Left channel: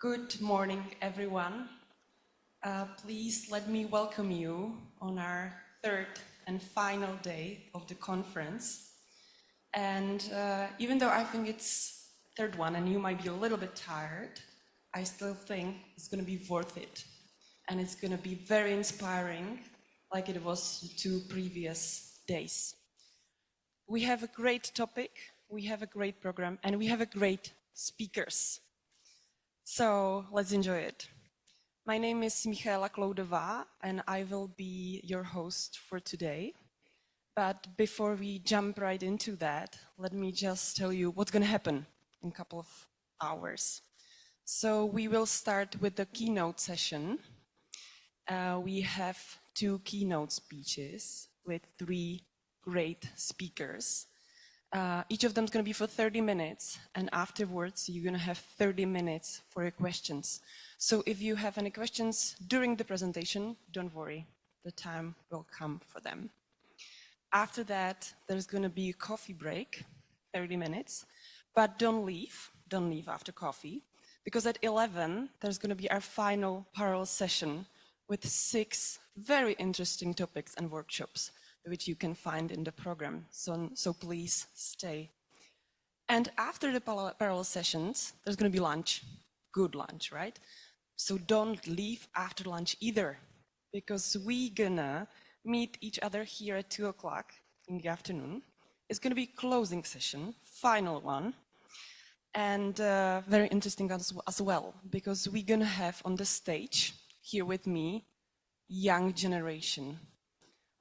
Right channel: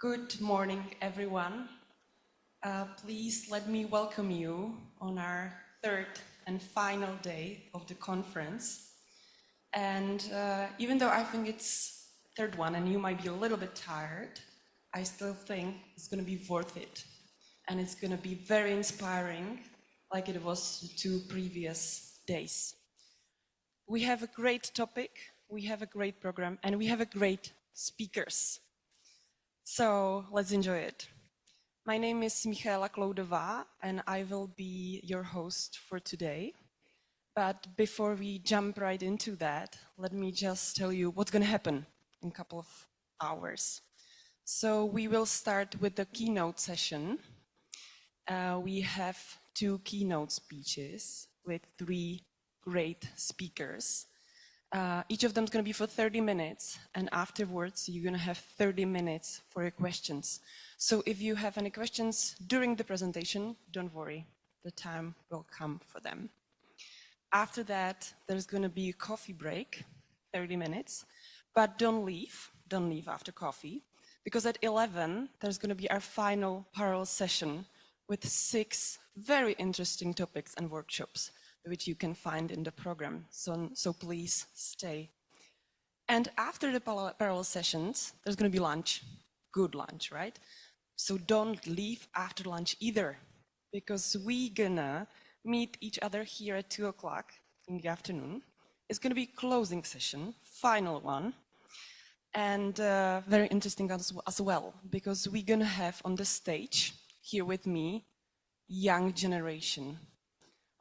Good morning, everyone. Please let me welcome you on our third and final day of the conference. And even though I think it's third one and you might be a little bit tired, I still think it's going to be worth it. And it's going to be very inspiring, like it was the two previous days. We have a great topic, we have a great program, and we have a great speakers. So let's enjoy it. My name is Michaela Kloudová, and I will be your host for today. But before we jump right into that, let me just tell you what's going to happen in a couple of hours. So we will start with the keynote session. We have two keynote speeches with three great speakers. Each of them is going to be for 30 minutes, and afterwards you're going to have 30 minutes for your questions. So if you have any questions during the presentation, don't worry, the time will come for them. After that, there's going to be a coffee break, 30 minutes, but don't leave after coffee, because at 11, there's going to be our final parallel session with 6 very interesting topics and workshops, which you can find in the program, so please stay. And after the parallel sessions, there's going to be lunch, good lunch, right? So don't leave after lunch either, because we're gonna meet each other here at 2 o'clock in the afternoon. It's going to be closing session, final one, and very interesting as well, because we're going to have on the stage, here with me, young generation.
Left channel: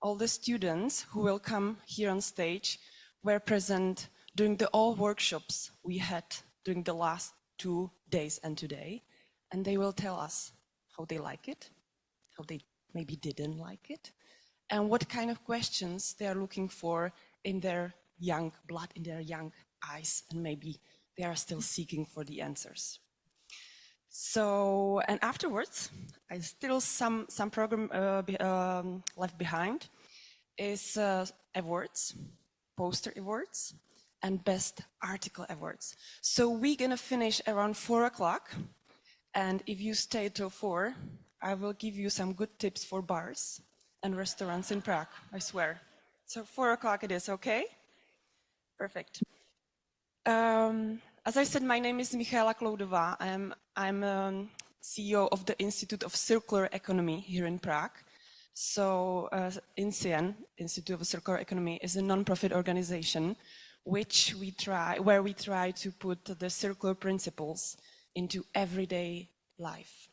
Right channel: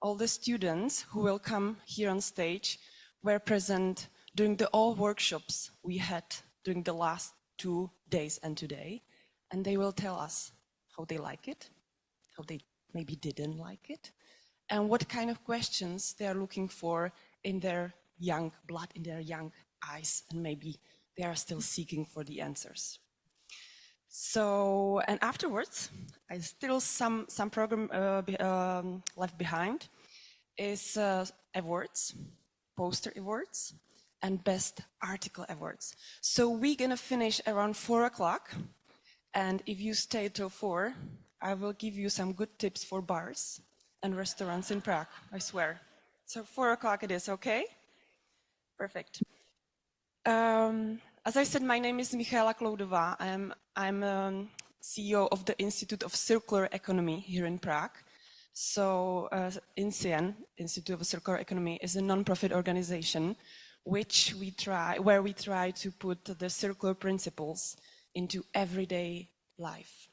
All the students who will come here on stage were present during all workshops we had during the last 2 days and today, and they will tell us how they like it, how they maybe didn't like it, and what kind of questions they are looking for in their young blood, in their young eyes, and maybe they are still seeking for the answers. So, and afterwards, I still some program left behind is awards, poster awards, and best article awards. So we're gonna finish around 4 o'clock, and if you stay till 4, I will give you some good tips for bars and restaurants in Prague, I swear. So 4 o'clock it is, okay? Perfect. As I said, my name is Michaela Kloudová. I'm CEO of the Institute of Circular Economy here in Prague. So INCIEN, Institute of Circular Economy, is a non-profit organization where we try to put the circular principles into everyday life.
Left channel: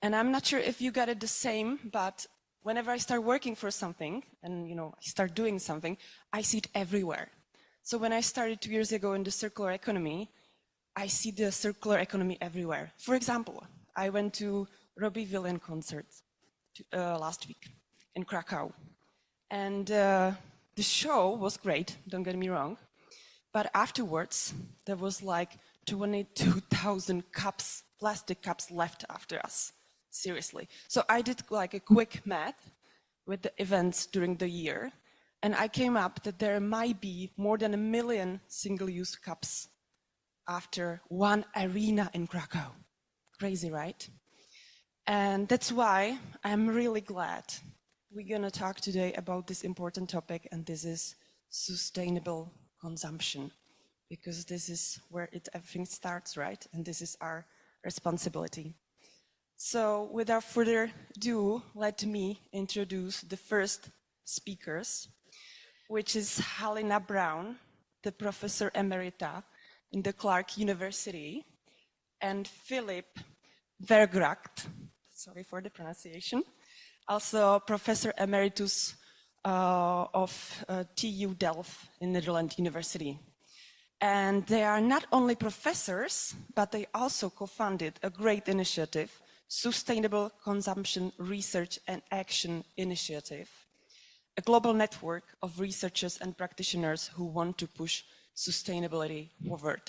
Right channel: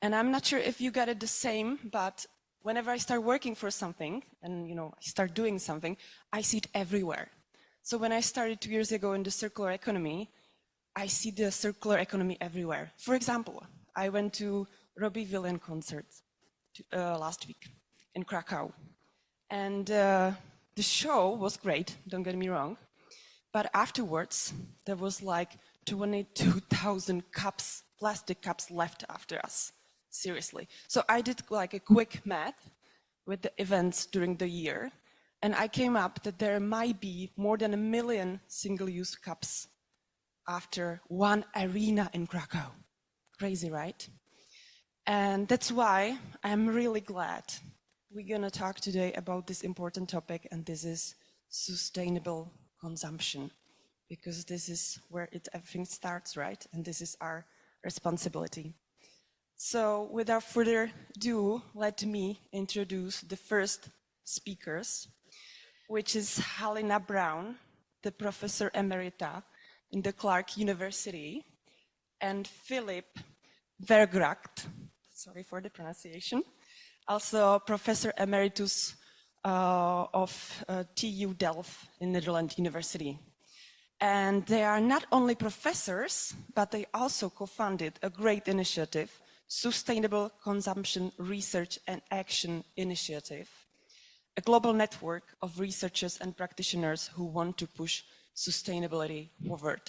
And I'm not sure if you got it the same, but whenever I start working for something and I start doing something, I see it everywhere. So when I started 2 years ago in the circular economy, I see the circular economy everywhere. For example, I went to Robbie Williams concert last week in Krakow. And the show was great, don't get me wrong. But afterwards, there was like 22,000 cups, plastic cups left after us. Seriously. So I did like a quick math with the events during the year. And I came up that there might be more than 1 million single-use cups after one arena in Krakow. Crazy, right? And that's why I'm really glad we're going to talk today about this important topic, and this is sustainable consumption, because this is where everything starts, right? And this is our responsibility. So without further ado, let me introduce the first speakers, which is Halina Brown, the Professor Emerita in the Clark University, and Philip Vergragt, sorry for the pronunciation, also Professor Emeritus of TU Delft in Netherlands University. And they are not only professors, but they also co-founded a great initiative, Sustainable Consumption Research and Action Initiative, a global network of researchers and practitioners who want to push sustainability forward.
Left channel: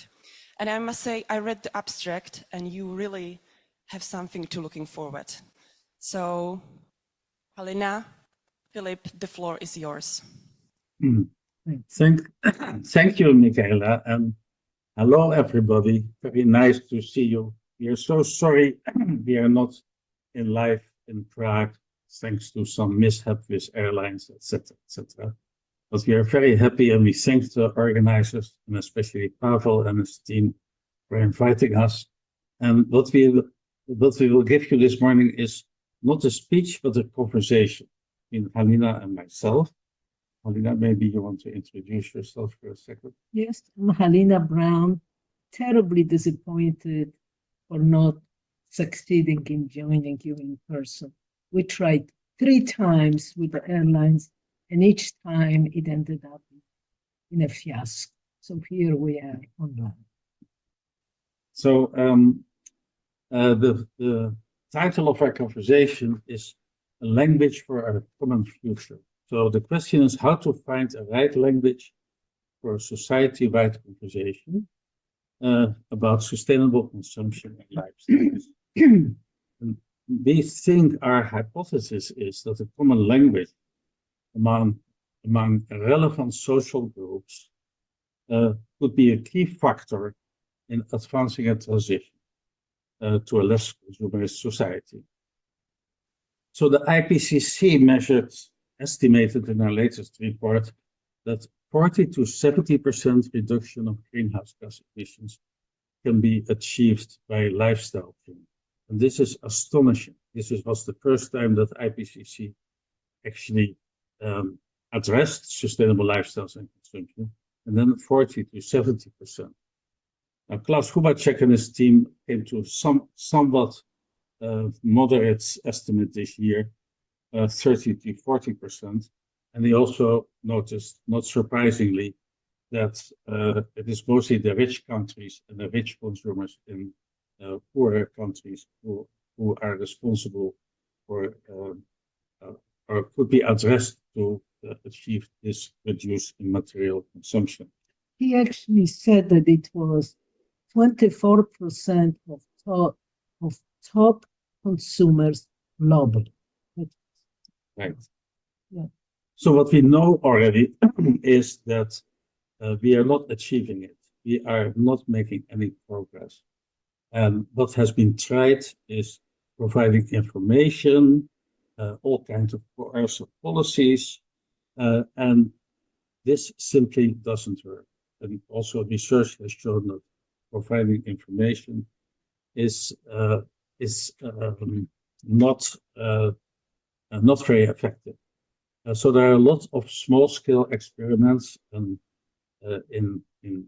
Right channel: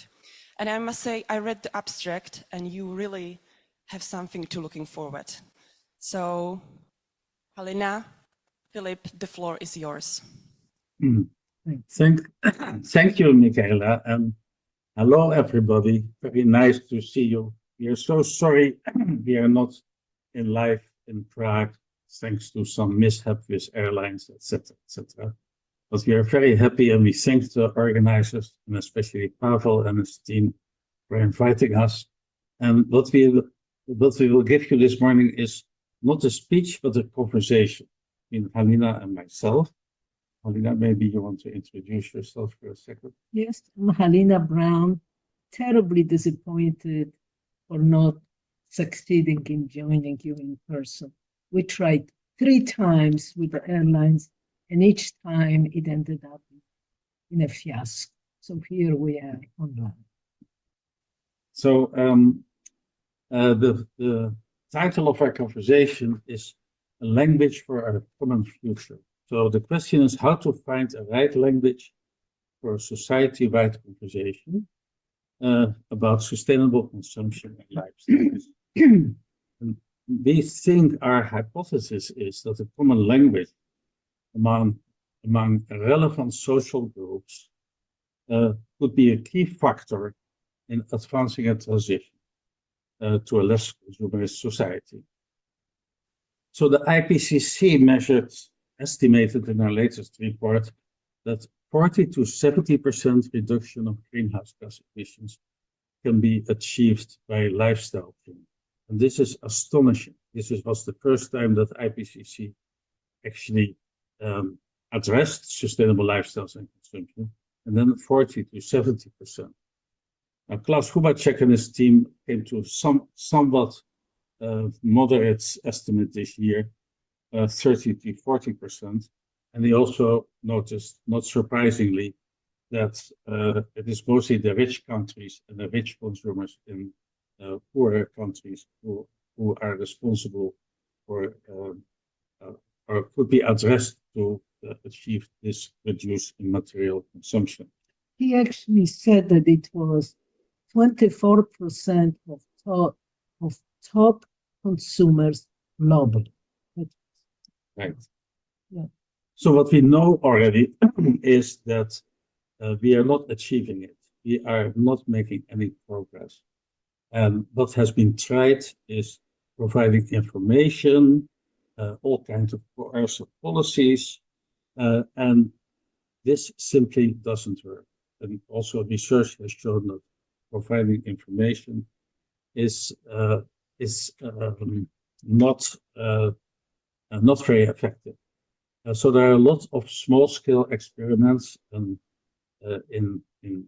And I must say, I read the abstract, and you really have something to looking forward. So, Halina, Philip, the floor is yours. Thank you, Michaela, and hello, everybody. Very nice to see you We are so sorry we are not in live in Prague, thanks to some mishap with airlines, etc., etc. But we are very happy, and we thank the organizers, and especially Pavel and his team, for inviting us. And what we will give you this morning is not a speech, but a conversation between Halina and myself. Halina, maybe you want to introduce yourself for a second. Yes, I'm Halina Brown, terribly disappointed for not succeeding in joining you in person. We tried 3 times with the airlines, and each time it ended up in a fiasco. So here we are online. So the title of our conversation is A Language for Our Common Future. So the question is how to find a right language for a society-wide conversation about sustainable consumption and lifestyle. We think our hypothesis is that a common language among relevant social groups could be a key factor in advancing a transition to a less consumerist society. So the IPCC estimated in our latest report that 40 to 70% reduction of greenhouse gas emissions can be achieved by lifestyle change. And this is astonishing. This was the first time that IPCC actually addressed sustainable lifestyles and consumption, and then 40 to 70%. Now, Klaus Hubacek and his team came to somewhat moderate estimate this year, 30 to 40%. And they also noticed, not surprisingly, that it is mostly the rich countries and the rich consumers in poorer countries who are responsible for or could be addressed to achieve this reduce in material consumption. He actually said that it was 24% of top consumers globally. Right. Yeah. So what we know already is that we are not achieving it. We are not making any progress. And what has been tried is providing information, all kinds of coercive policies, and this simply doesn't work. And also research has shown that providing information is not very effective. So there are a lot of small-scale experiments in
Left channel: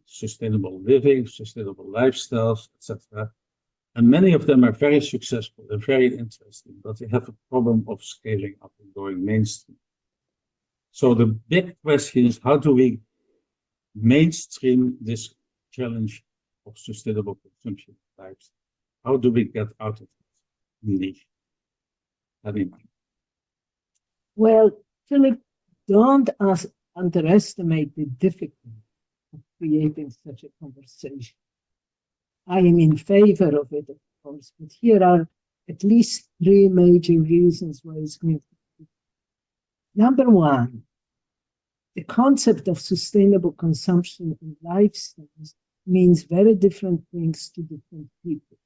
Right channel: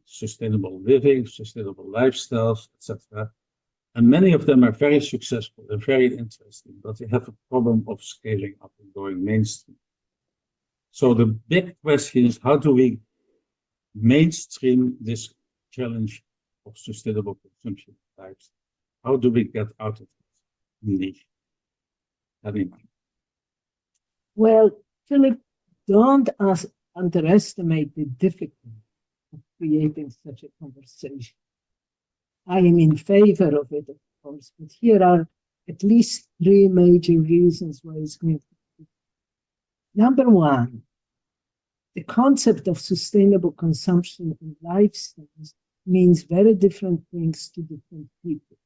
sustainable living, sustainable lifestyles, etc. And many of them are very successful and very interesting, but they have a problem of scaling up and going mainstream. So the big question is, how do we mainstream this challenge of sustainable consumption types? How do we get out of this niche? Well, Philip, don't underestimate the difficulty of creating such a conversation. I am in favor of it, of course, but here are at least 3 major reasons why it's going to be. Number one, the concept of sustainable consumption and lifestyles means very different things to different people.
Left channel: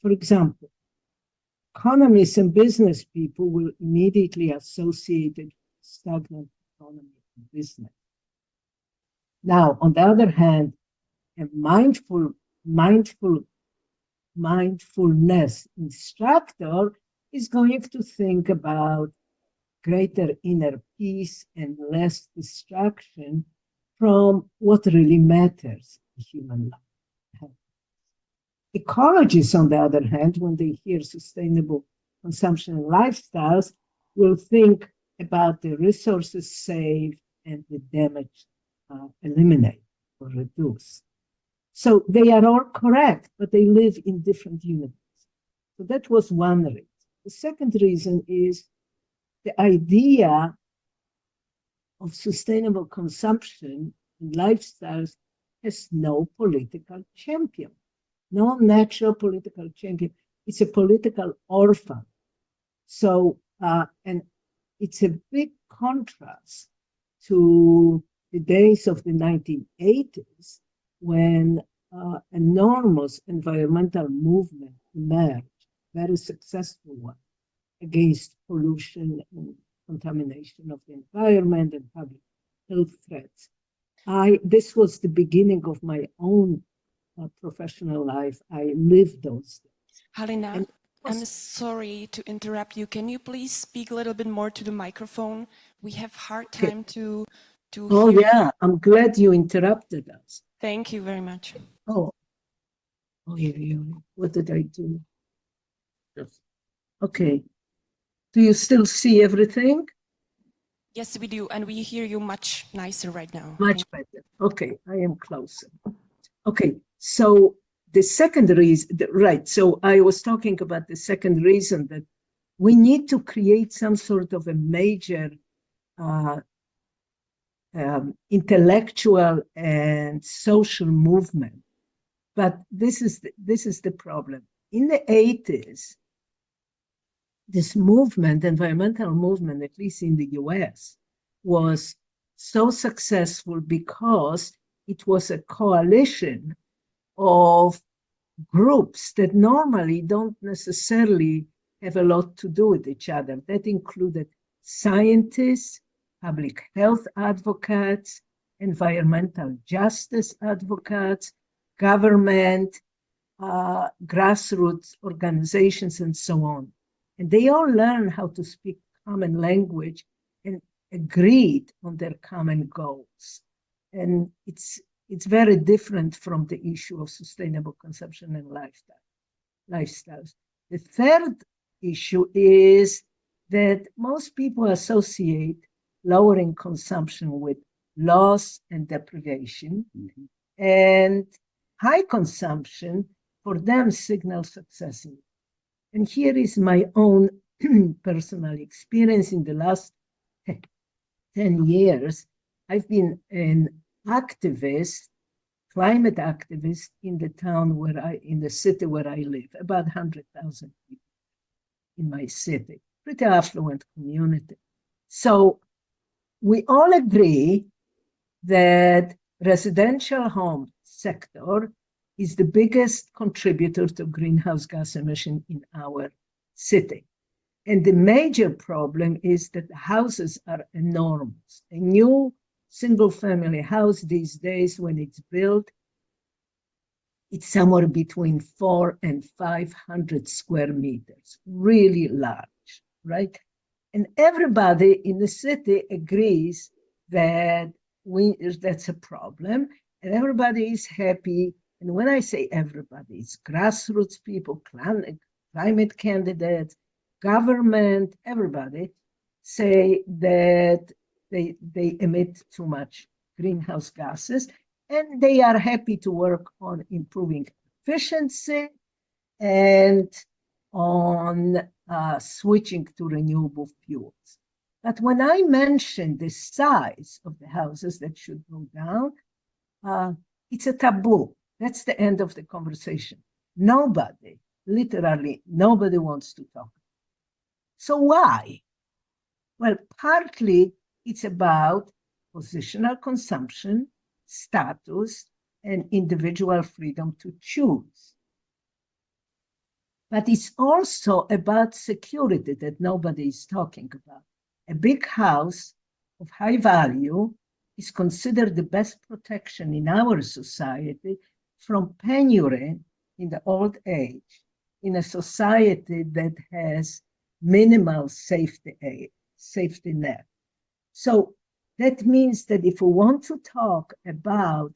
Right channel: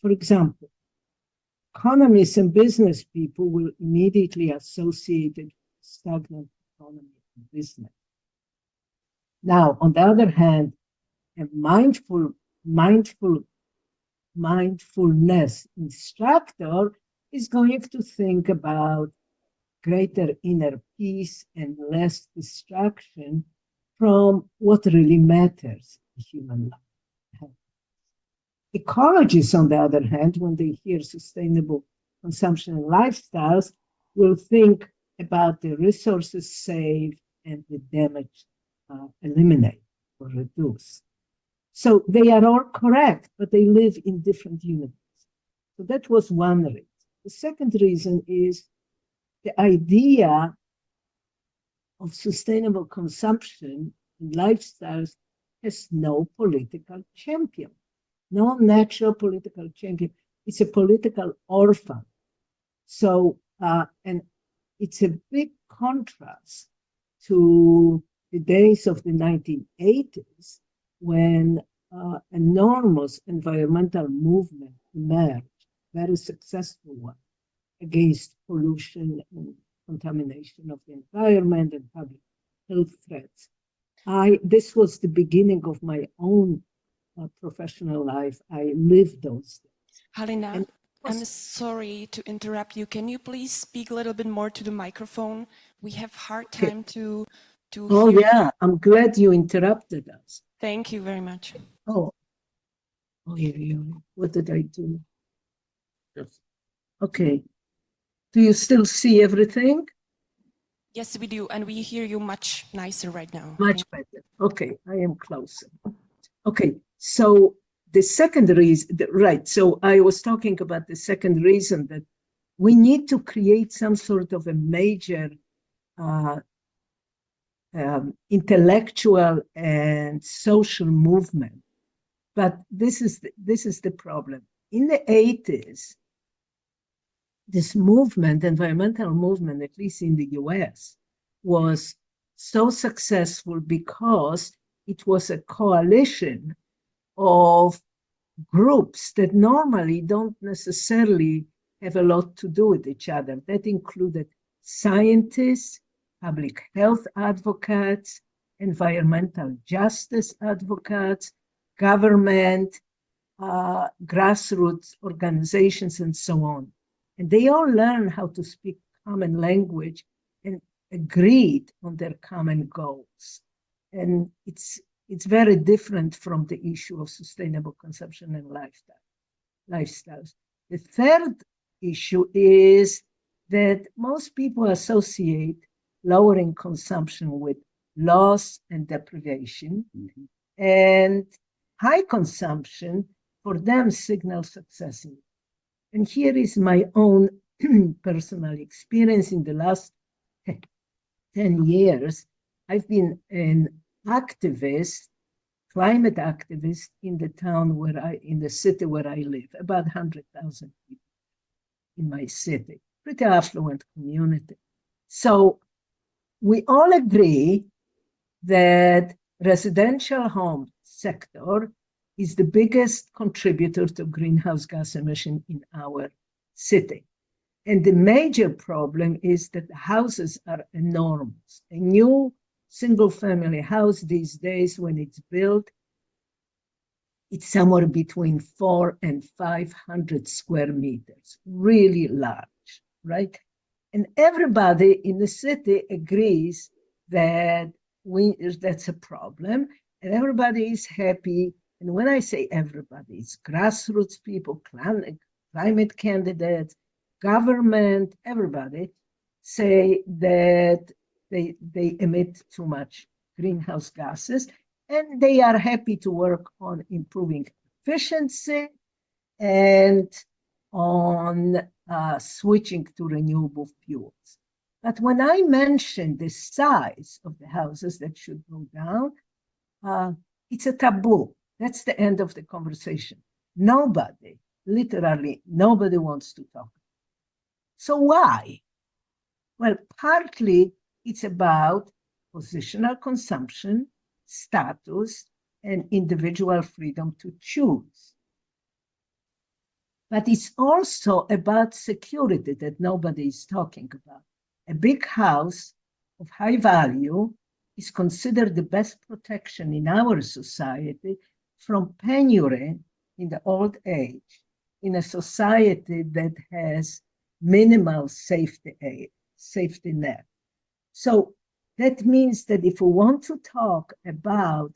For example, economists and business people will immediately associate it with stagnant economy and business. Now, on the other hand, a mindfulness instructor is going to think about greater inner peace and less distraction from what really matters in human life. Ecologists, on the other hand, when they hear sustainable consumption and lifestyles, will think about the resources saved and the damage eliminated or reduced. So they are all correct, but they live in different universes. So that was one reason. The second reason is the idea of sustainable consumption and lifestyles has no political champion, no natural political champion. It's a political orphan. So, and it's a big contrast to the days of the 1980s when enormous environmental movement emerged, very successful one, against pollution and contamination of the environment and public health threats. This was the beginning of my own professional life. I lived those things. Halina, I'm sorry to interrupt you. Can you please speak a little bit more to the microphone? We have hard time to Oh hear. yeah, I'm glad you interrupted us. Thank you very much. Oh, yeah. What did I do? Yes. Okay. Do you still see everything? Yes, we do, and we hear you much nicer right now. Much better. Okay, I am closer. Okay, so the second reason, right, so I was talking about the second reason, that we need to create some sort of a major intellectual and social movement. But this is the problem. In the 80s, this movement, environmental movement, at least in the US, was so successful because it was a coalition of groups that normally don't necessarily have a lot to do with each other. That included scientists, public health advocates, environmental justice advocates, government, grassroots organizations, and so on. And they all learned how to speak common language and agreed on their common goals. And it's very different from the issue of sustainable consumption and lifestyles. The third issue is that most people associate lowering consumption with loss and deprivation, and high consumption for them signals success. And here is my own personal experience. In the last 10 years, I've been an activist, climate activist in the town in the city where I live, about 100,000 people in my city, pretty affluent community. So we all agree that residential home sector is the biggest contributor to greenhouse gas emission in our city. And the major problem is that the houses are enormous. A new single-family house these days, when it's built, it's somewhere between 400 and 500 square meters, really large, right? And everybody in the city agrees that that's a problem, and everybody is happy. And when I say everybody, it's grassroots people, climate candidates, government, everybody say that they emit too much greenhouse gases, and they are happy to work on improving efficiency and on switching to renewable fuels. But when I mention the size of the houses that should go down, it's a taboo. That's the end of the conversation. Nobody, literally nobody wants to talk. So why? Well, partly it's about positional consumption, status, and individual freedom to choose. But it's also about security that nobody is talking about. A big house of high value is considered the best protection in our society from penury in the old age, in a society that has minimal safety net. So that means that if we want to talk about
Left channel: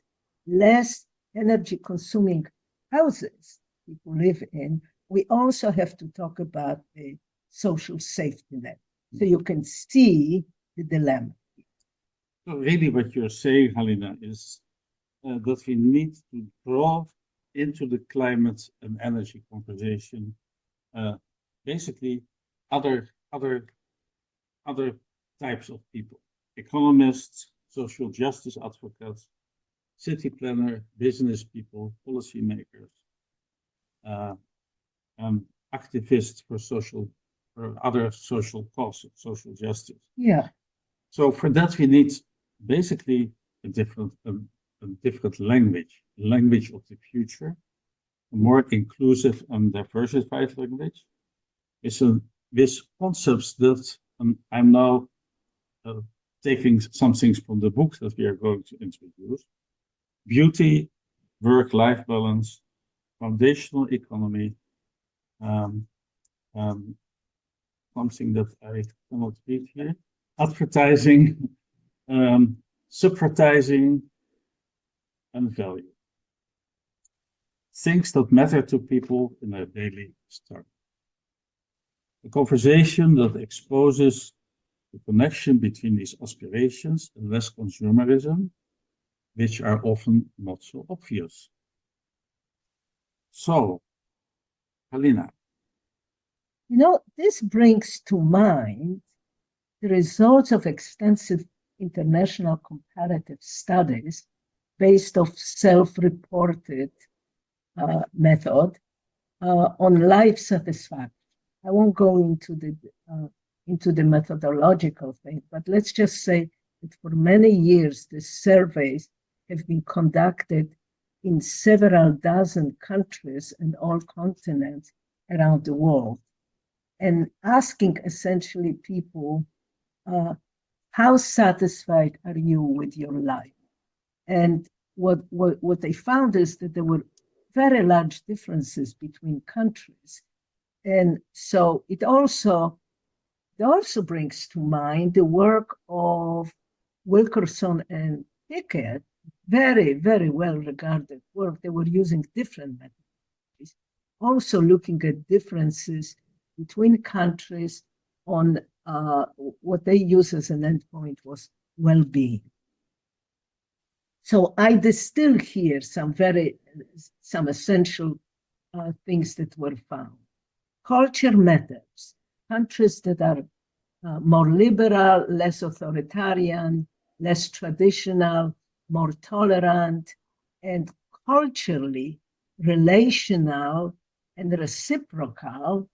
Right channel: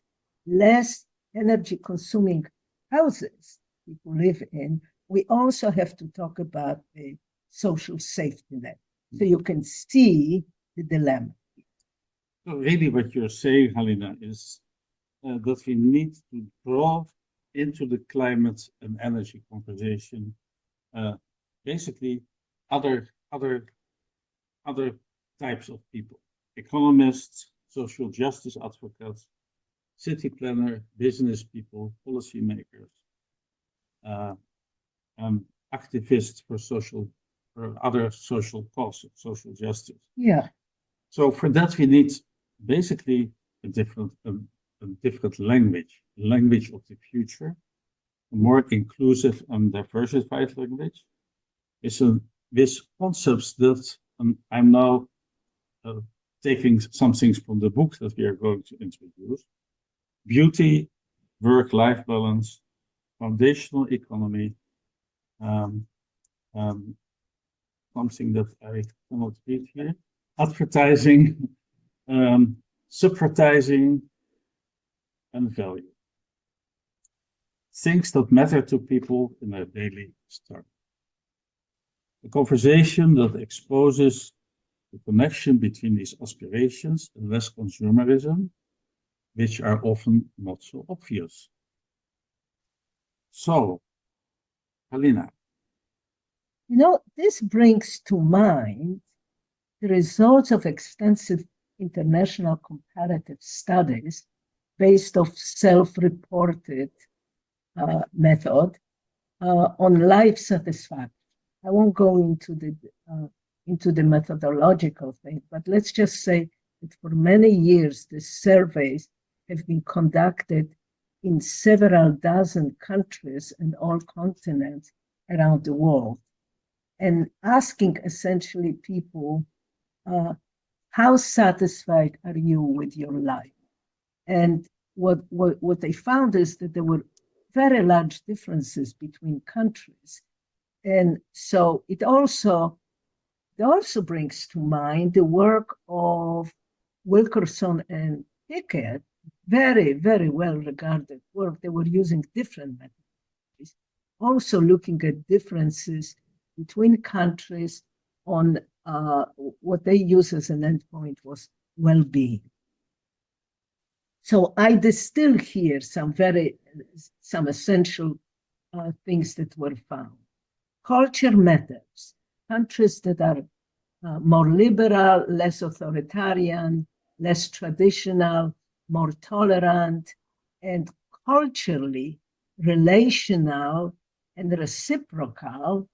less energy consuming houses people live in, we also have to talk about the social safety net. So you can see the dilemma. So really what you're saying, Halina, is that we need to draw into the climate and energy conversation basically other types of people: economists, social justice advocates, city planner, business people, policymakers, activists for other social causes, social justice. Yeah. So for that we need basically a different a different language, language of the future, a more inclusive and diversified language, is with concepts that I'm now taking some things from the book that we are going to introduce. Beauty, work-life balance, foundational economy, something that I cannot read here, advertising, subvertising, and value. Things that matter to people in their daily struggle. A conversation that exposes the connection between these aspirations and less consumerism, which are often not so obvious. So, Halina. This brings to mind the results of extensive international comparative studies based on self-reported method on life satisfaction. I won't go into the methodological thing, but let's just say that for many years, the surveys have been conducted in several dozen countries and all continents around the world, and asking essentially people, how satisfied are you with your life? And what they found is that there were very large differences between countries. And so it also brings to mind the work of Wilkerson and Pickett, very, very well-regarded work. They were using different methodologies, also looking at differences between countries on what they use as an endpoint was well-being. So I distill here some essential things that were found. Culture matters. Countries that are more liberal, less authoritarian, less traditional, more tolerant, and culturally relational and reciprocal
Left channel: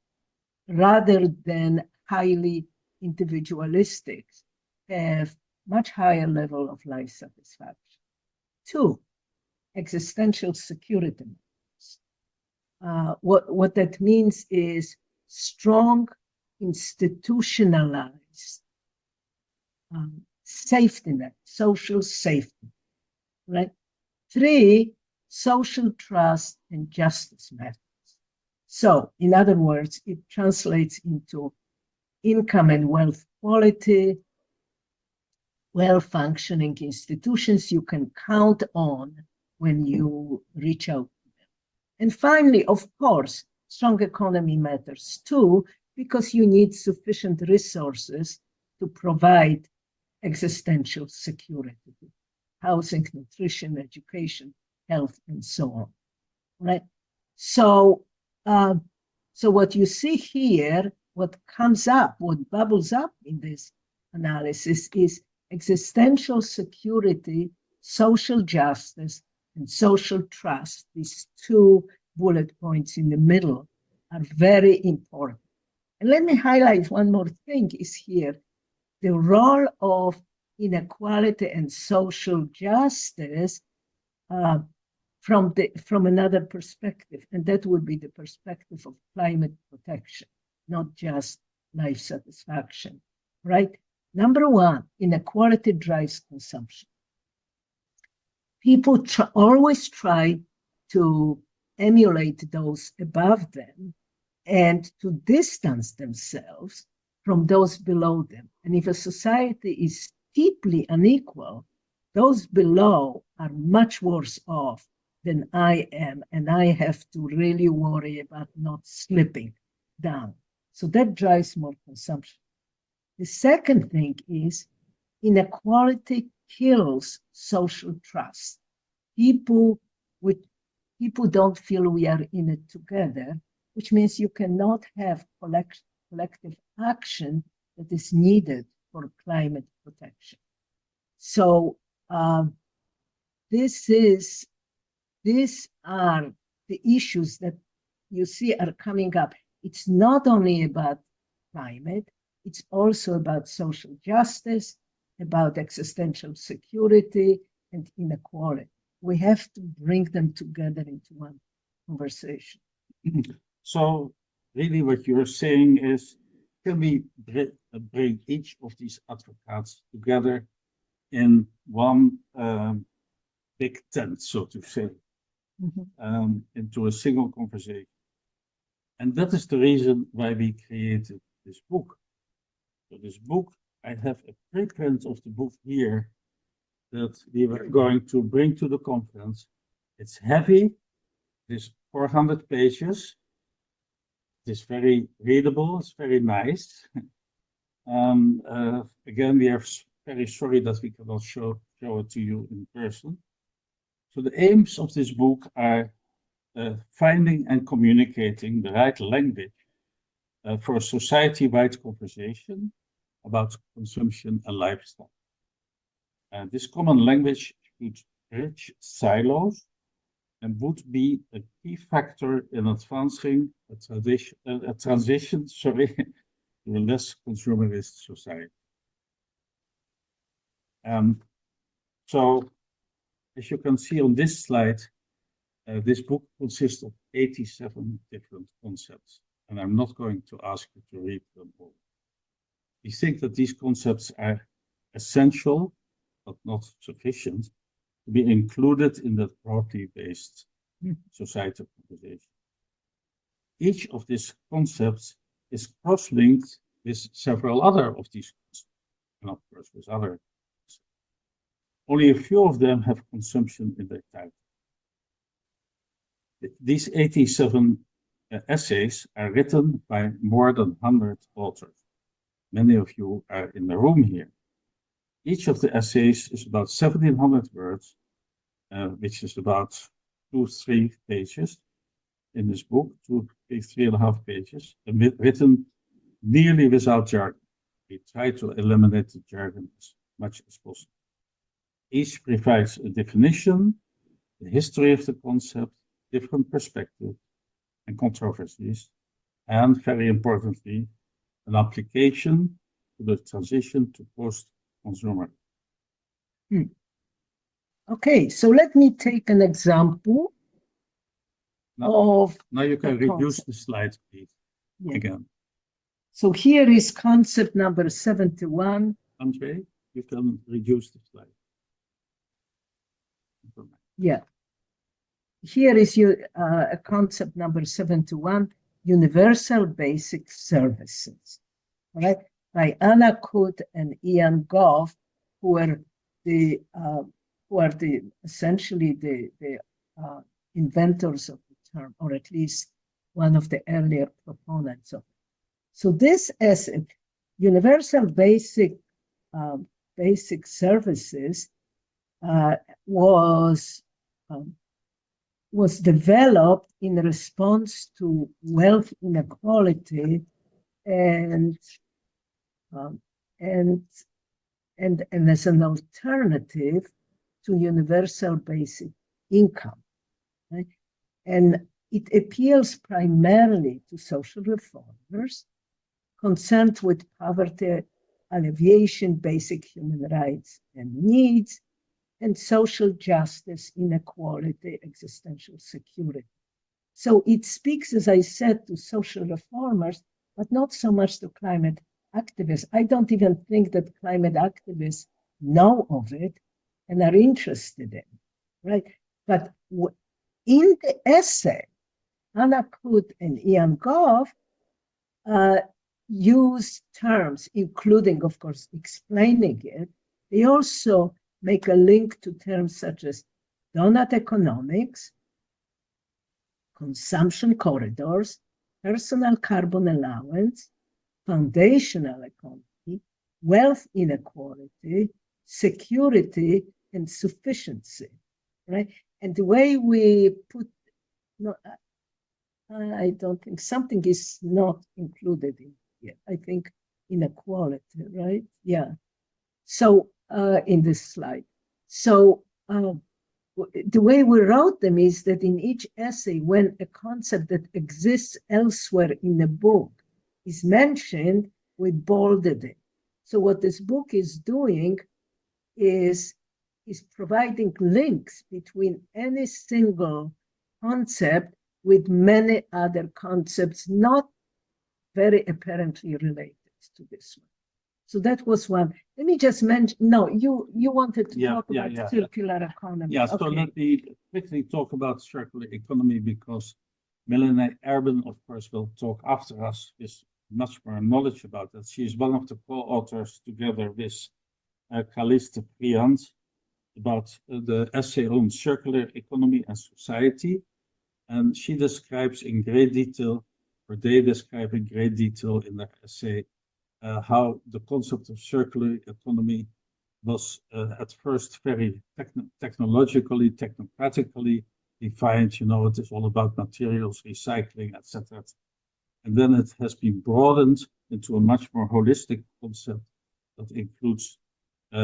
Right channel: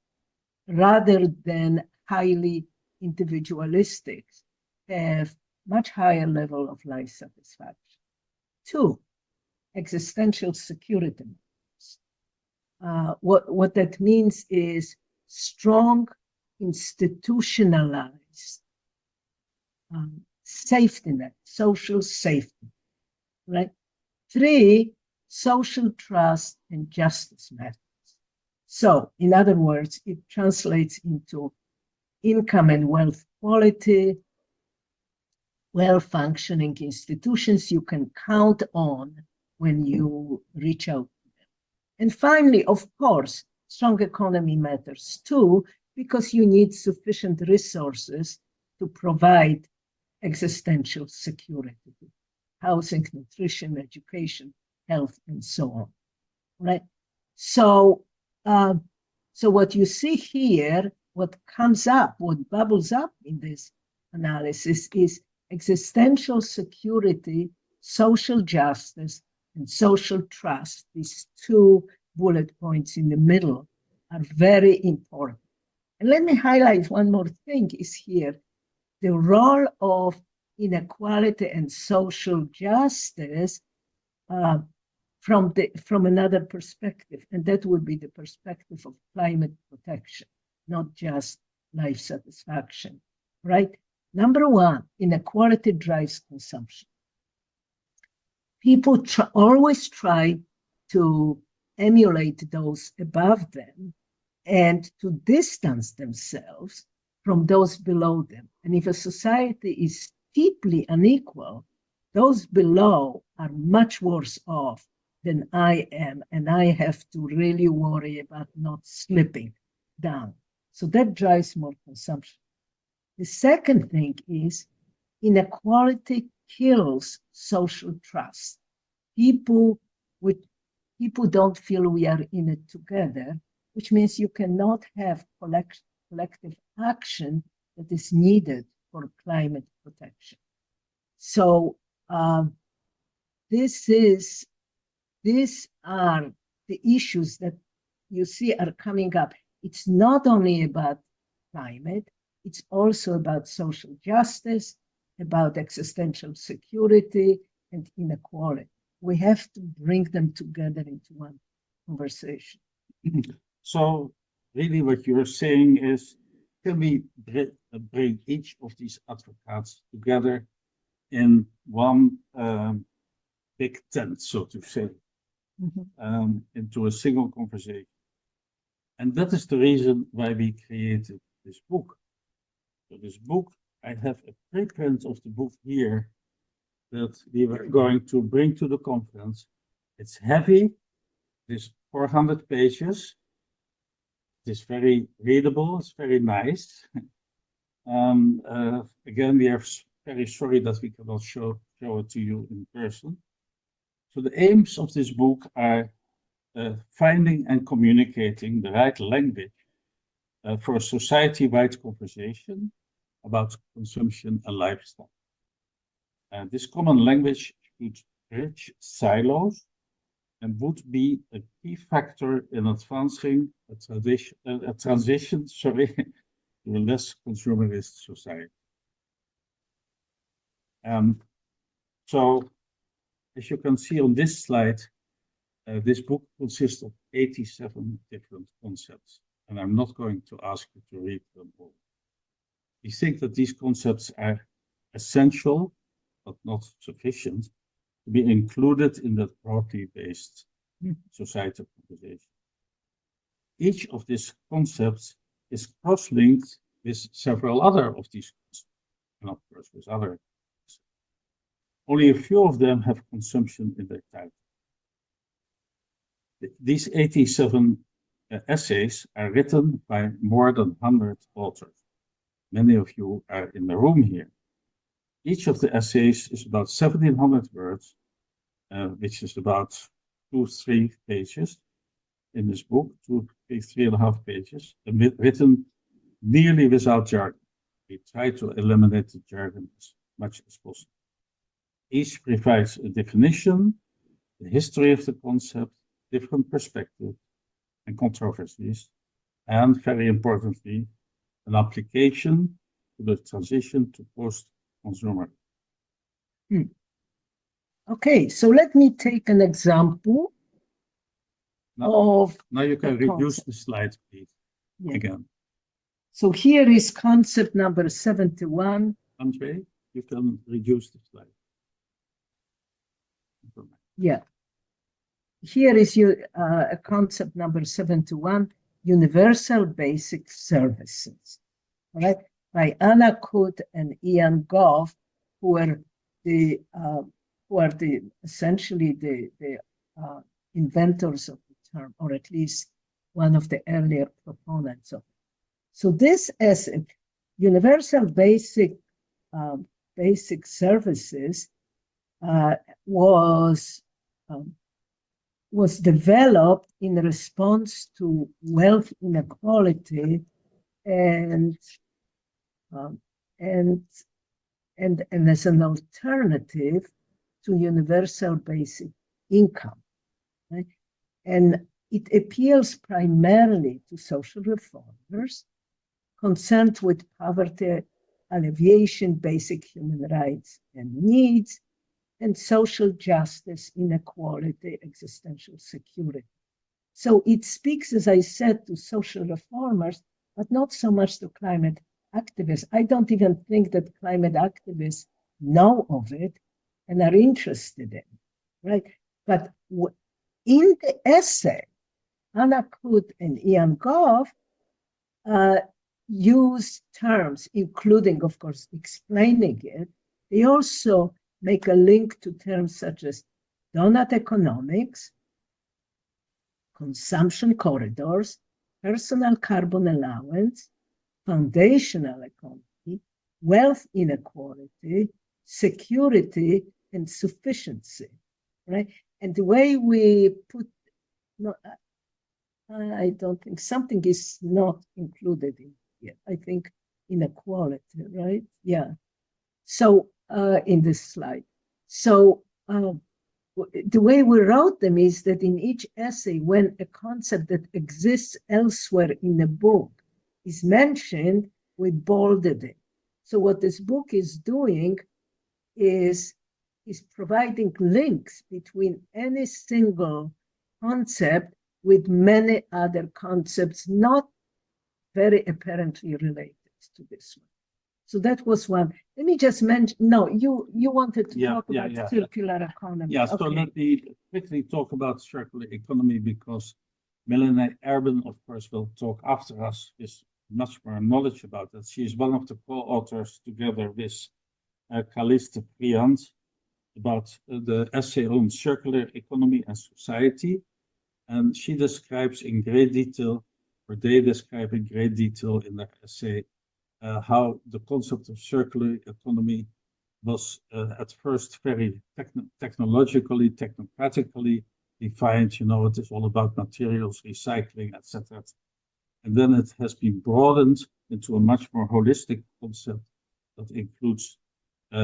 rather than highly individualistic, have much higher level of life satisfaction. 2, existential security. What that means is strong, institutionalized safety net, social safety, right? 3, social trust and justice matters. So, in other words, it translates into income and wealth quality, well-functioning institutions you can count on when you reach out to them. And finally, of course, strong economy matters too, because you need sufficient resources to provide existential security, housing, nutrition, education, health, and so on, right? So what you see here, what comes up, what bubbles up in this analysis is existential security, social justice, and social trust. These 2 bullet points in the middle are very important. And let me highlight one more thing is here, the role of inequality and social justice from another perspective, and that would be the perspective of climate protection, not just life satisfaction, right? Number 1, inequality drives consumption. People always try to emulate those above them and to distance themselves from those below them. And if a society is deeply unequal, those below are much worse off than I am, and I have to really worry about not slipping down. So that drives more consumption. The second thing is inequality kills social trust. People don't feel we are in it together, which means you cannot have collective action that is needed for climate protection. So these are the issues that you see are coming up. It's not only about climate, it's also about social justice, about existential security and inequality. we have to bring them together into one conversation. So really what you're saying is, can we bring each of these advocates together in one big tent, so to say, into a single conversation? And that is the reason why we created this book. So this book, I have a preprint of the book here that we were going to bring to the conference. It's heavy, it's 400 pages. It's very readable, it's very nice. Again, we are very sorry that we cannot show it to you in person. So the aims of this book are finding and communicating the right language for a society-wide conversation about consumption and lifestyle. This common language should bridge silos and would be a key factor in advancing a transition to a less consumerist society. So, as you can see on this slide, this book consists of 87 different concepts, and I'm not going to ask you to read them all. We think that these concepts are essential, but not sufficient, to be included in that broadly based societal conversation. Each of these concepts is cross-linked with several other of these concepts, and of course with other. Only a few of them have consumption in their title. These 87 essays are written by more than 100 authors. Many of you are in the room here. Each of the essays is about 1,700 words, which is about 2-3 pages in this book, 3.5 pages, and written nearly without jargon. We try to eliminate the jargon as much as possible. Each provides a definition, the history of the concept, different perspectives and controversies, and very importantly, an application to the transition to post-consumer. Okay, so let me take an example Now you can reduce the slides, please, again. So here is concept number 71. Andre, you can reduce the slide. Yeah. Here is a concept number 71, universal basic services, right? By Anna Kut and Ian Goff, who are essentially the inventors of the term, or at least one of the earlier proponents of it. So this as universal basic services was developed in response to wealth inequality and as an alternative to universal basic income, right? And it appeals primarily to social reformers concerned with poverty alleviation, basic human rights and needs, and social justice, inequality, existential security. So it speaks, as I said, to social reformers, but not so much to climate activists. I don't even think that climate activists know of it and are interested in it, right? But in the essay, Anna Kut and Ian Goff use terms, including, of course, explaining it. They also make a link to terms such as donut economics, consumption corridors, personal carbon allowance, foundational economy, wealth inequality, security, and sufficiency, right? And the way we put, I don't think something is not included in here. I think inequality, right? Yeah. So in this slide. So the way we wrote them is that in each essay, when a concept that exists elsewhere in the book is mentioned, we bolded it. So what this book is doing is is providing links between any single concept with many other concepts not very apparently related to this one. So that was one. Let me just mention, no, you wanted to talk about circular economy. Yeah, so let me quickly talk about circular economy because Melanie Erben, of course, will talk after us with much more knowledge about it. She is one of the co-authors together with Caliste Priant about the essay on circular economy and society. And she describes in great detail, or they describe in great detail in their essay, how the concept of circular economy was at first very technologically, technocratically defined. You know, it is all about materials, recycling, etc. And then it has been broadened into a much more holistic concept that includes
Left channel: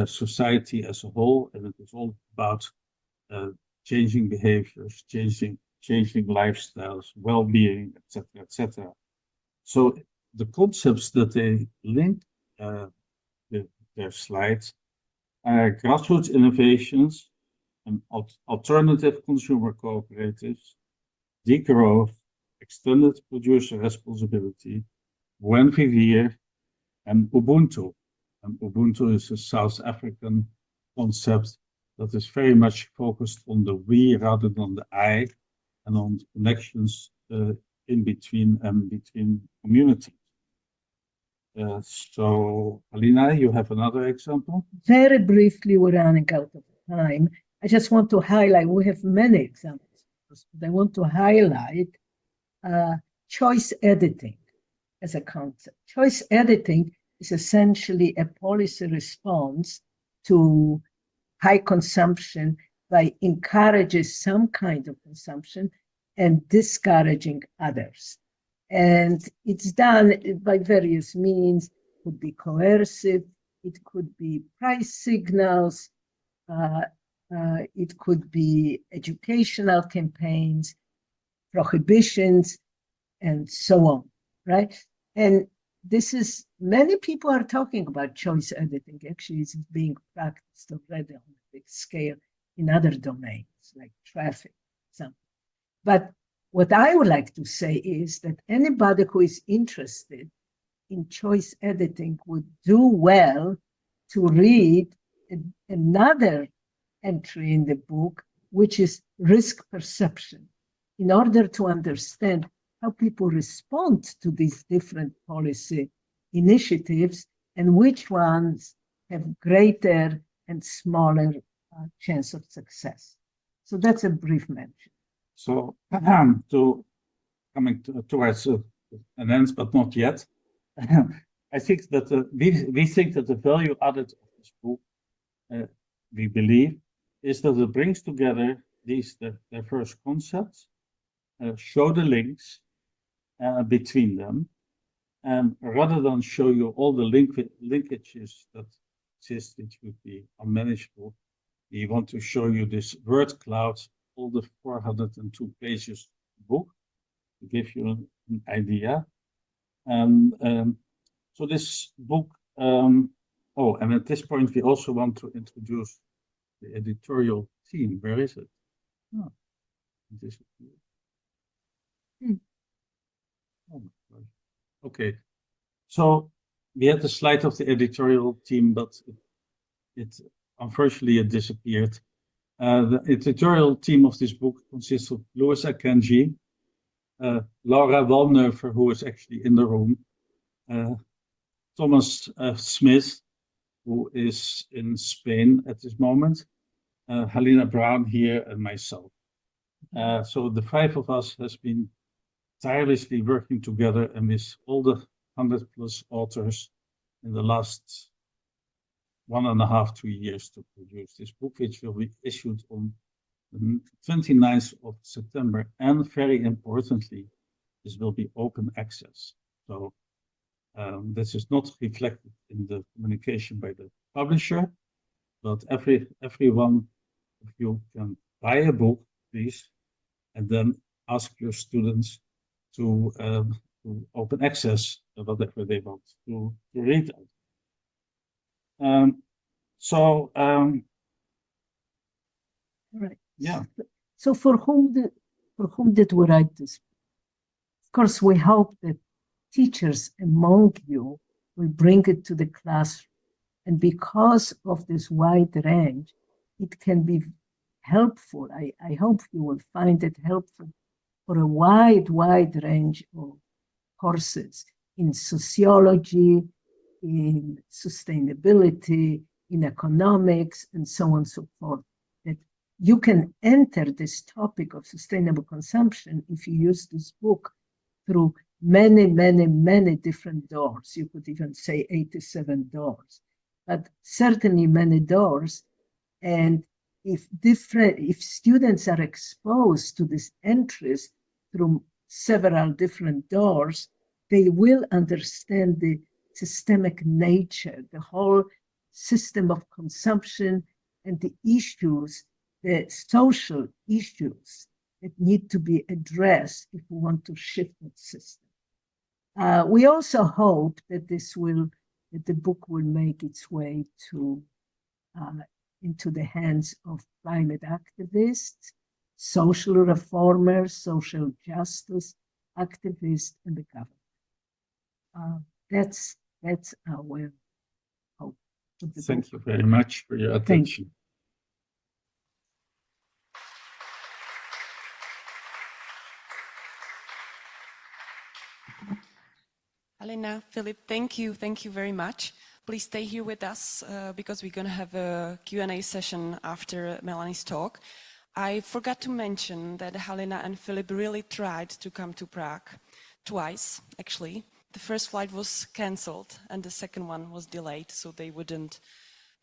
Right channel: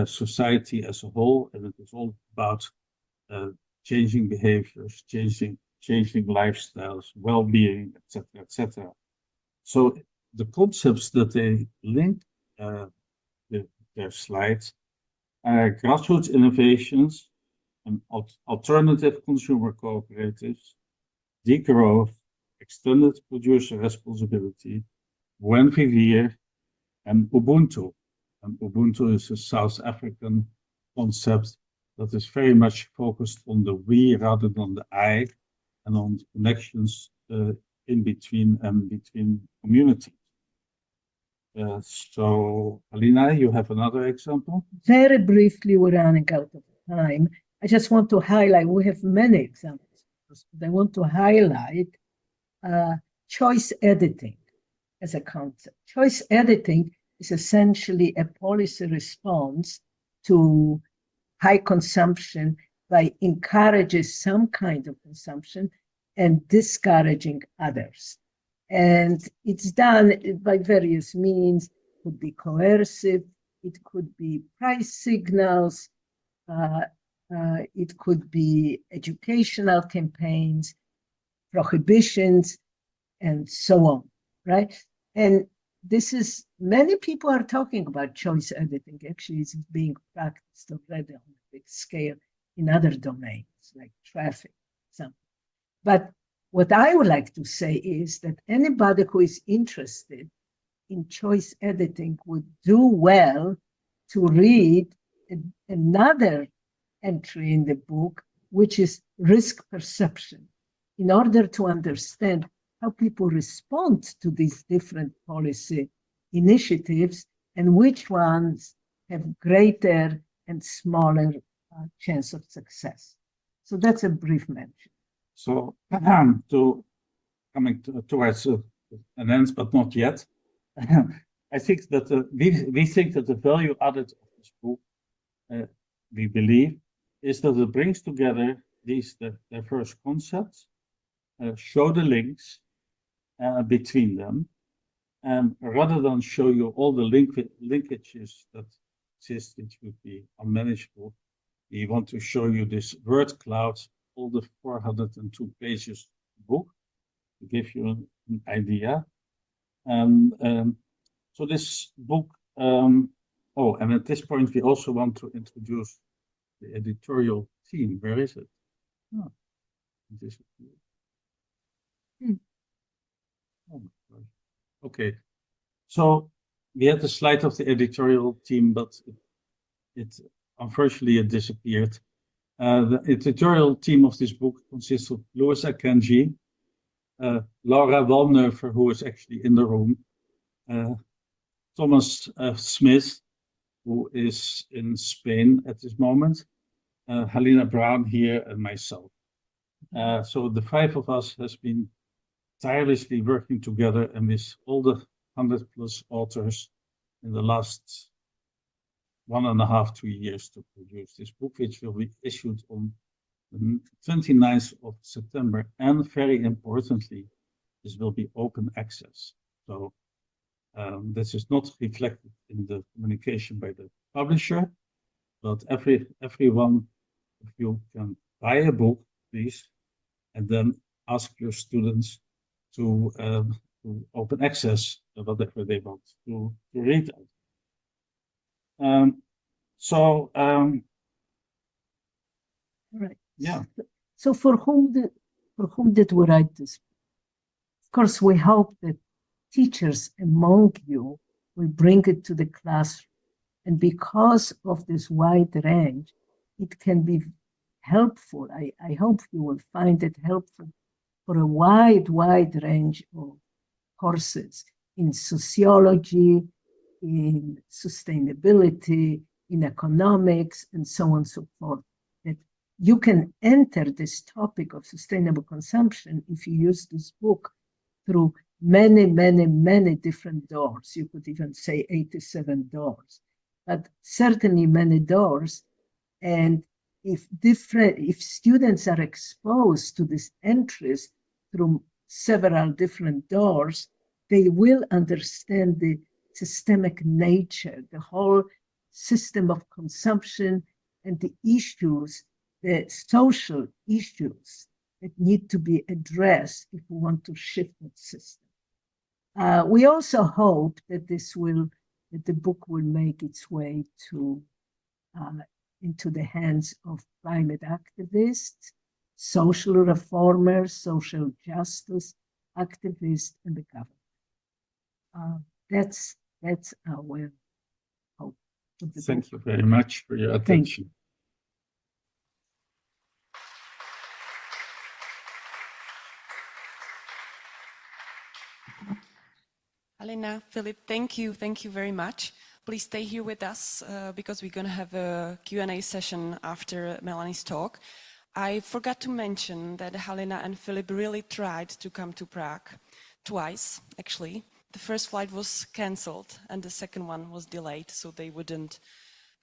society as a whole, and it is all about changing behaviors, changing lifestyles, well-being, etc., etc. So the concepts that they link their slides are grassroots innovations and alternative consumer cooperatives, degrowth, extended producer responsibility, buen vivir, and Ubuntu. And Ubuntu is a South African concept that is very much focused on the we rather than the I, and on the connections in between and between communities. So, Halina, you have another example? Very briefly, we're running out of time. I just want to highlight, we have many examples, but I want to highlight choice editing as a concept. Choice editing is essentially a policy response to high consumption by encouraging some kind of consumption and discouraging others. And it's done by various means. It could be coercive, it could be price signals, it could be educational campaigns, prohibitions, and so on, right? And this is, many people are talking about choice editing. Actually, it's being practiced already on a big scale in other domains, like traffic, example. But what I would like to say is that anybody who is interested in choice editing would do well to read another entry in the book, which is risk perception, in order to understand how people respond to these different policy initiatives and which ones have greater and smaller chance of success. So that's a brief mention. So, coming towards an end, but not yet, I think that we think that the value added of this book, we believe, is that it brings together these diverse concepts, show the links between them, and rather than show you all the linkages that exist, it would be unmanageable. We want to show you this word cloud, all the 402 pages book, to give you an idea. And so this book, oh, and at this point, we also want to introduce the editorial team. Where is it? Oh, it disappeared. Oh my God. Okay, so we had the slide of the editorial team, but it unfortunately it disappeared. The editorial team of this book consists of Louis Akenji, Laura Walneufer, who is actually in the room, Thomas Smith, who is in Spain at this moment, Halina Brown here, and myself. So the five of us has been tirelessly working together and with all the 100+ authors in the last 1.5 to 2 years to produce this book, which will be issued on the 29th of September. And very importantly, this will be open access. So this is not reflected in the communication by the publisher, but every one of you can buy a book, please, and then ask your students to open access whatever they want to read. Right. Yeah. So for whom did we write this? Of course, we hope that teachers among you will bring it to the classroom. And because of this wide range, it can be helpful. I hope you will find it helpful for a wide range of courses in sociology, in sustainability, in economics, and so on and so forth. That you can enter this topic of sustainable consumption if you use this book through many different doors. You could even say 87 doors, but certainly many doors. And if students are exposed to this interest through several different doors, they will understand the systemic nature, the whole system of consumption and the issues, the social issues that need to be addressed if we want to shift that system. We also hope that the book will make its way into the hands of climate activists, social reformers, social justice activists, and the government. That's our hope. Thank you very much for your attention. Halina, Philip, thank you very much. Please stay here with us because we're going to have a Q&A session after Melanie's talk. I forgot to mention that Halina and Philip really tried to come to Prague twice, actually. The first flight was cancelled and the second one was delayed, so they wouldn't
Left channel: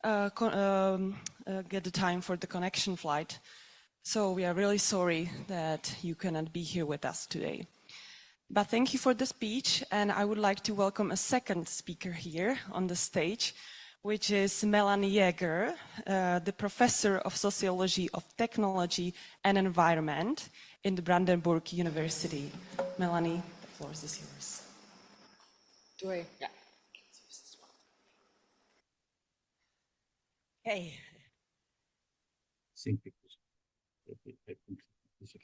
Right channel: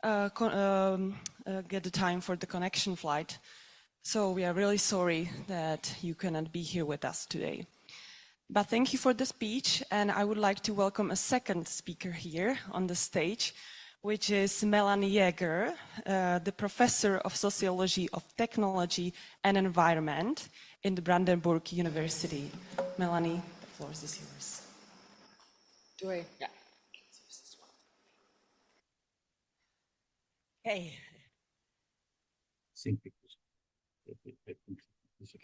get the time for the connection flight. So we are really sorry that you cannot be here with us today. But thank you for the speech, and I would like to welcome a second speaker here on the stage, which is Melanie Jäger, the Professor of Sociology of Technology and Environment in the Brandenburg University. Melanie, the floor is yours. Do I? Yeah. Hey.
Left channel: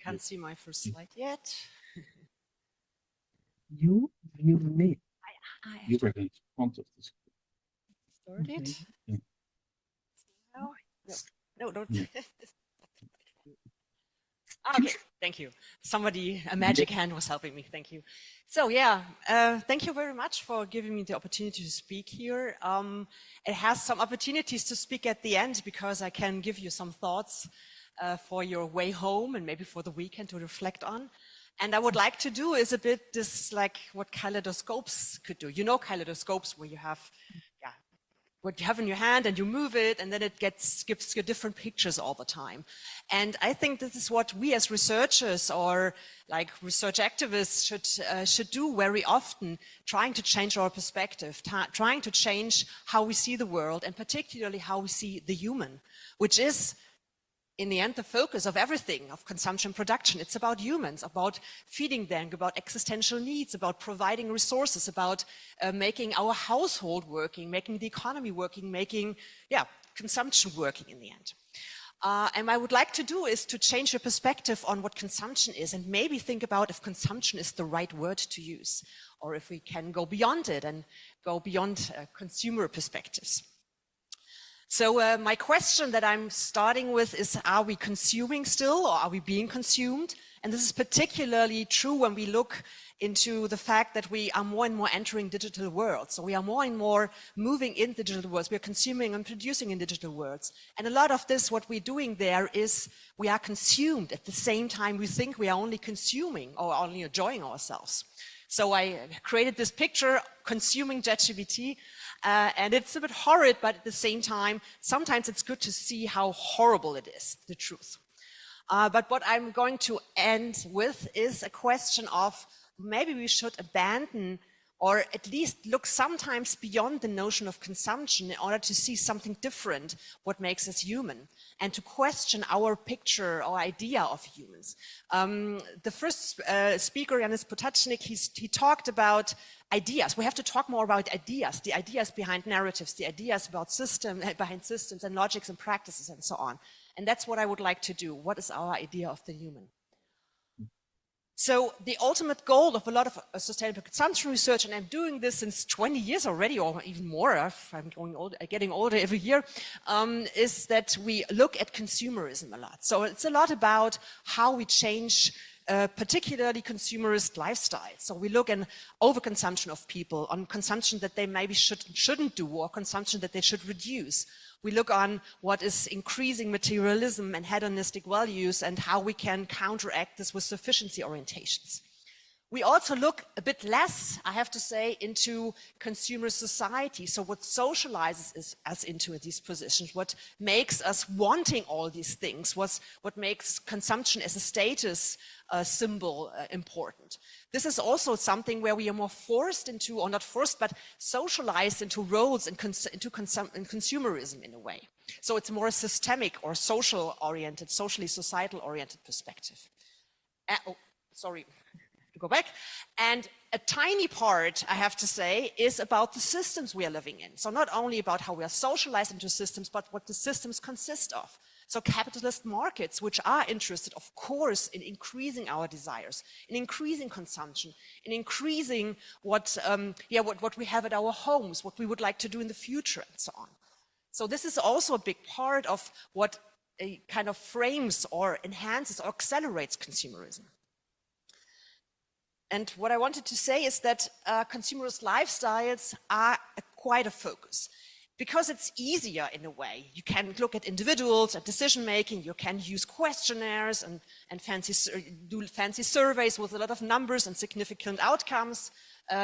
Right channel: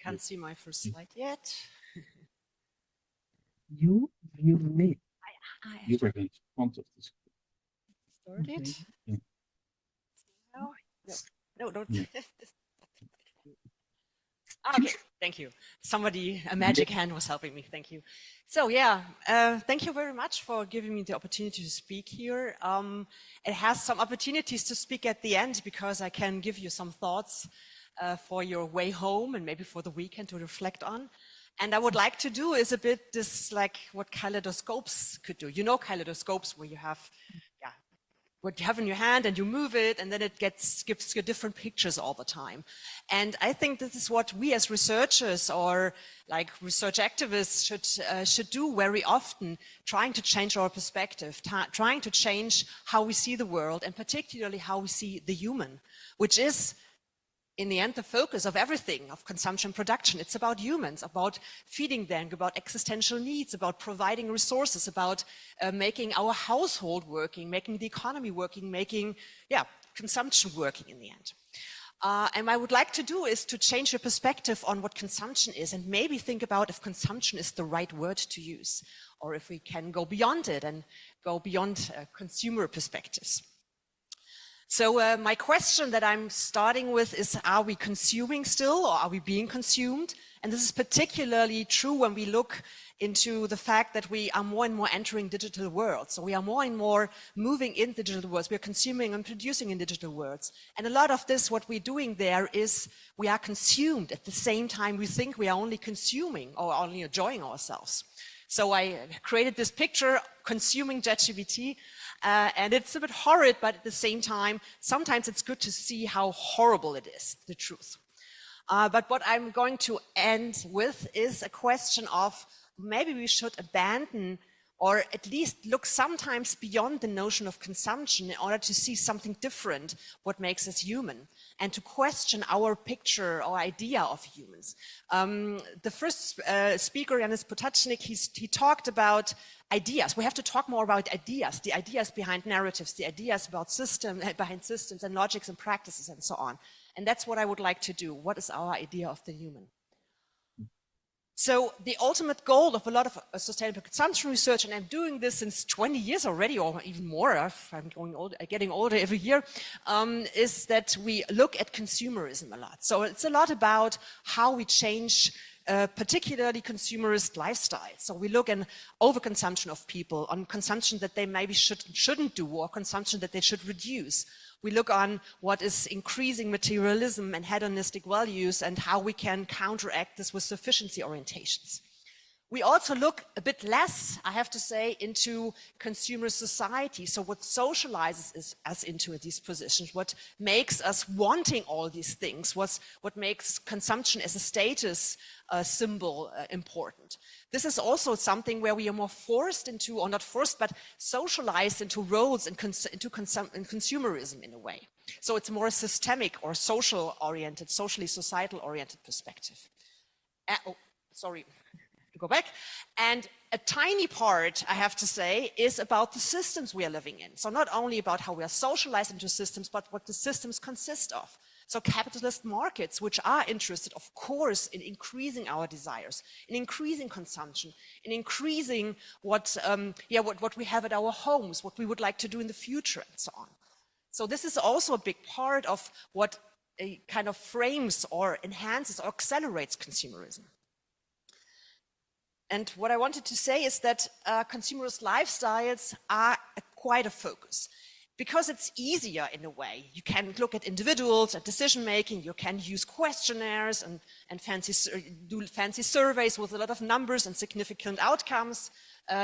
Can't see my first slide yet. You me. You were in front of the screen. Started? Yeah. No, don't. Yeah. Okay, thank you. A magic hand was helping me, thank you. So yeah, thank you very much for giving me the opportunity to speak here. It has some opportunities to speak at the end because I can give you some thoughts for your way home and maybe for the weekend to reflect on. And I would like to do is a bit this, like what kaleidoscopes could do. You know kaleidoscopes where you have, what you have in your hand and you move it and then it gives you different pictures all the time. And I think this is what we as researchers or like research activists should do very often, trying to change our perspective, trying to change how we see the world and particularly how we see the human, which is in the end, the focus of everything, of consumption production. It's about humans, about feeding them, about existential needs, about providing resources, about making our household working, making the economy working, making consumption working in the end. And what I would like to do is to change your perspective on what consumption is and maybe think about if consumption is the right word to use, or if we can go beyond it and go beyond consumer perspectives. So my question that I'm starting with is, are we consuming still or are we being consumed? And this is particularly true when we look into the fact that we are more and more entering digital worlds. So we are more and more moving in digital worlds. We are consuming and producing in digital worlds. And a lot of this, what we're doing there is we are consumed. At the same time, we think we are only consuming or only enjoying ourselves. So I created this picture, consuming ChatGPT, and it's a bit horrid, but at the same time, sometimes it's good to see how horrible it is, the truth. But what I'm going to end with is a question of maybe we should abandon or at least look sometimes beyond the notion of consumption in order to see something different, what makes us human, and to question our picture or idea of humans. The first speaker, Janis Potocnik, he talked about ideas. We have to talk more about ideas, the ideas behind narratives, the ideas about behind systems and logics and practices and so on. And that's what I would like to do. What is our idea of the human? So the ultimate goal of a lot of sustainable consumption research, and I'm doing this since 20 years already, or even more, if I'm getting older every year, is that we look at consumerism a lot. So it's a lot about how we change particularly consumerist lifestyle. So we look at overconsumption of people, on consumption that they maybe shouldn't do, or consumption that they should reduce. We look on what is increasing materialism and hedonistic values and how we can counteract this with sufficiency orientations. We also look a bit less, I have to say, into consumer society. So what socializes us into these positions, what makes us wanting all these things, what makes consumption as a status symbol important. This is also something where we are more forced into, or not forced, but socialized into roles and into consumerism in a way. So it's more systemic or social oriented, socially societal oriented perspective. Go back. And a tiny part, I have to say, is about the systems we are living in. So not only about how we are socialized into systems, but what the systems consist of. So capitalist markets, which are interested, of course, in increasing our desires, in increasing consumption, in increasing what we have at our homes, what we would like to do in the future, and so on. So this is also a big part of what a kind of frames or enhances or accelerates consumerism. And what I wanted to say is that consumerist lifestyles are quite a focus, because it's easier in a way. You can look at individuals, at decision making, you can use questionnaires and do fancy surveys with a lot of numbers and significant outcomes.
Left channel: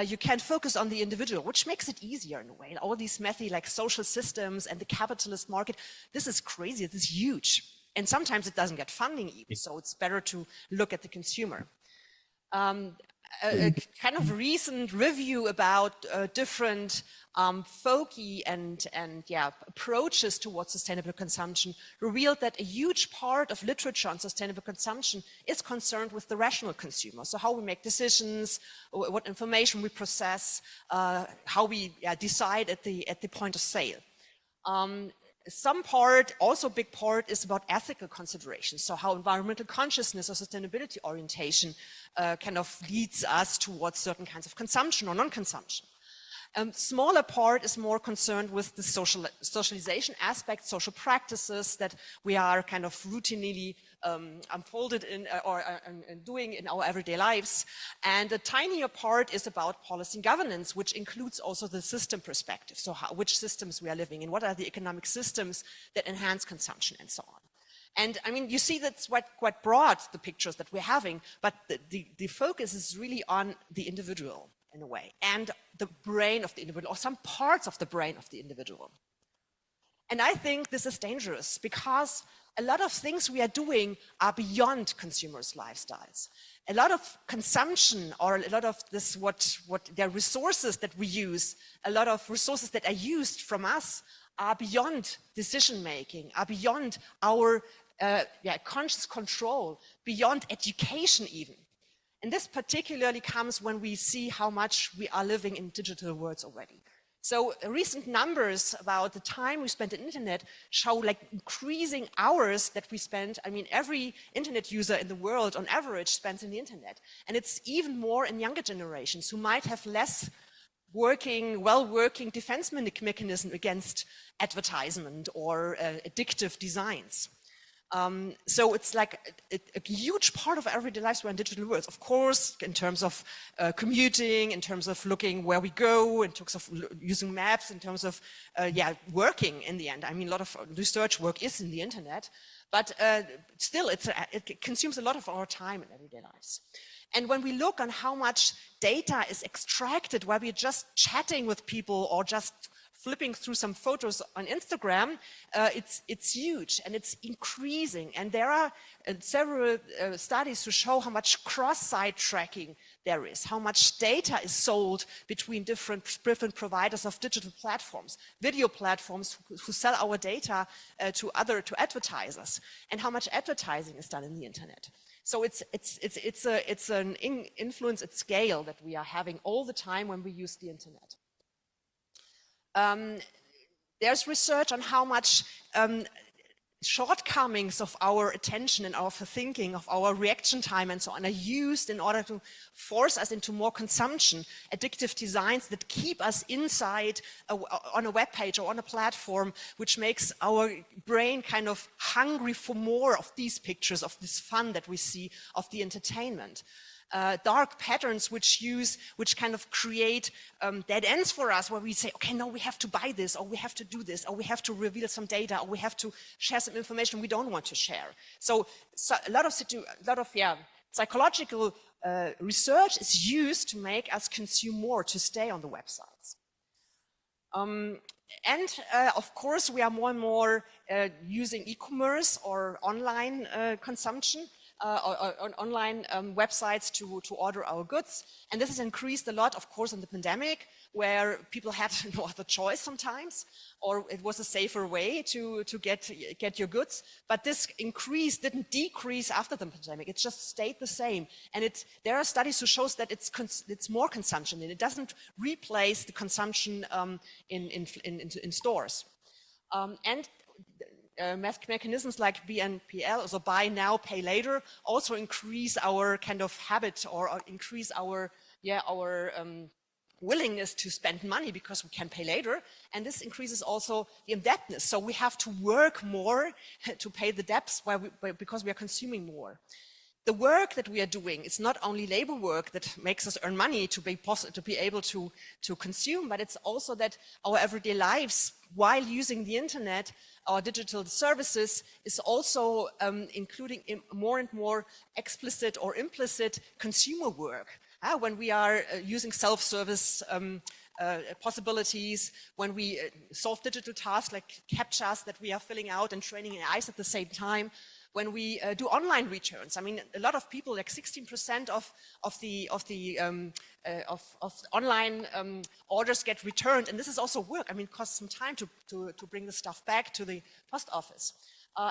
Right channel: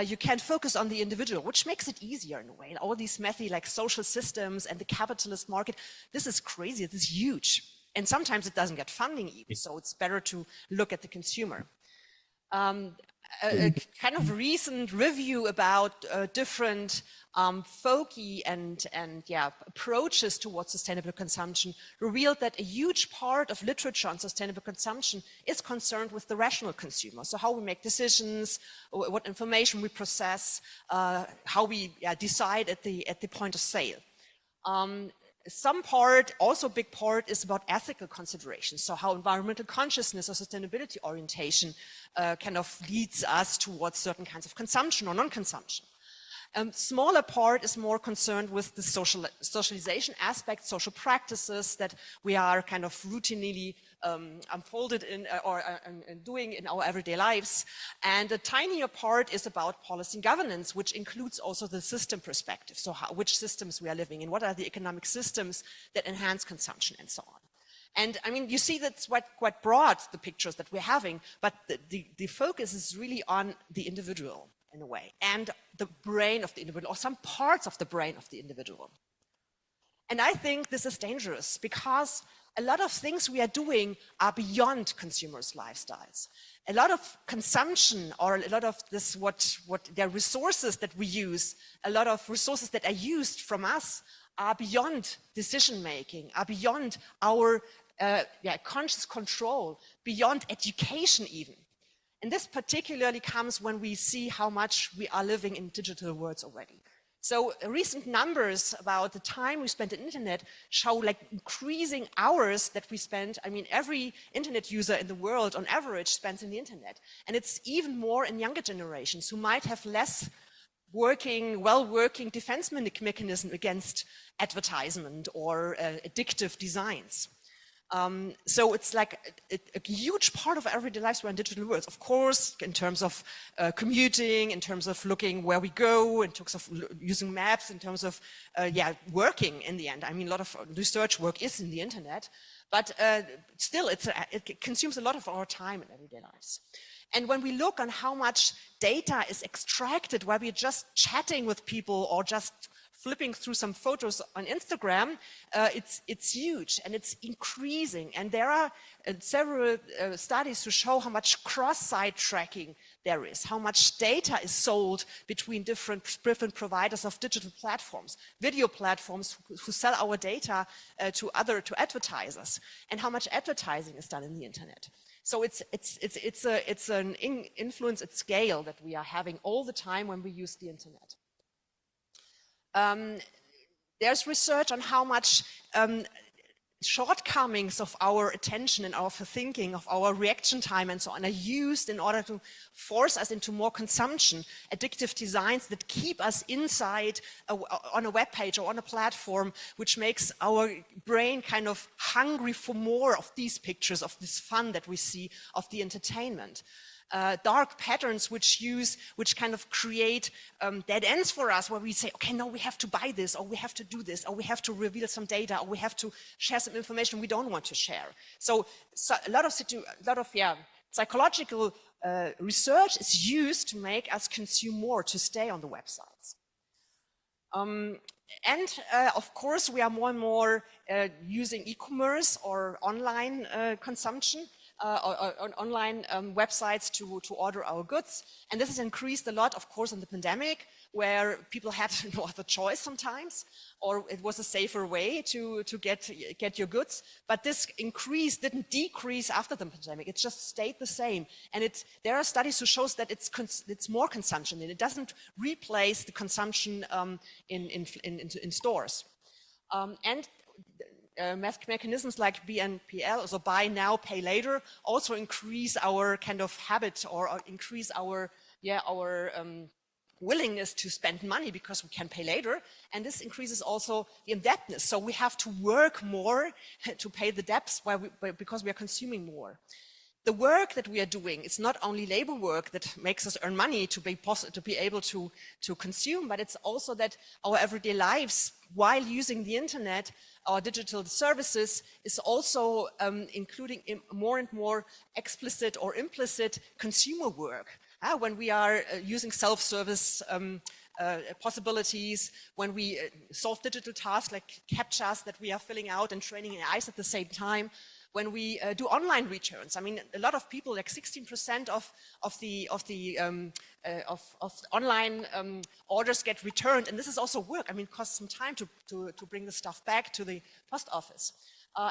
You can focus on the individual, which makes it easier in a way. And all these messy like social systems and the capitalist market, this is crazy, this is huge. And sometimes it doesn't get funding even, so it's better to look at the consumer. A kind of recent review about different folky and approaches towards sustainable consumption revealed that a huge part of literature on sustainable consumption is concerned with the rational consumer. So how we make decisions, what information we process, how we decide at the point of sale. Some part, also a big part, is about ethical considerations. So how environmental consciousness or sustainability orientation kind of leads us towards certain kinds of consumption or non-consumption. Smaller part is more concerned with the socialization aspect, social practices that we are kind of routinely unfolded in or doing in our everyday lives. And a tinier part is about policy and governance, which includes also the system perspective. So which systems we are living in, what are the economic systems that enhance consumption and so on. And I mean, you see that's quite broad, the pictures that we're having, but the focus is really on the individual in a way, and the brain of the individual, or some parts of the brain of the individual. And I think this is dangerous because a lot of things we are doing are beyond consumers' lifestyles. A lot of consumption, or a lot of this, what the resources that we use, a lot of resources that are used from us are beyond decision making, are beyond our conscious control, beyond education even. And this particularly comes when we see how much we are living in digital worlds already. So recent numbers about the time we spend on the internet show like increasing hours that we spend. I mean, every internet user in the world on average spends on the internet. And it's even more in younger generations who might have less well-working defense mechanism against advertisement or addictive designs. So it's like a huge part of everyday lives we're in digital worlds, of course, in terms of commuting, in terms of looking where we go, in terms of using maps, in terms of working in the end. I mean, a lot of research work is in the internet, but still it consumes a lot of our time in everyday lives. And when we look on how much data is extracted while we're just chatting with people or just flipping through some photos on Instagram, it's huge and it's increasing. And there are several studies to show how much cross-site tracking there is, how much data is sold between different providers of digital platforms, video platforms who sell our data to advertisers, and how much advertising is done in the internet. So it's an influence at scale that we are having all the time when we use the internet. There's research on how much shortcomings of our attention and our thinking, of our reaction time and so on, are used in order to force us into more consumption, addictive designs that keep us inside on a web page or on a platform, which makes our brain kind of hungry for more of these pictures, of this fun that we see, of the entertainment. Dark patterns which kind of create dead ends for us, where we say, okay, no, we have to buy this, or we have to do this, or we have to reveal some data, or we have to share some information we don't want to share. So a lot of psychological research is used to make us consume more, to stay on the websites. Of course, we are more and more using e-commerce or online consumption. On online websites to order our goods. And this has increased a lot, of course, in the pandemic, where people had no other choice sometimes, or it was a safer way to get your goods. But this increase didn't decrease after the pandemic. It just stayed the same. And there are studies who shows that it's more consumption, and it doesn't replace the consumption in stores. Mechanisms like BNPL, so buy now, pay later, also increase our kind of habit, or increase our willingness to spend money because we can pay later. And this increases also the indebtedness. So we have to work more to pay the debts because we are consuming more. The work that we are doing is not only labor work that makes us earn money to be able to consume, but it's also that our everyday lives, while using the internet, our digital services, is also including more and more explicit or implicit consumer work. When we are using self-service possibilities, when we solve digital tasks like CAPTCHAs that we are filling out and training AIs at the same time, when we do online returns. I mean, a lot of people, like 16% of online orders get returned, and this is also work. I mean, it costs some time to bring the stuff back to the post office.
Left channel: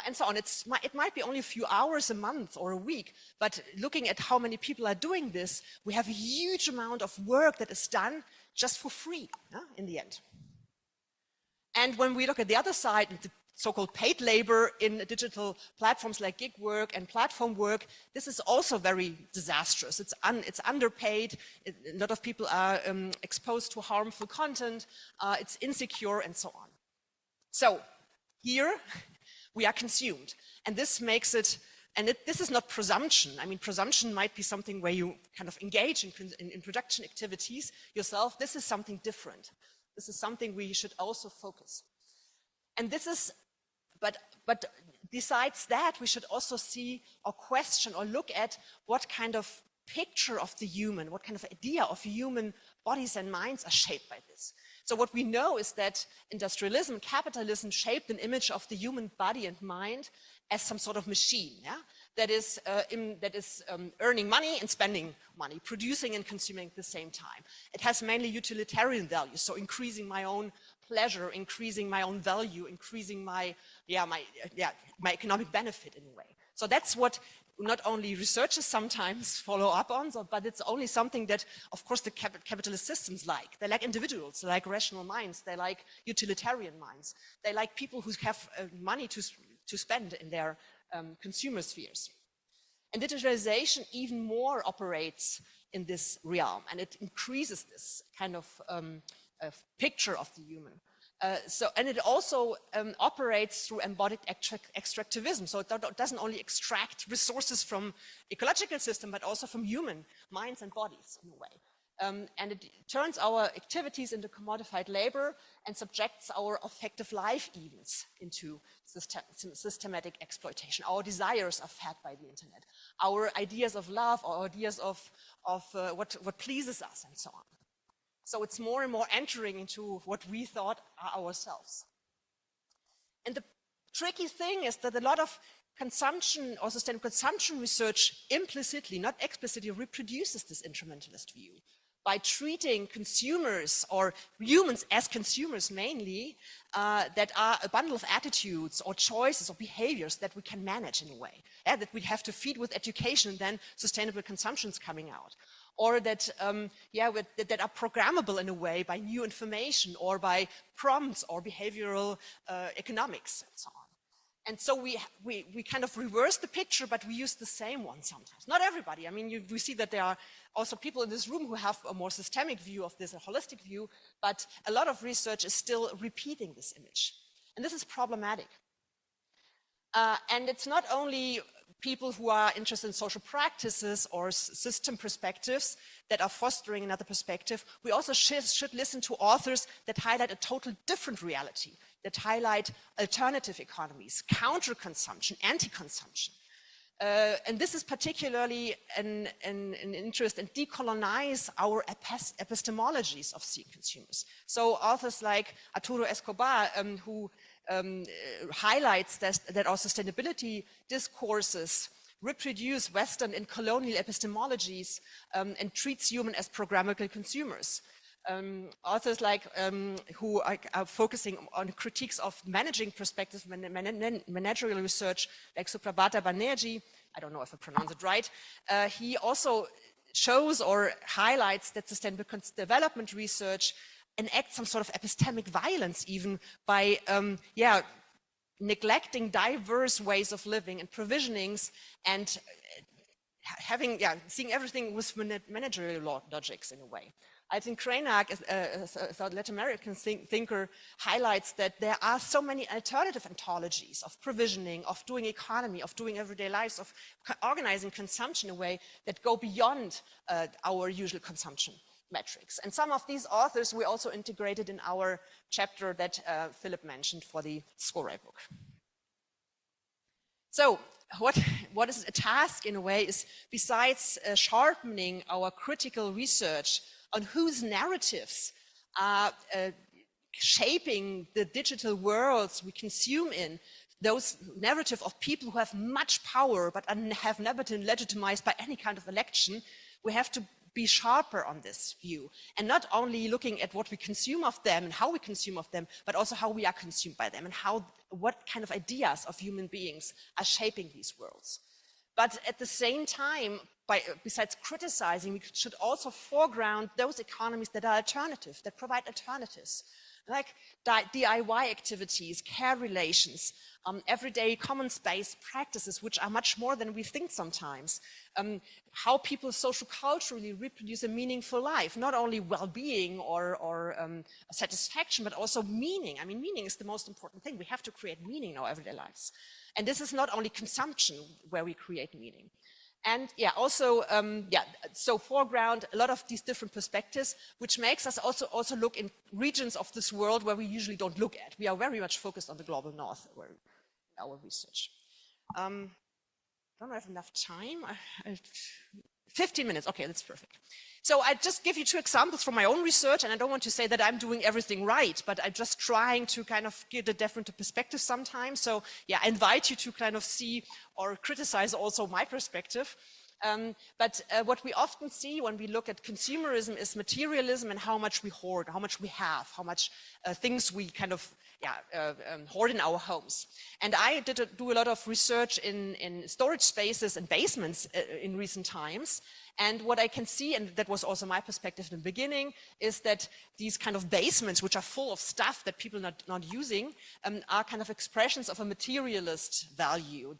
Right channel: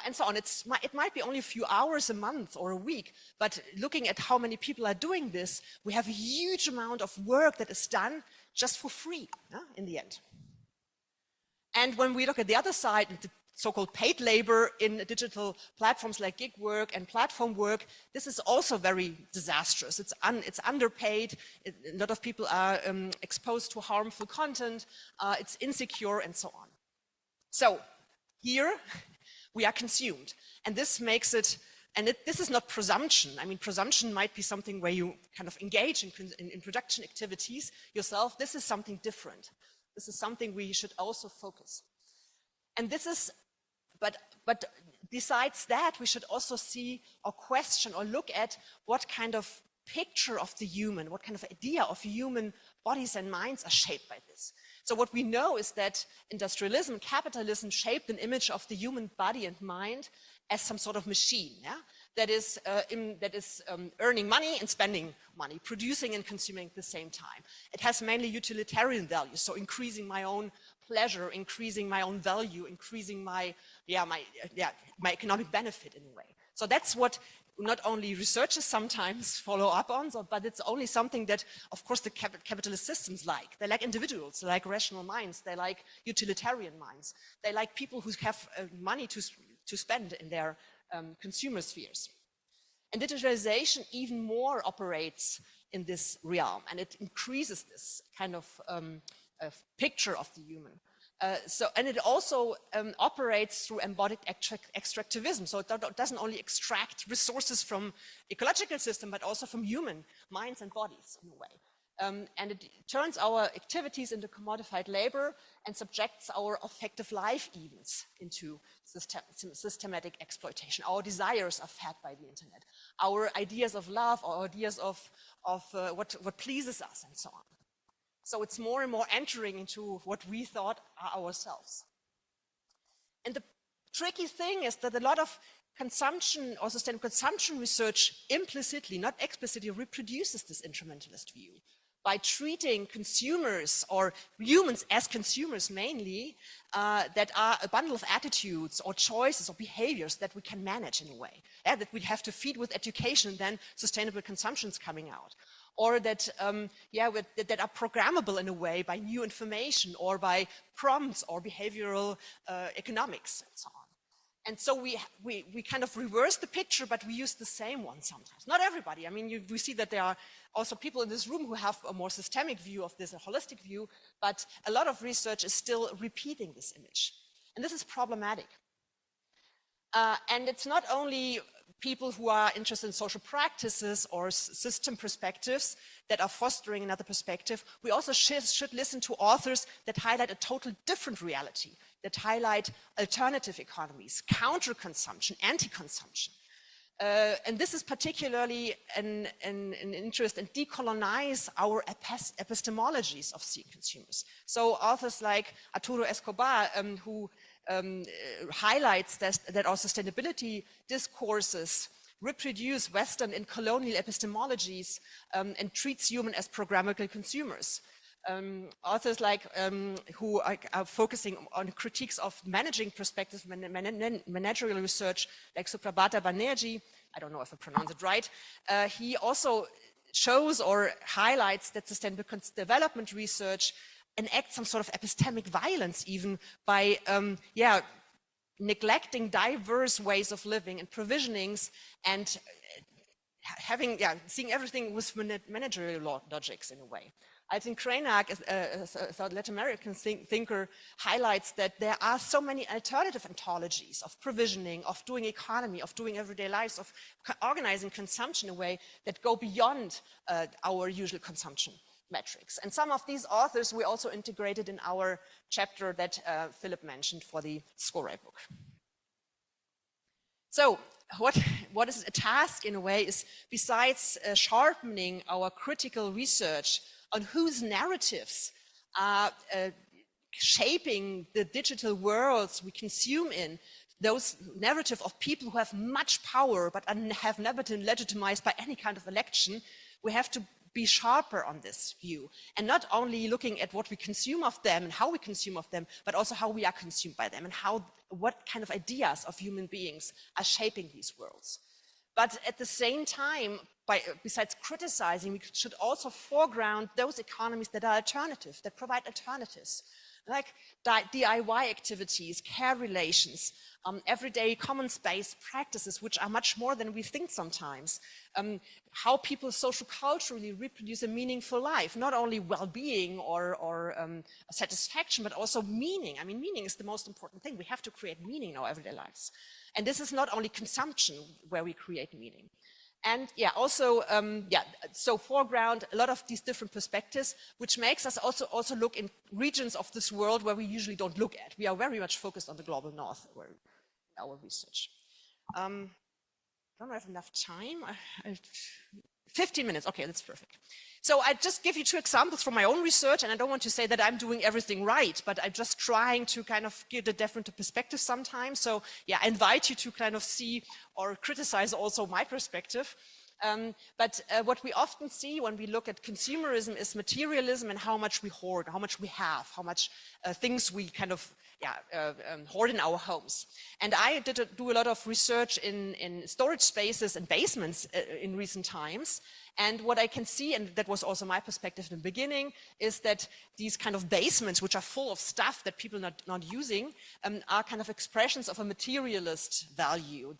And so on. It might be only a few hours a month or a week, but looking at how many people are doing this, we have a huge amount of work that is done just for free in the end. And when we look at the other side, the so-called paid labor in digital platforms like gig work and platform work, this is also very disastrous. It's underpaid. A lot of people are exposed to harmful content. It's insecure and so on. So here we are consumed, and this makes it. And this is not presumption. I mean, presumption might be something where you kind of engage in production activities yourself. This is something different. This is something we should also focus. And this is, but besides that, we should also see or question or look at what kind of picture of the human, what kind of idea of human bodies and minds are shaped by this. So what we know is that industrialism, capitalism shaped an image of the human body and mind as some sort of machine, that is earning money and spending money, producing and consuming at the same time. It has mainly utilitarian values, so increasing my own pleasure, increasing my own value, increasing my economic benefit in a way. So that's what not only researchers sometimes follow up on, but it's only something that, of course, the capitalist systems like. They like individuals, they like rational minds, they like utilitarian minds, they like people who have money to spend in their consumer spheres. And digitalization even more operates in this realm, and it increases this kind of picture of the human. And it also operates through embodied extractivism. So it doesn't only extract resources from ecological system, but also from human minds and bodies in a way. And it turns our activities into commodified labor and subjects our affective life events into systematic exploitation. Our desires are fed by the internet. Our ideas of love, our ideas of what pleases us, and so on. So it's more and more entering into what we thought are ourselves. And the tricky thing is that a lot of consumption or sustainable consumption research implicitly, not explicitly, reproduces this instrumentalist view by treating consumers or humans as consumers mainly, that are a bundle of attitudes or choices or behaviors that we can manage in a way, that we have to feed with education, and then sustainable consumption is coming out. Or that, that are programmable in a way by new information or by prompts or behavioral economics and so on. And so we kind of reverse the picture, but we use the same one sometimes. Not everybody. I mean, we see that there are also people in this room who have a more systemic view of this, a holistic view, but a lot of research is still repeating this image. And this is problematic. And it's not only people who are interested in social practices or system perspectives that are fostering another perspective. We also should listen to authors that highlight a total different reality, that highlight alternative economies, counter-consumption, anti-consumption. And this is particularly an interest in decolonize our epistemologies of seeing consumers. So authors like Arturo Escobar, who highlights that our sustainability discourses reproduce Western and colonial epistemologies and treats humans as programmable consumers. Authors like who are focusing on critiques of managing perspectives, managerial research, like Suprabhata Banerjee, I don't know if I pronounce it right, he also shows or highlights that sustainable development research enact some sort of epistemic violence even by neglecting diverse ways of living and provisionings and seeing everything with managerial logics in a way. I think Krainak, a Latin American thinker, highlights that there are so many alternative ontologies of provisioning, of doing economy, of doing everyday lives, of organizing consumption in a way that go beyond our usual consumption metrics. And some of these authors we also integrated in our chapter that Philip mentioned for the Score book. So what is a task in a way is, besides sharpening our critical research on whose narratives are shaping the digital worlds we consume in, those narrative of people who have much power but have never been legitimized by any kind of election, we have to be sharper on this view, and not only looking at what we consume of them and how we consume of them, but also how we are consumed by them and what kind of ideas of human beings are shaping these worlds. But at the same time, besides criticizing, we should also foreground those economies that are alternative, that provide alternatives, like DIY activities, care relations, everyday common space practices, which are much more than we think sometimes. How people social-culturally reproduce a meaningful life, not only well-being or satisfaction, but also meaning. I mean, meaning is the most important thing. We have to create meaning in our everyday lives. And this is not only consumption where we create meaning. And so foreground a lot of these different perspectives, which makes us also look in regions of this world where we usually don't look at. We are very much focused on the global north in our research. I don't have enough time. 15 minutes, okay, that's perfect. So I just give you 2 examples from my own research, and I don't want to say that I'm doing everything right, but I'm just trying to kind of give a different perspective sometimes. So yeah, I invite you to kind of see or criticize also my perspective. But what we often see when we look at consumerism is materialism and how much we hoard, how much we have, how much things we kind of hoard in our homes. And I do a lot of research in storage spaces and basements in recent times. And what I can see, and that was also my perspective in the beginning, is that these kind of basements, which are full of stuff that people are not using, are kind of expressions of a materialist value.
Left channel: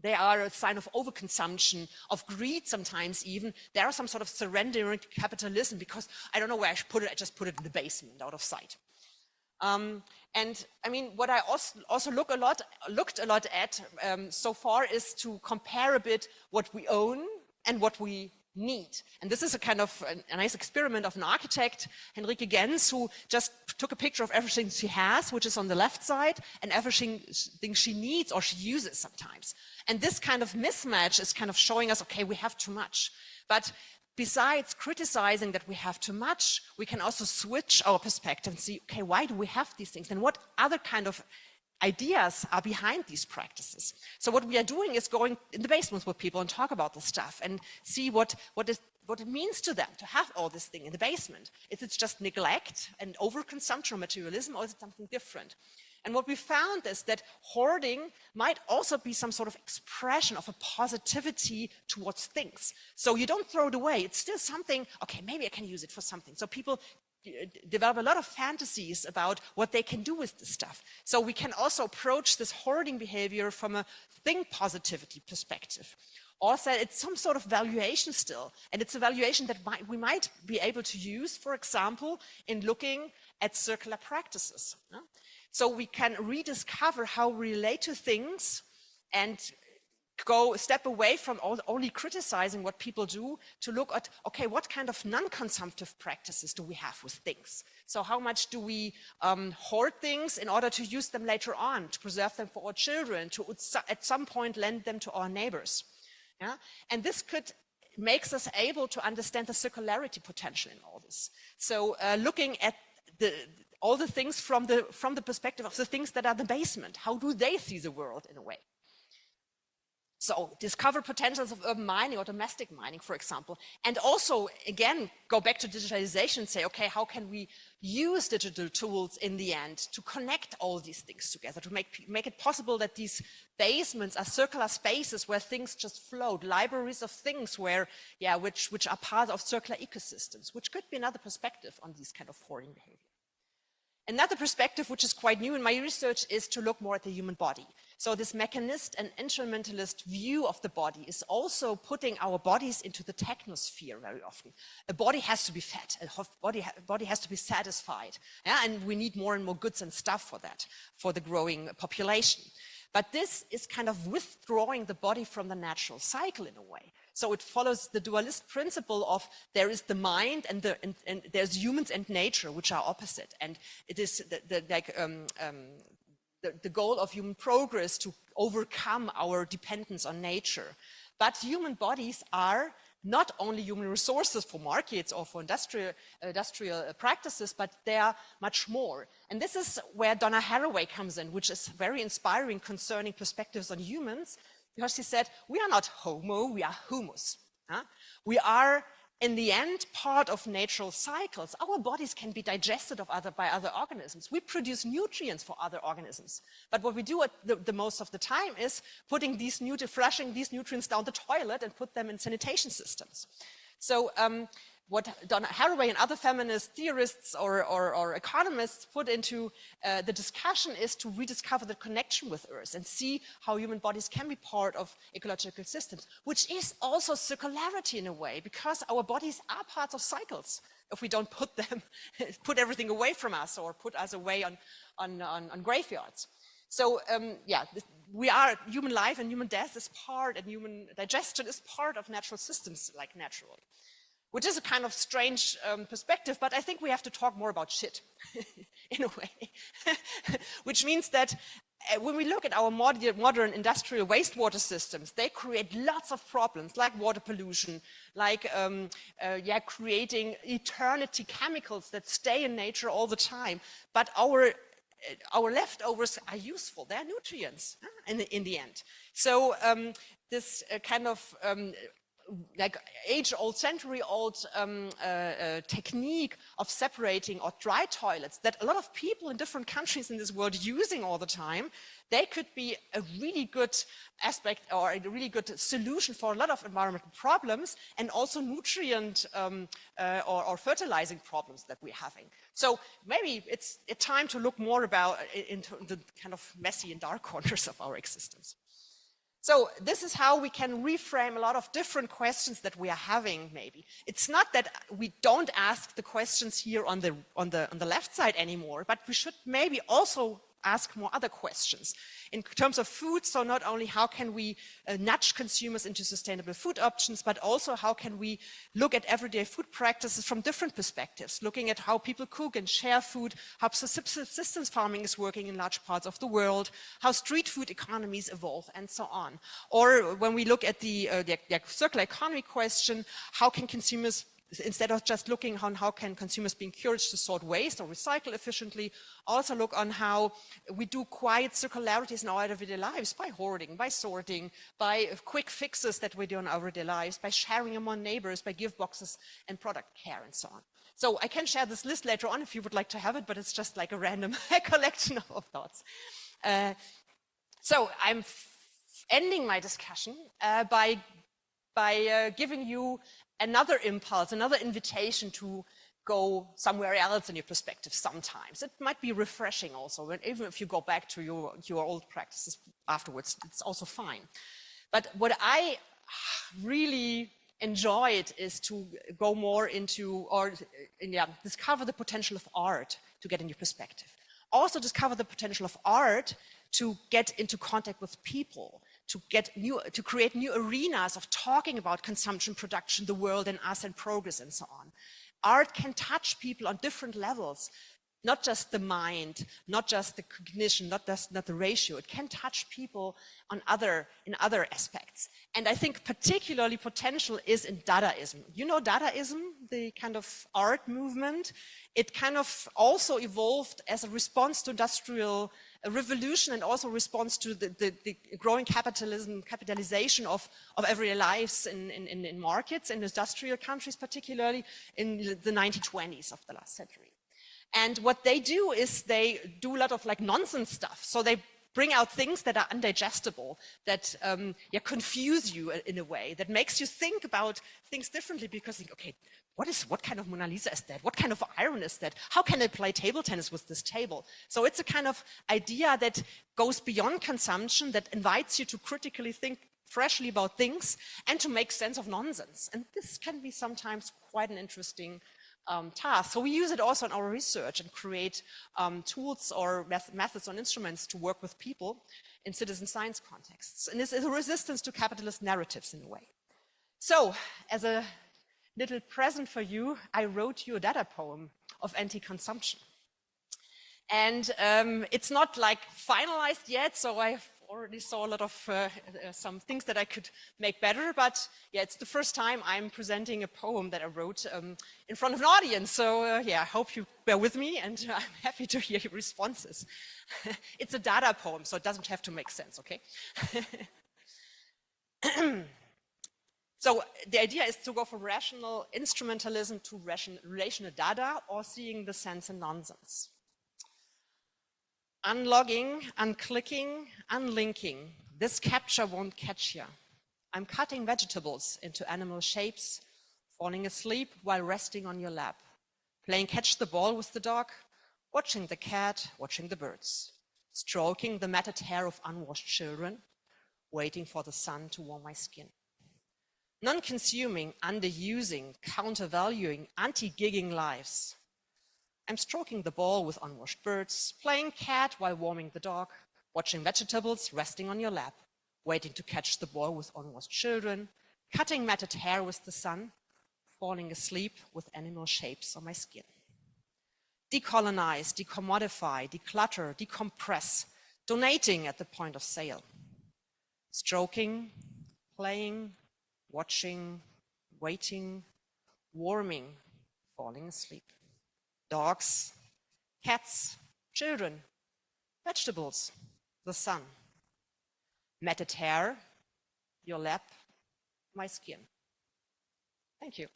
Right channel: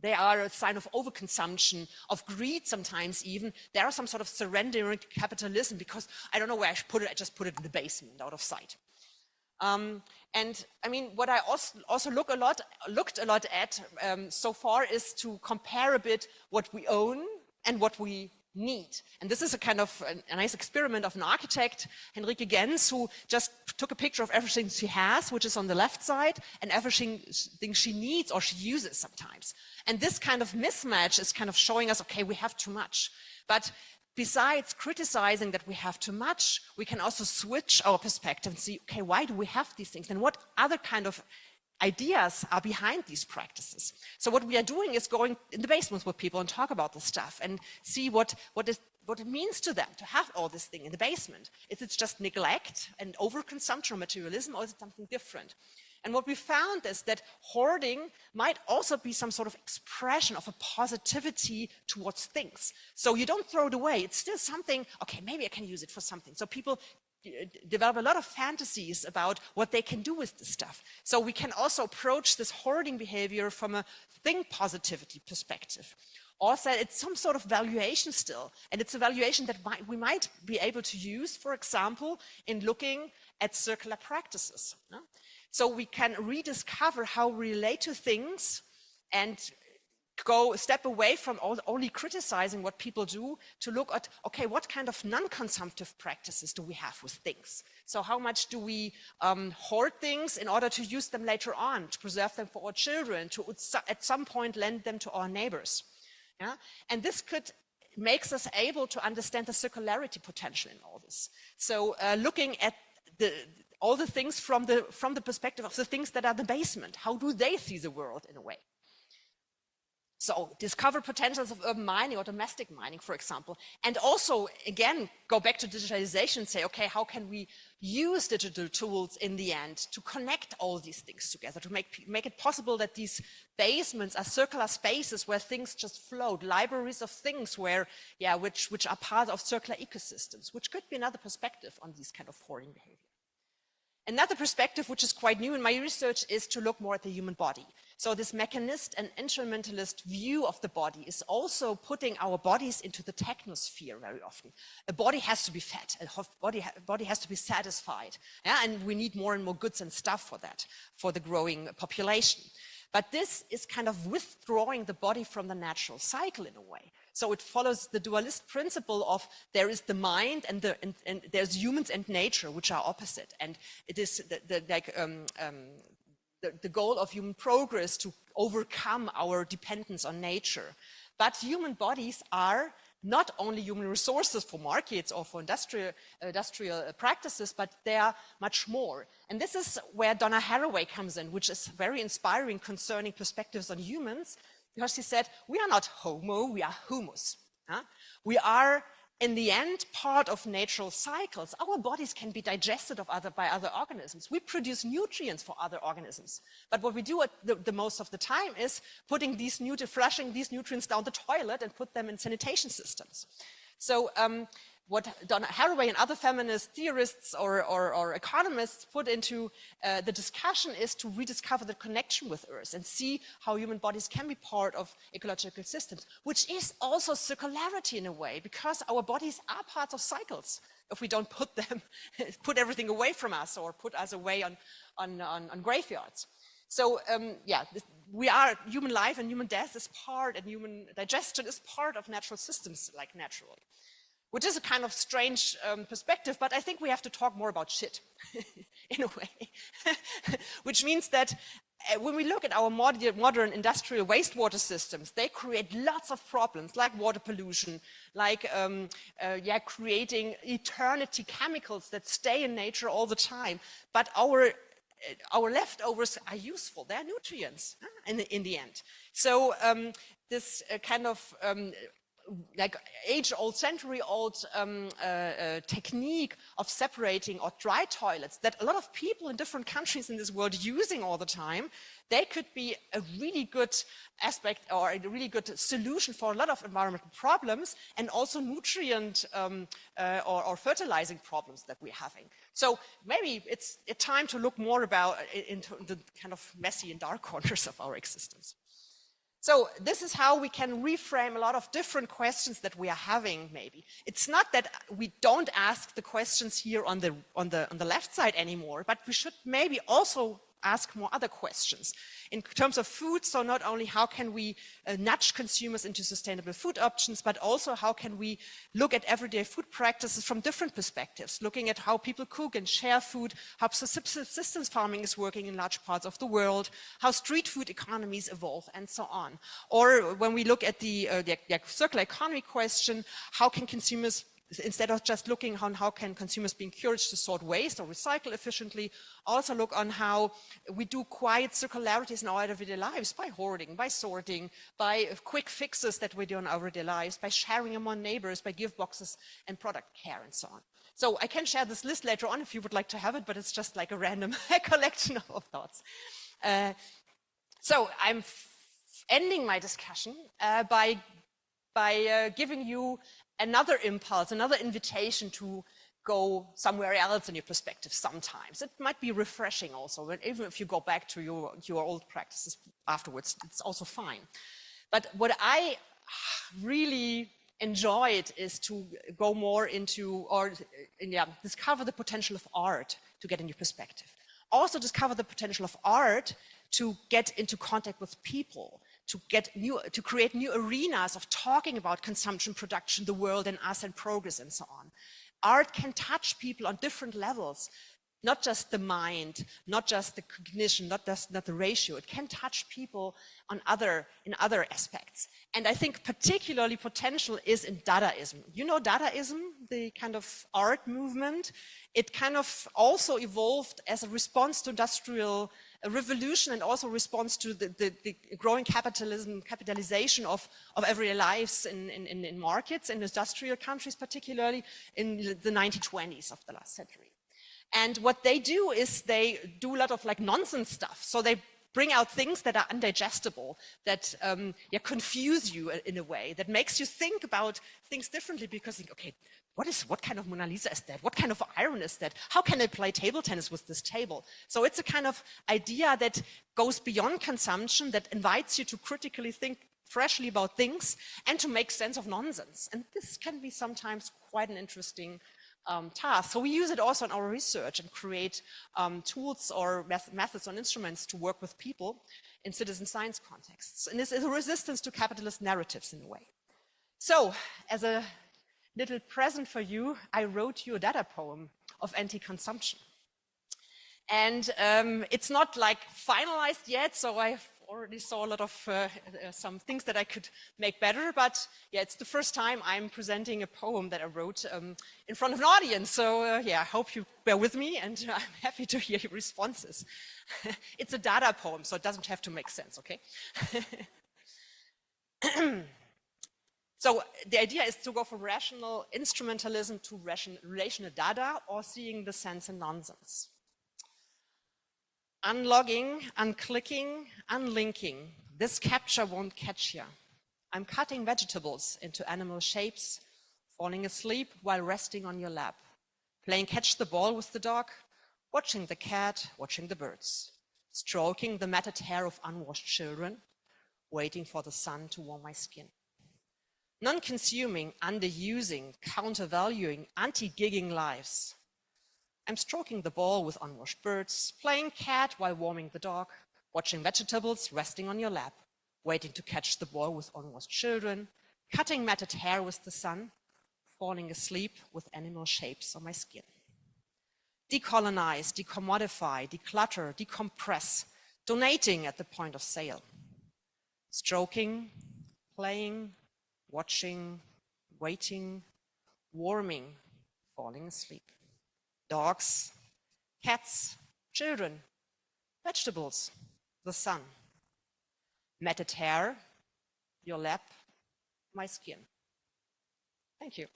They are a sign of overconsumption, of greed sometimes even. There are some sort of surrendering to capitalism because I don't know where I should put it, I just put it in the basement out of sight. And I mean, what I also looked a lot at so far is to compare a bit what we own and what we need. And this is a kind of a nice experiment of an architect, Henrike Gens, who just took a picture of everything she has, which is on the left side, and everything she needs or she uses sometimes. And this kind of mismatch is kind of showing us, okay, we have too much. But besides criticizing that we have too much, we can also switch our perspective and see, okay, why do we have these things? And what other kind of ideas are behind these practices? So what we are doing is going in the basements with people and talk about this stuff and see what it means to them to have all this thing in the basement. Is it just neglect and overconsumption or materialism, or is it something different? And what we found is that hoarding might also be some sort of expression of a positivity towards things. So you don't throw it away. It's still something, okay, maybe I can use it for something. So people develop a lot of fantasies about what they can do with this stuff. So we can also approach this hoarding behavior from a thing positivity perspective. Also, it's some sort of valuation still, and it's a valuation that we might be able to use, for example, in looking at circular practices. So we can rediscover how we relate to things and go a step away from only criticizing what people do to look at, okay, what kind of non-consumptive practices do we have with things? So how much do we hoard things in order to use them later on, to preserve them for our children, to at some point lend them to our neighbors? Yeah? And this makes us able to understand the circularity potential in all this. So looking at all the things from the perspective of the things that are the basement, how do they see the world in a way? So discover potentials of urban mining or domestic mining, for example. And also, again, go back to digitalization and say, okay, how can we use digital tools in the end to connect all these things together, to make it possible that these basements are circular spaces where things just float, libraries of things where, yeah, which are part of circular ecosystems, which could be another perspective on these kind of hoarding behavior. Another perspective, which is quite new in my research, is to look more at the human body. So this mechanist and instrumentalist view of the body is also putting our bodies into the technosphere very often. A body has to be fed, a body has to be satisfied, yeah? And we need more and more goods and stuff for that, for the growing population. But this is kind of withdrawing the body from the natural cycle in a way. So it follows the dualist principle of there is the mind and there's humans and nature, which are opposite. And it is the goal of human progress to overcome our dependence on nature. But human bodies are not only human resources for markets or for industrial practices, but they are much more. And this is where Donna Haraway comes in, which is very inspiring concerning perspectives on humans, because she said, we are not homo, we are humus. We are, in the end, part of natural cycles. Our bodies can be digested by other organisms. We produce nutrients for other organisms. But what we do the most of the time is flushing these nutrients down the toilet and put them in sanitation systems. So what Donna Haraway and other feminist theorists or economists put into the discussion is to rediscover the connection with Earth and see how human bodies can be part of ecological systems, which is also circularity in a way, because our bodies are parts of cycles. If we don't put everything away from us or put us away on graveyards. So yeah, we are human life and human death is part, and human digestion is part of natural systems, like naturally. Which is a kind of strange perspective, but I think we have to talk more about shit, in a way. Which means that when we look at our modern industrial wastewater systems, they create lots of problems, like water pollution, like creating eternity chemicals that stay in nature all the time. But our leftovers are useful, they're nutrients in the end. So this kind of like age-old, century-old technique of separating or dry toilets that a lot of people in different countries in this world using all the time, they could be a really good aspect or a really good solution for a lot of environmental problems and also nutrient or fertilizing problems that we're having. So maybe it's time to look more into the kind of messy and dark corners of our existence. So this is how we can reframe a lot of different questions that we are having, maybe. It's not that we don't ask the questions here on the left side anymore, but we should maybe also ask more other questions. In terms of food, so not only how can we nudge consumers into sustainable food options, but also how can we look at everyday food practices from different perspectives, looking at how people cook and share food, how subsistence farming is working in large parts of the world, how street food economies evolve, and so on. Or when we look at the circular economy question, how can consumers, instead of just looking on how can consumers be encouraged to sort waste or recycle efficiently, also look on how we do quiet circularities in our everyday lives by hoarding, by sorting, by quick fixes that we do in our everyday lives, by sharing among neighbors, by gift boxes and product care and so on. So I can share this list later on if you would like to have it, but it's just like a random collection of thoughts. So I'm ending my discussion by giving you another impulse, another invitation to go somewhere else in your perspective sometimes. It might be refreshing also, but even if you go back to your old practices afterwards, it's also fine. But what I really enjoyed is to go more into, discover the potential of art to get into perspective. Also discover the potential of art to get into contact with people, to create new arenas of talking about consumption, production, the world and us and progress and so on. Art can touch people on different levels, not just the mind, not just the cognition, not the ratio. It can touch people in other aspects. And I think particularly potential is in Dadaism. You know Dadaism, the kind of art movement? It kind of also evolved as a response to industrial revolution and also response to the growing capitalization of everyday lives in markets, in industrial countries, particularly in the 1920s of the last century. And what they do is they do a lot of like nonsense stuff. So they bring out things that are undigestible, that confuse you in a way, that makes you think about things differently because you think, okay, what kind of Mona Lisa is that? What kind of iron is that? How can I play table tennis with this table? So it's a kind of idea that goes beyond consumption, that invites you to critically think freshly about things and to make sense of nonsense. And this can be sometimes quite an interesting task. So we use it also in our research and create tools or methods and instruments to work with people in citizen science contexts. And this is a resistance to capitalist narratives in a way. So as a little present for you, I wrote you a Dada poem of anti-consumption. And it's not like finalized yet, so I've already saw a lot of some things that I could make better, but yeah, it's the first time I'm presenting a poem that I wrote in front of an audience. So yeah, I hope you bear with me and I'm happy to hear your responses. It's a Dada poem, so it doesn't have to make sense, okay? So the idea is to go from rational instrumentalism to relational Dada, or seeing the sense in nonsense. Unlogging, unclicking, unlinking. This capture won't catch ya. I'm cutting vegetables into animal shapes, falling asleep while resting on your lap, playing catch the ball with the dog, watching the cat, watching the birds, stroking the matted hair of unwashed children, waiting for the sun to warm my skin. Non-consuming, underusing, countervaluing, anti-gigging lives. I'm stroking the ball with unwashed birds, playing cat while warming the dog, watching vegetables resting on your lap, waiting to catch the ball with unwashed children, cutting matted hair with the sun, falling asleep with animal shapes on my skin. Decolonize, decommodify, declutter, decompress, donating at the point of sale. Stroking, playing, watching, waiting, warming, falling asleep. Dogs, cats, children, vegetables, the sun. Matted hair, your lap, my skin. Thank you.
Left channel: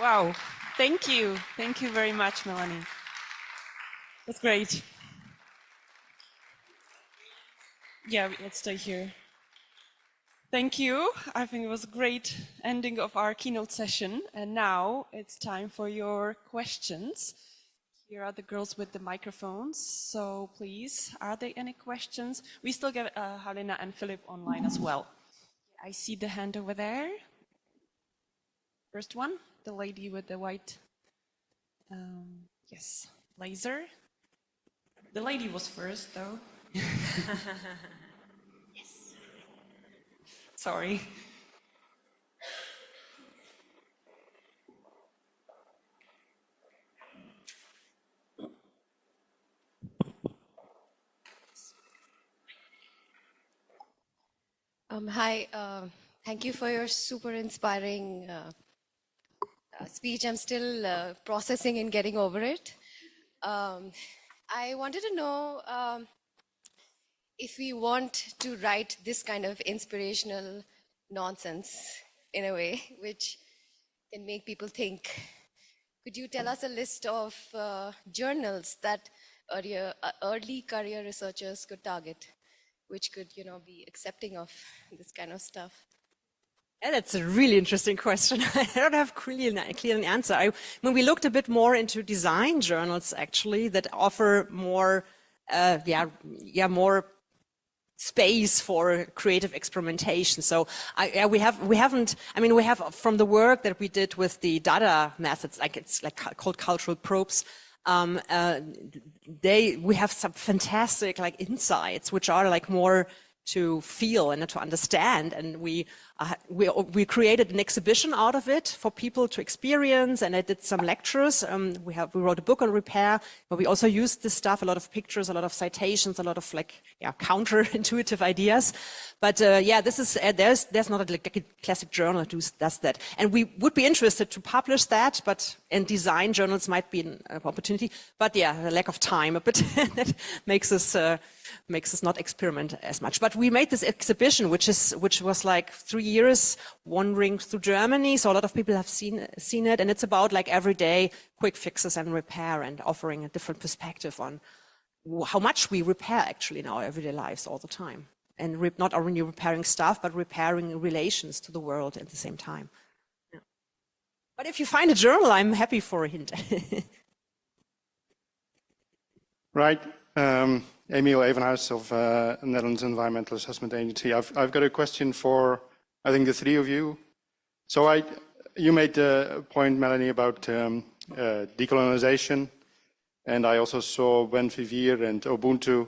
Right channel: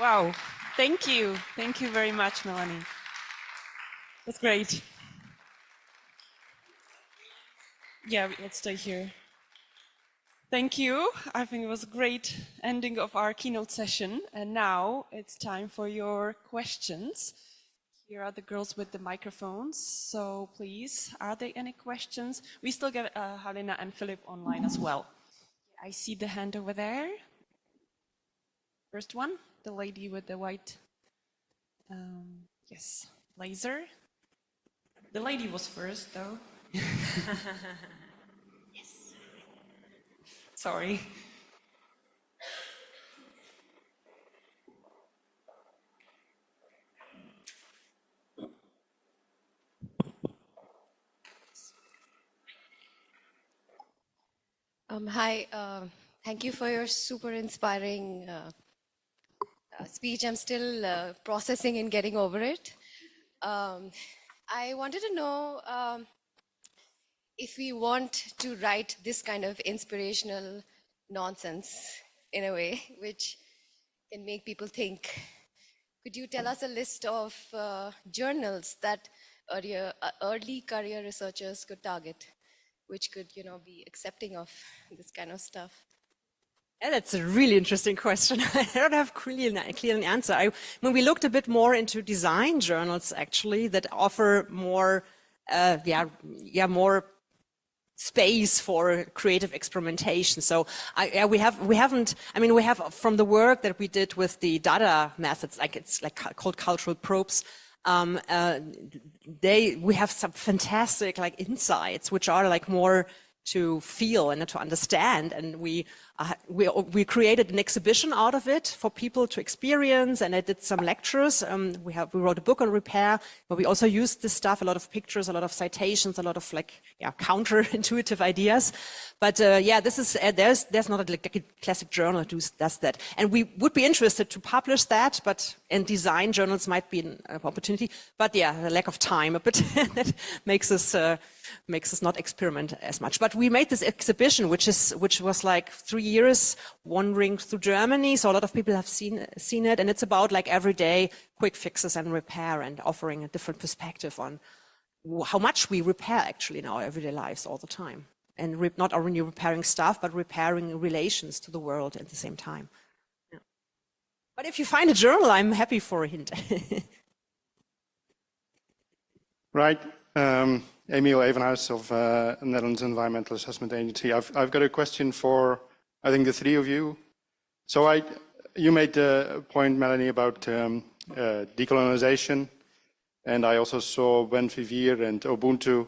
Wow, thank you. Thank you very much, Melanie. That's great. Yeah, let's stay here. Thank you. I think it was a great ending of our keynote session. And now it's time for your questions. Here are the girls with the microphones. So please, are there any questions? We still get Halina and Philip online as well. I see the hand over there. First one, the lady with the white, yes, blazer. The lady was first, though. Yes. Sorry. Hi, thank you for your super inspiring speech. I'm still processing and getting over it. I wanted to know if we want to write this kind of inspirational nonsense in a way which can make people think, could you tell us a list of journals that early career researchers could target, which could, be accepting of this kind of stuff? Yeah, that's a really interesting question. I don't have a clear answer. When we looked a bit more into design journals, actually, that offer more, more space for creative experimentation. So we have from the work that we did with the Dada methods, it's called cultural probes. We have some fantastic insights, which are more to feel and to understand, and we created an exhibition out of it for people to experience, and I did some lectures. We wrote a book on repair, but we also used this stuff, a lot of pictures, a lot of citations, a lot of counterintuitive ideas. But this is there's not a classic journal that does that, and we would be interested to publish that, but in design journals might be an opportunity. But a lack of time a bit that makes us not experiment as much. But we made this exhibition, which was 3 years wandering through Germany. So a lot of people have seen it, and it's about everyday quick fixes and repair, and offering a different perspective on how much we repair actually in our everyday lives all the time. And not only repairing stuff, but repairing relations to the world at the same time. Yeah. But if you find a journal, I'm happy for a hint. Right. Emiel Evenhuis of Netherlands Environmental Assessment Agency. I've got a question for, I think, the three of you. So you made the point, Melanie, about decolonization, and I also saw Ben Vivier and Ubuntu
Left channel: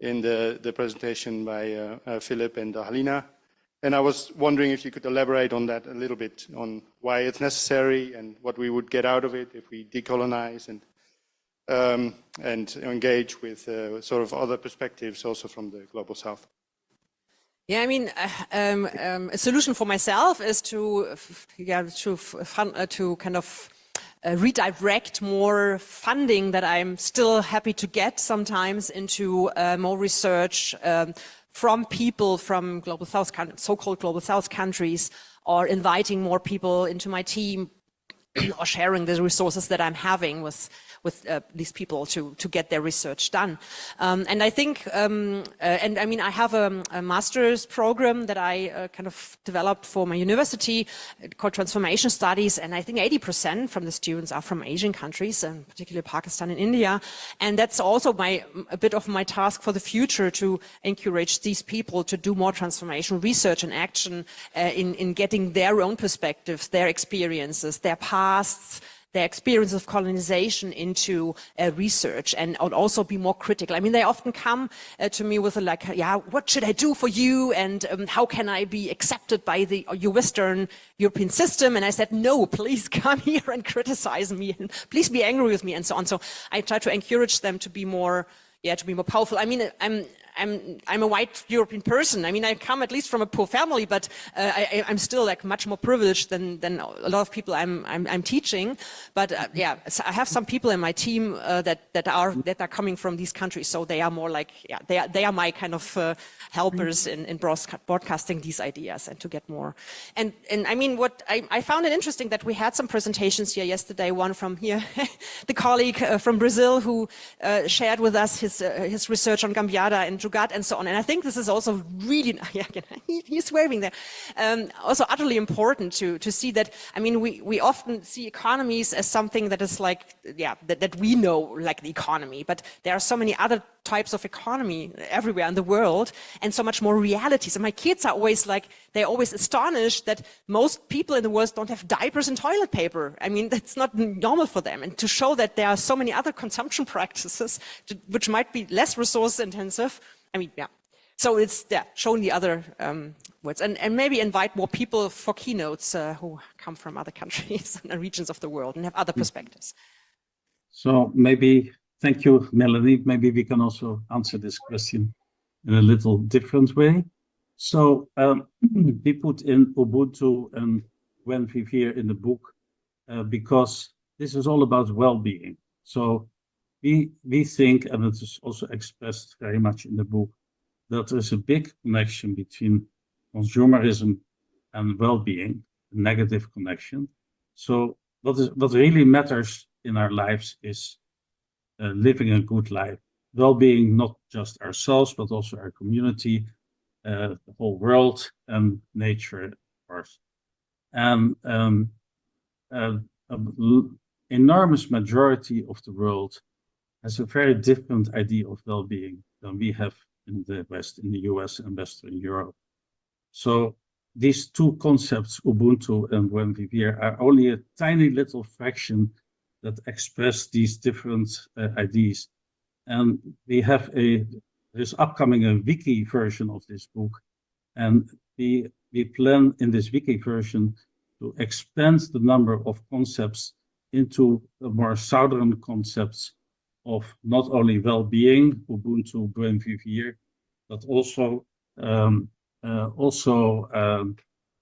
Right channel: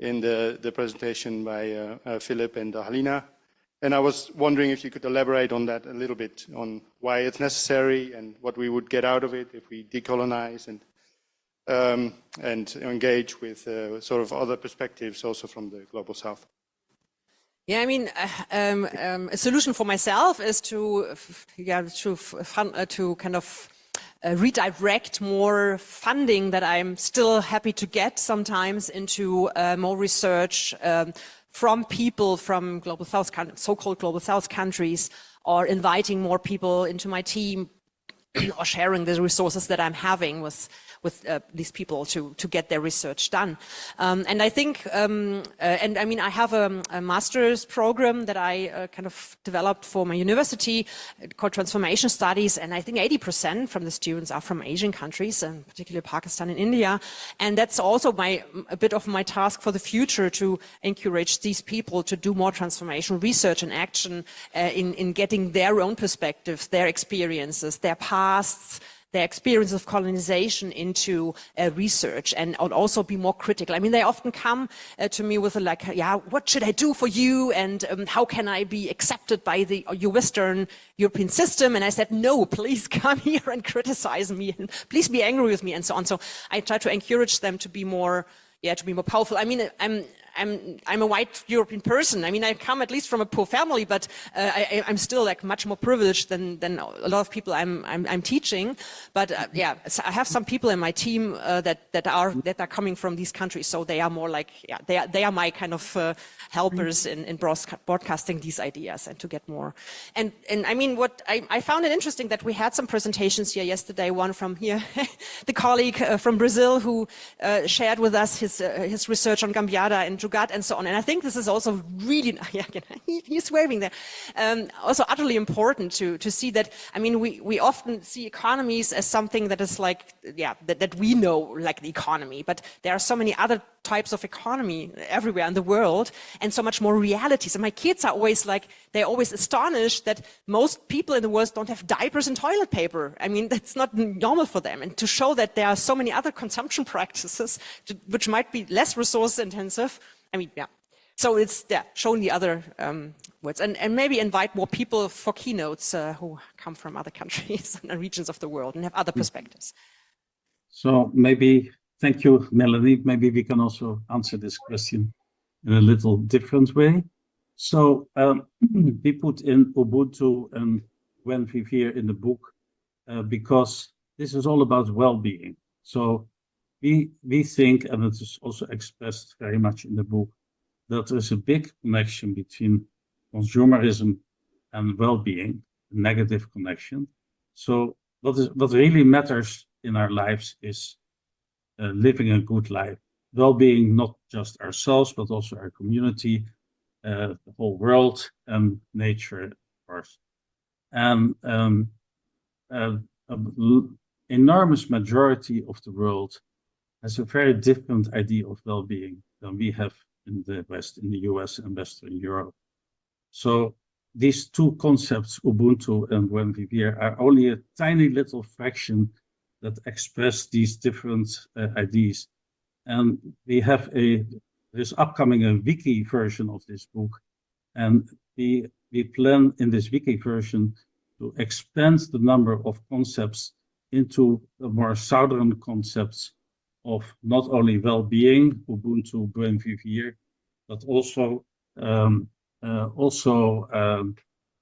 in the presentation by Philip and Halina. And I was wondering if you could elaborate on that a little bit, on why it's necessary and what we would get out of it if we decolonize and engage with sort of other perspectives also from the Global South. Yeah, I mean, a solution for myself is to kind of redirect more funding that I'm still happy to get sometimes into more research from people from Global South, so-called Global South countries, or inviting more people into my team, or sharing the resources that I'm having with these people to get their research done. And I think, and I mean, I have a master's program that I kind of developed for my university called Transformation Studies, and I think 80% from the students are from Asian countries, and particularly Pakistan and India. And that's also a bit of my task for the future, to encourage these people to do more transformational research and action in getting their own perspectives, their experiences, their pasts, their experience of colonization into research, and also be more critical. I mean, they often come to me with what should I do for you, and how can I be accepted by your Western European system? And I said, no, please come here and criticize me, and please be angry with me, and so on. So I try to encourage them to be more powerful. I mean, I'm a white European person. I mean, I come at least from a poor family, but I'm still much more privileged than a lot of people I'm teaching. But so I have some people in my team that are coming from these countries, so they are more they are my kind of helpers in broadcasting these ideas and to get more. And I mean, what I found it interesting that we had some presentations here yesterday. One from here, the colleague from Brazil who shared with us his research on Gambiarra and Vergragt and so on. And I think this is also really, he's waving there, also utterly important to see that. I mean, we often see economies as something that is that we know, like the economy, but there are so many other types of economy everywhere in the world, and so much more realities. And my kids are always they're always astonished that most people in the world don't have diapers and toilet paper. I mean, that's not normal for them. And to show that there are so many other consumption practices which might be less resource intensive. I mean, so it's showing the other words, and maybe invite more people for keynotes who come from other countries and regions of the world and have other perspectives. So maybe, thank you, Melanie. Maybe we can also answer this question in a little different way. So we put in Ubuntu and when we hear in the book because this is all about well-being. So we think, and it is also expressed very much in the book, that there's a big connection between consumerism and well-being, a negative connection. So what really matters in our lives is living a good life. Well-being, not just ourselves, but also our community, the whole world, and nature, of course. And enormous majority of the world has a very different idea of well-being than we have in the West, in the US and Western Europe. So these two concepts, Ubuntu and Buen Vivir, are only a tiny little fraction that express these different ideas. And we have there's upcoming a wiki version of this book. And we plan in this wiki version to expand the number of concepts into the more southern concepts of not only well-being, Ubuntu, Buen Vivir, but also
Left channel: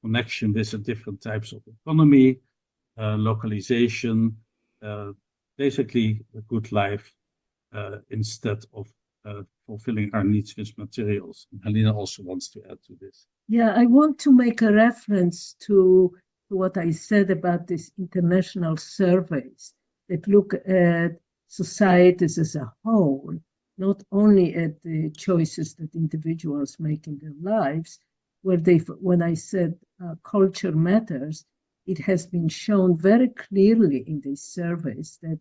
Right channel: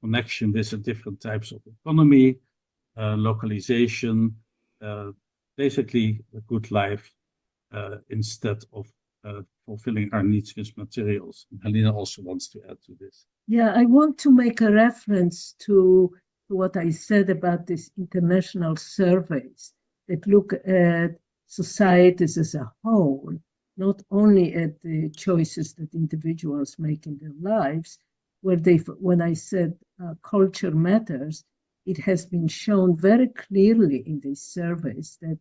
connection with the different types of economy, localization, basically a good life instead of fulfilling our needs with materials. And Halina also wants to add to this. Yeah, I want to make a reference to what I said about these international surveys that look at societies as a whole, not only at the choices that individuals make in their lives, where when I said culture matters, it has been shown very clearly in these surveys that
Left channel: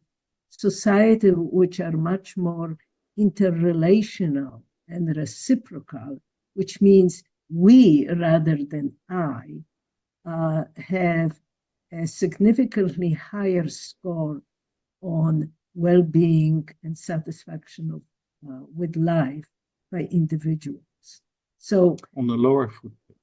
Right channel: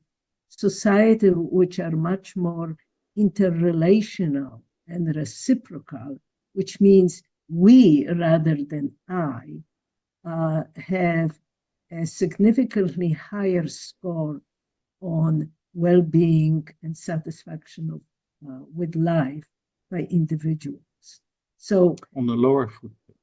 societies which are much more interrelational and reciprocal, which means we rather than I, have a significantly higher score on well-being and satisfaction with life by individuals. So on the lower footprint.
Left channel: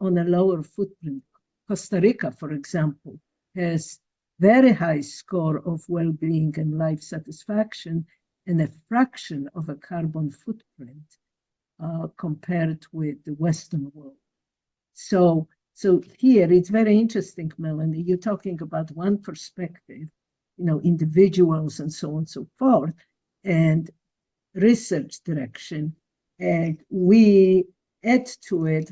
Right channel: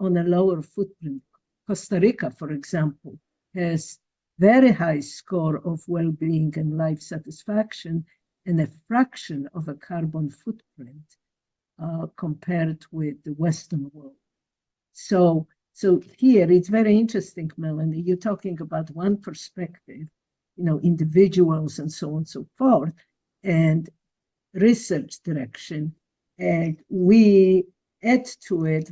On a lower footprint, Costa Rica, for example, has very high score of well-being and life satisfaction and a fraction of a carbon footprint compared with the Western world. So here it's very interesting, Melanie, you're talking about one perspective, individuals and so on and so forth, and research direction. And we add to it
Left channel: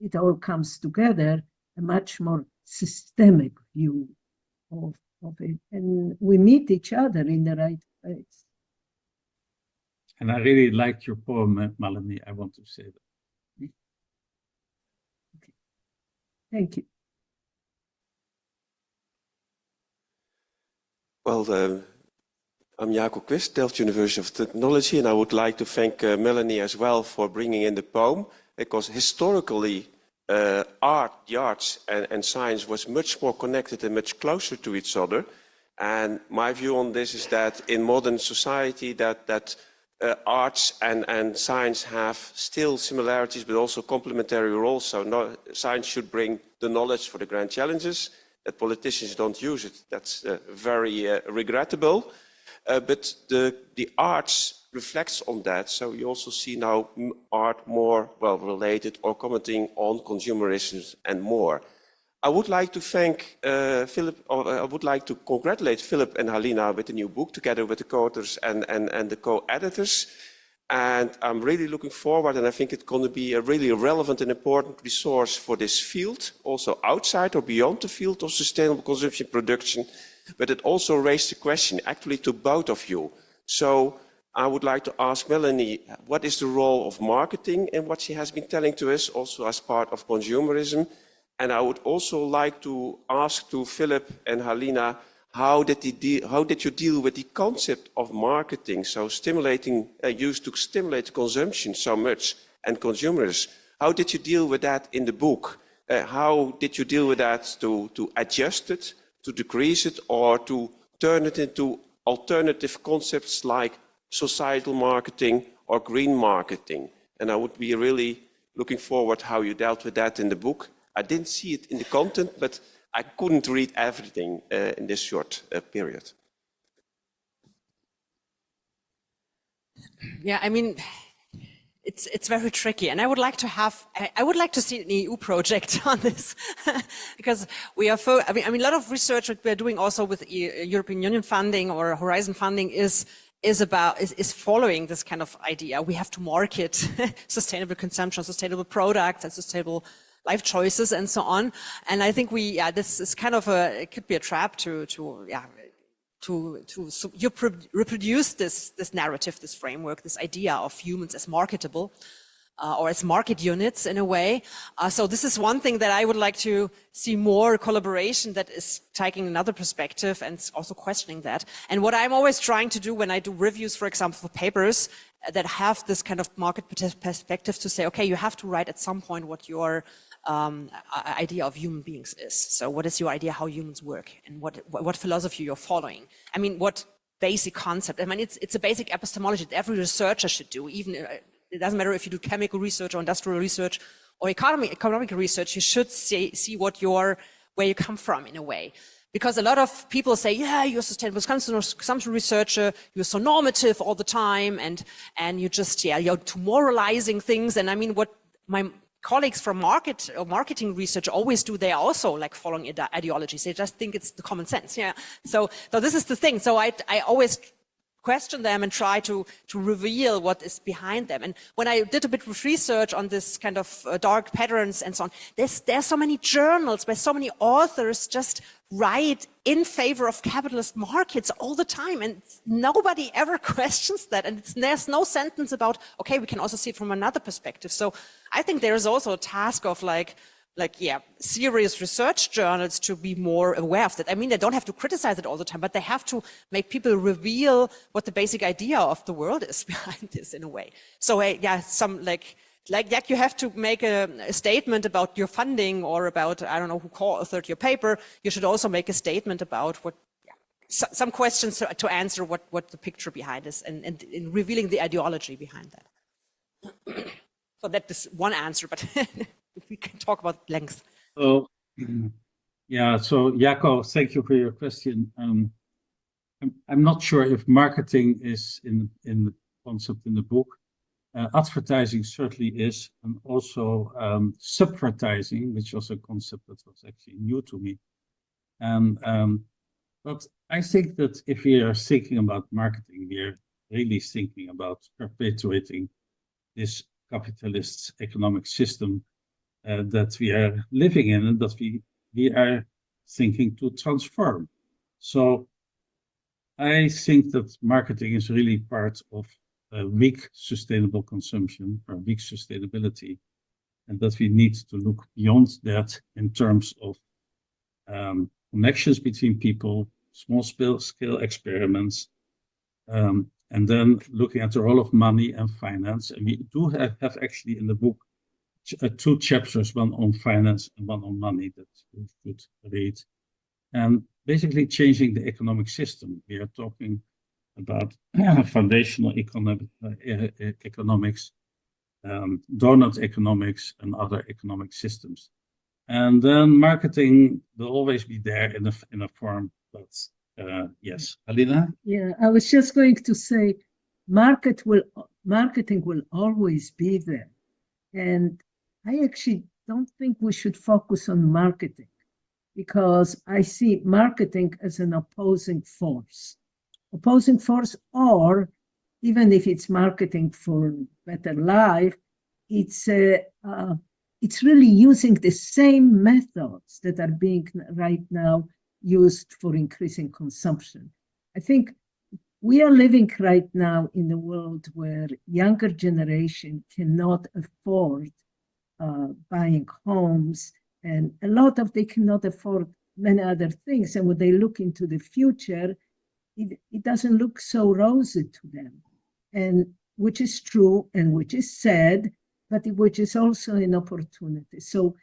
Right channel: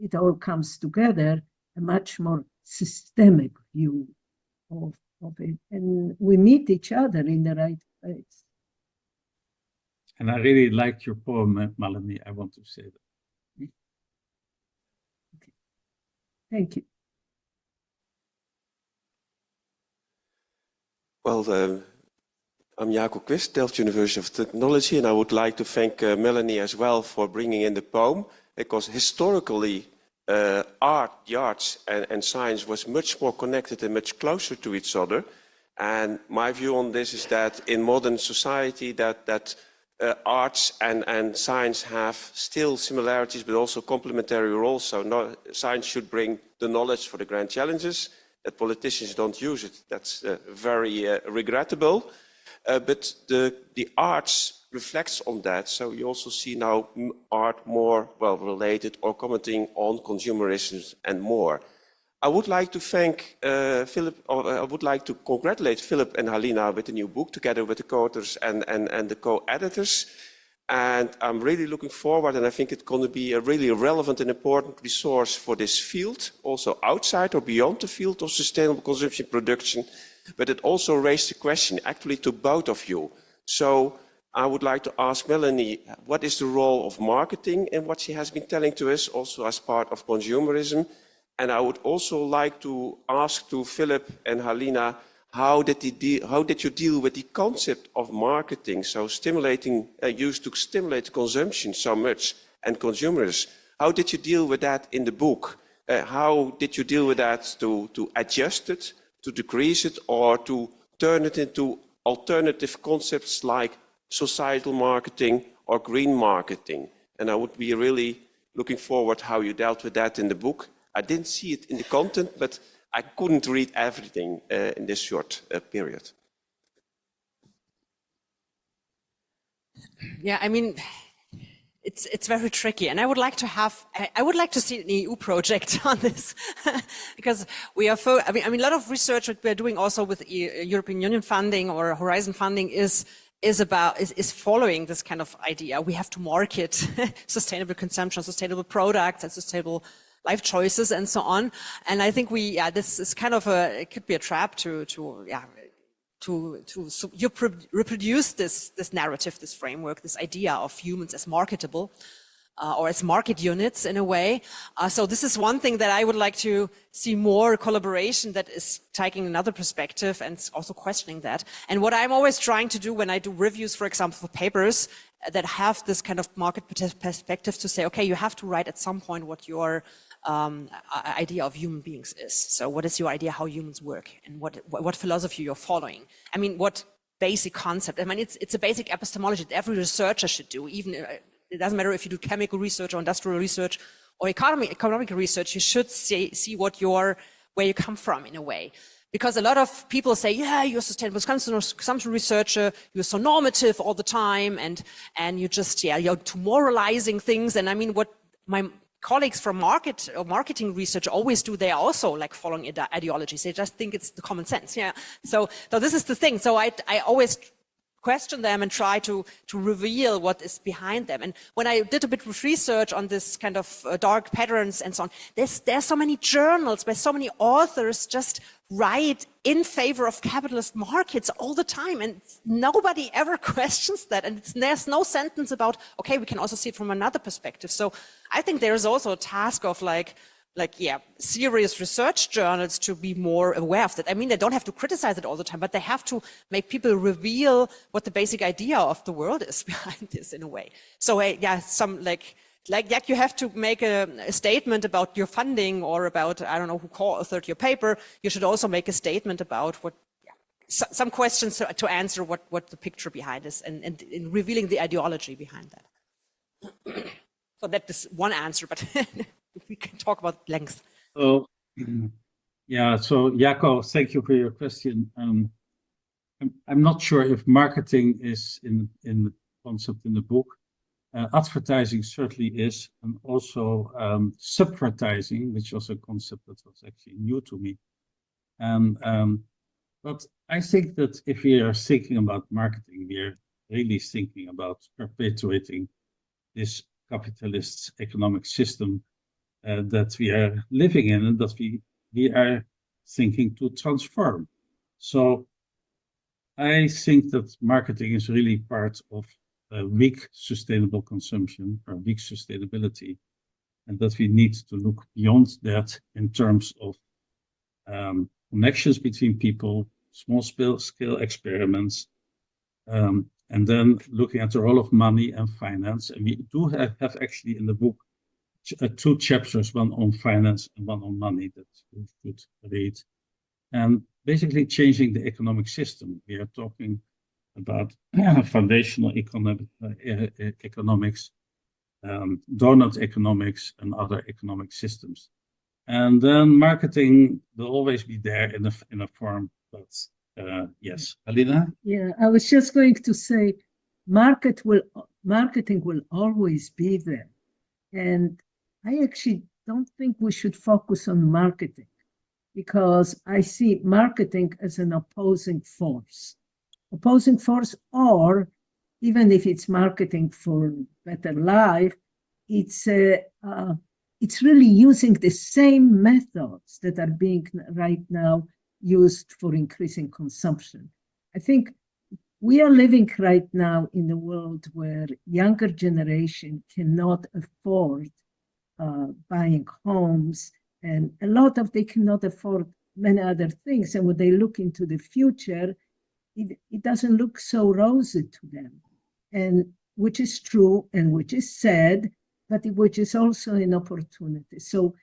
it all comes together, a much more systemic view of it. And we meet each other in the right place. And I really liked your poem, Melanie, I want to say that. Okay. Thank you. Well, I'm Jacob Quist, Delft University of Technology, and I would like to thank Melanie as well for bringing in the poem, because historically art, the arts and science was much more connected and much closer to each other. And my view on this is that in modern society that arts and science have still similarities, but also complementary roles. So science should bring the knowledge for the grand challenges. That politicians don't use it, that's very regrettable. But the arts reflects on that. So we also see now art more well related or commenting on consumerism and more. I would like to thank Philip, or I would like to congratulate Philip and Halina with the new book, together with the co-authors and the co-editors. And I'm really looking forward, and I think it's going to be a really relevant and important resource for this field, also outside or beyond the field of sustainable consumption production. But it also raised the question actually to both of you. So I would like to ask Melanie, what is the role of marketing in what she has been telling to us, also as part of consumerism? And I would also like to ask to Philip and Halina, how did you deal with the concept of marketing? So stimulating, used to stimulate consumption so much and consumers. How did you deal with that in the book? How did you deal with that to adjust it, to decrease it, or to turn it into alternative concepts like societal marketing or green marketing? And I would be really looking forward how you dealt with that in the book. I didn't see it in the content, but I couldn't read everything in this short period. Yeah, I mean, it's very tricky, and I would like to see an EU project on this because we are. I mean, a lot of research that we're doing also with European Union funding or Horizon funding is is following this kind of idea. We have to market sustainable consumption, sustainable products, and sustainable life choices, and so on. And I think this is kind of it could be a trap to reproduce this narrative, this framework, this idea of humans as marketable. Or as market units in a way. So this is one thing that I would like to see more collaboration that is taking another perspective and also questioning that. And what I'm always trying to do when I do reviews, for example, for papers that have this kind of market perspective, to say, okay, you have to write at some point what your idea of human beings is. So what is your idea how humans work, and what philosophy you're following? I mean, what basic concept? I mean, it's a basic epistemology that every researcher should do, even it doesn't matter if you do chemical research or industrial research or economic research, you should see where you come from in a way. Because a lot of people say, yeah, you're a sustainable consumption researcher, you're so normative all the time, and you just, you're too moralizing things. And I mean, what my colleagues from marketing research always do, they are also like following ideologies. They just think it's the common sense. Yeah. So this is the thing. So I always question them and try to reveal what is behind them. And when I did a bit of research on this kind of dark patterns and so on, there's so many journals by so many authors just write in favor of capitalist markets all the time, and nobody ever questions that. And there's no sentence about, okay, we can also see it from another perspective. So I think there is also a task of serious research journals to be more aware of that. I mean, they don't have to criticize it all the time, but they have to make people reveal what the basic idea of the world is behind this in a way. So you have to make a statement about your funding, or about, I don't know, who co-authored your paper. You should also make a statement about some questions to answer what the picture behind is, and in revealing the ideology behind that. So that is one answer, but we can talk about length. So, so Jaco, thank you for your question. I'm not sure if marketing is in the concept in the book. Advertising certainly is, and also subvertising, which was a concept that was actually new to me. But I think that if we are thinking about marketing, we are really thinking about perpetuating this capitalist economic system that we are living in, and that we are thinking to transform. So I think that marketing is really part of weak sustainable consumption, or weak sustainability, and that we need to look beyond that in terms of connections between people, small scale experiments, and then looking at the role of money and finance. And we do have actually in the book 2 chapters, one on finance and one on money, that you should read. And basically changing the economic system. We are talking about foundational economics, donut economics, and other economic systems. And then marketing will always be there in a form, but yes, Halina? Yeah, I was just going to say, marketing will always be there. And I actually don't think we should focus on marketing, because I see marketing as an opposing force, or even if it's marketing for better life, it's really using the same methods that are being right now used for increasing consumption. I think we are living right now in a world where younger generation cannot afford buying homes, and a lot of they cannot afford many other things. And when they look into the future, it doesn't look so rosy to them, and which is true and which is sad, but which is also an opportunity. So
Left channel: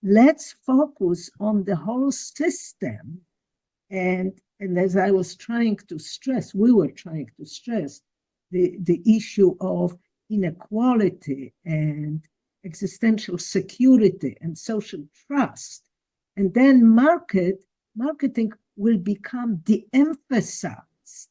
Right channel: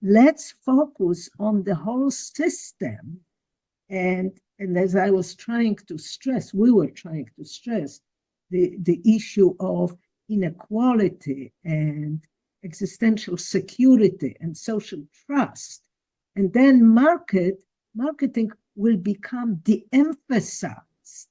let's focus on the whole system. And as I was trying to stress, we were trying to stress the issue of inequality and existential security and social trust. And then marketing will become de-emphasized.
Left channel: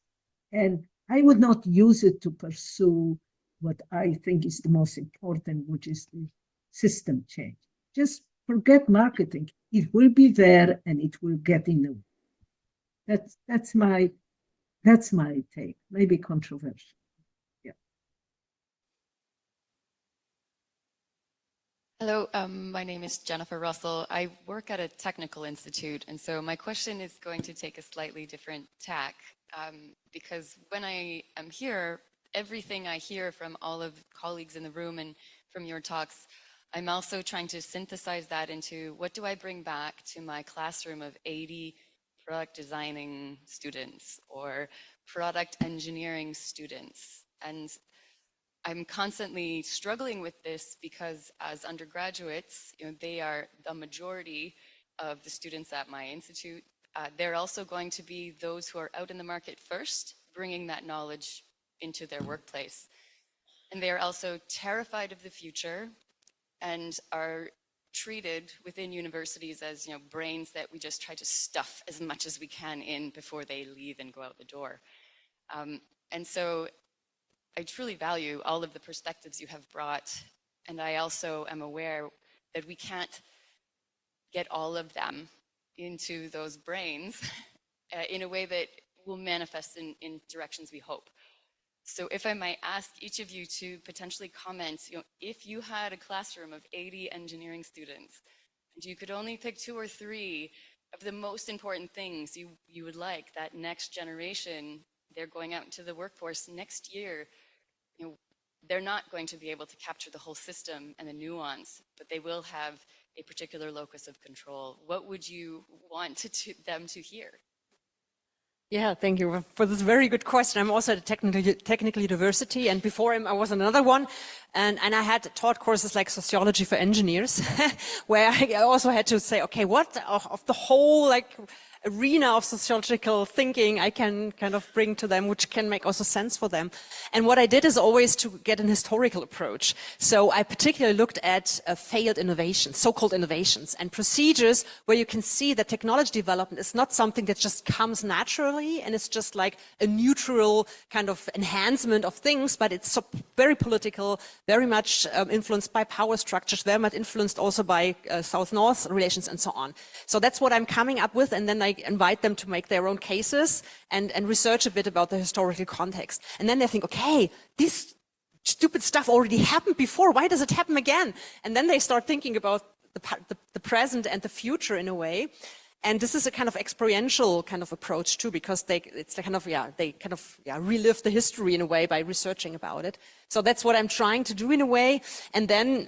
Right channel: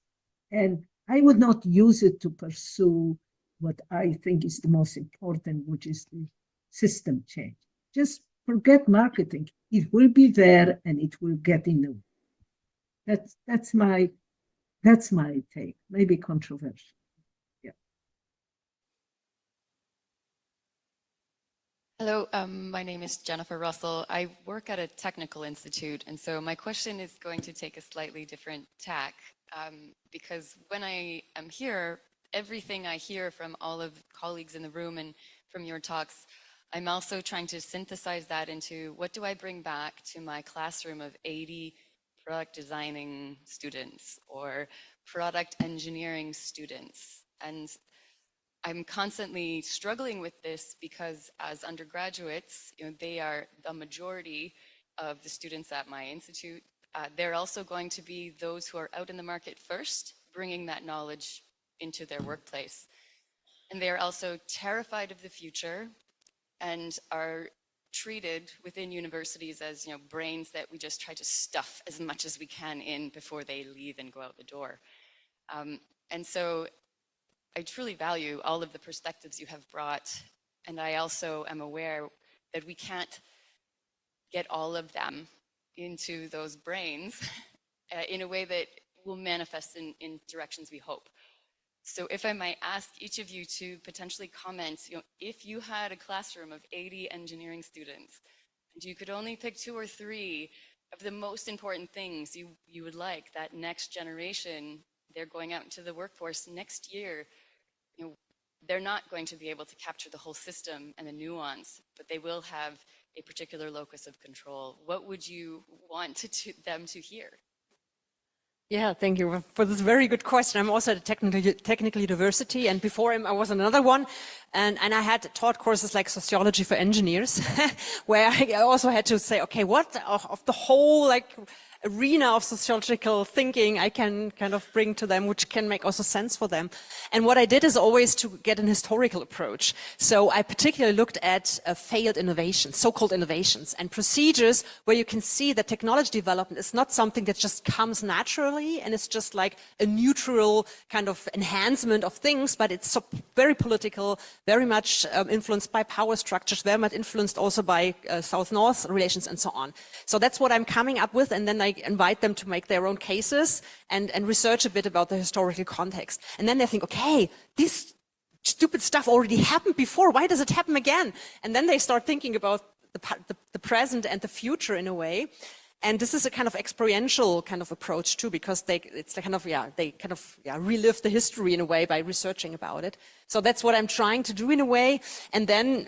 And I would not use it to pursue what I think is the most important, which is the system change. Just forget marketing. It will be there and it will get in the way. That's my That's my take, maybe controversial. Yeah. Hello, my name is Jennifer Russell. I work at a technical institute, and so my question is going to take a slightly different tack, because when I am here, everything I hear from all of the colleagues in the room and from your talks, I'm also trying to synthesize that into what do I bring back to my classroom of 80 product designing students or product engineering students. And I'm constantly struggling with this because as undergraduates, they are the majority of the students at my institute. They're also going to be those who are out in the market first, bringing that knowledge into their workplace. And they're also terrified of the future and are treated within universities as brains that we just try to stuff as much as we can in before they leave and go out the door. And so I truly value all of the perspectives you have brought, and I also am aware that we can't get all of them into those brains in a way that will manifest in directions we hope. So if I might ask each of you to potentially comment, if you had a classroom of 80 engineering students, and you could only pick 2 or 3 of the most important things you would like that next generation, they're going out into the workforce next year, they're not going to be able to capture the whole system and the nuance, but they will have a particular locus of control. What would you want them to hear? Yeah, thank you for this very good question. I'm also at a technical university, and before him I was another one, and I had taught courses like sociology for engineers, where I also had to say, okay, what of the whole arena of sociological thinking I can kind of bring to them, which can make also sense for them. And what I did is always to get an historical approach. So I particularly looked at failed innovations, so-called innovations, and procedures where you can see that technology development is not something that just comes naturally and it's just like a neutral kind of enhancement of things, but it's very political, very much influenced by power structures, very much influenced also by South-North relations and so on. So that's what I'm coming up with, and then I invite them to make their own cases and research a bit about the historical context. And then they think, okay, this stupid stuff already happened before, why does it happen again? And then they start thinking about the present and the future in a way. And this is a kind of experiential kind of approach too, because they relive the history in a way by researching about it. So that's what I'm trying to do in a way. And then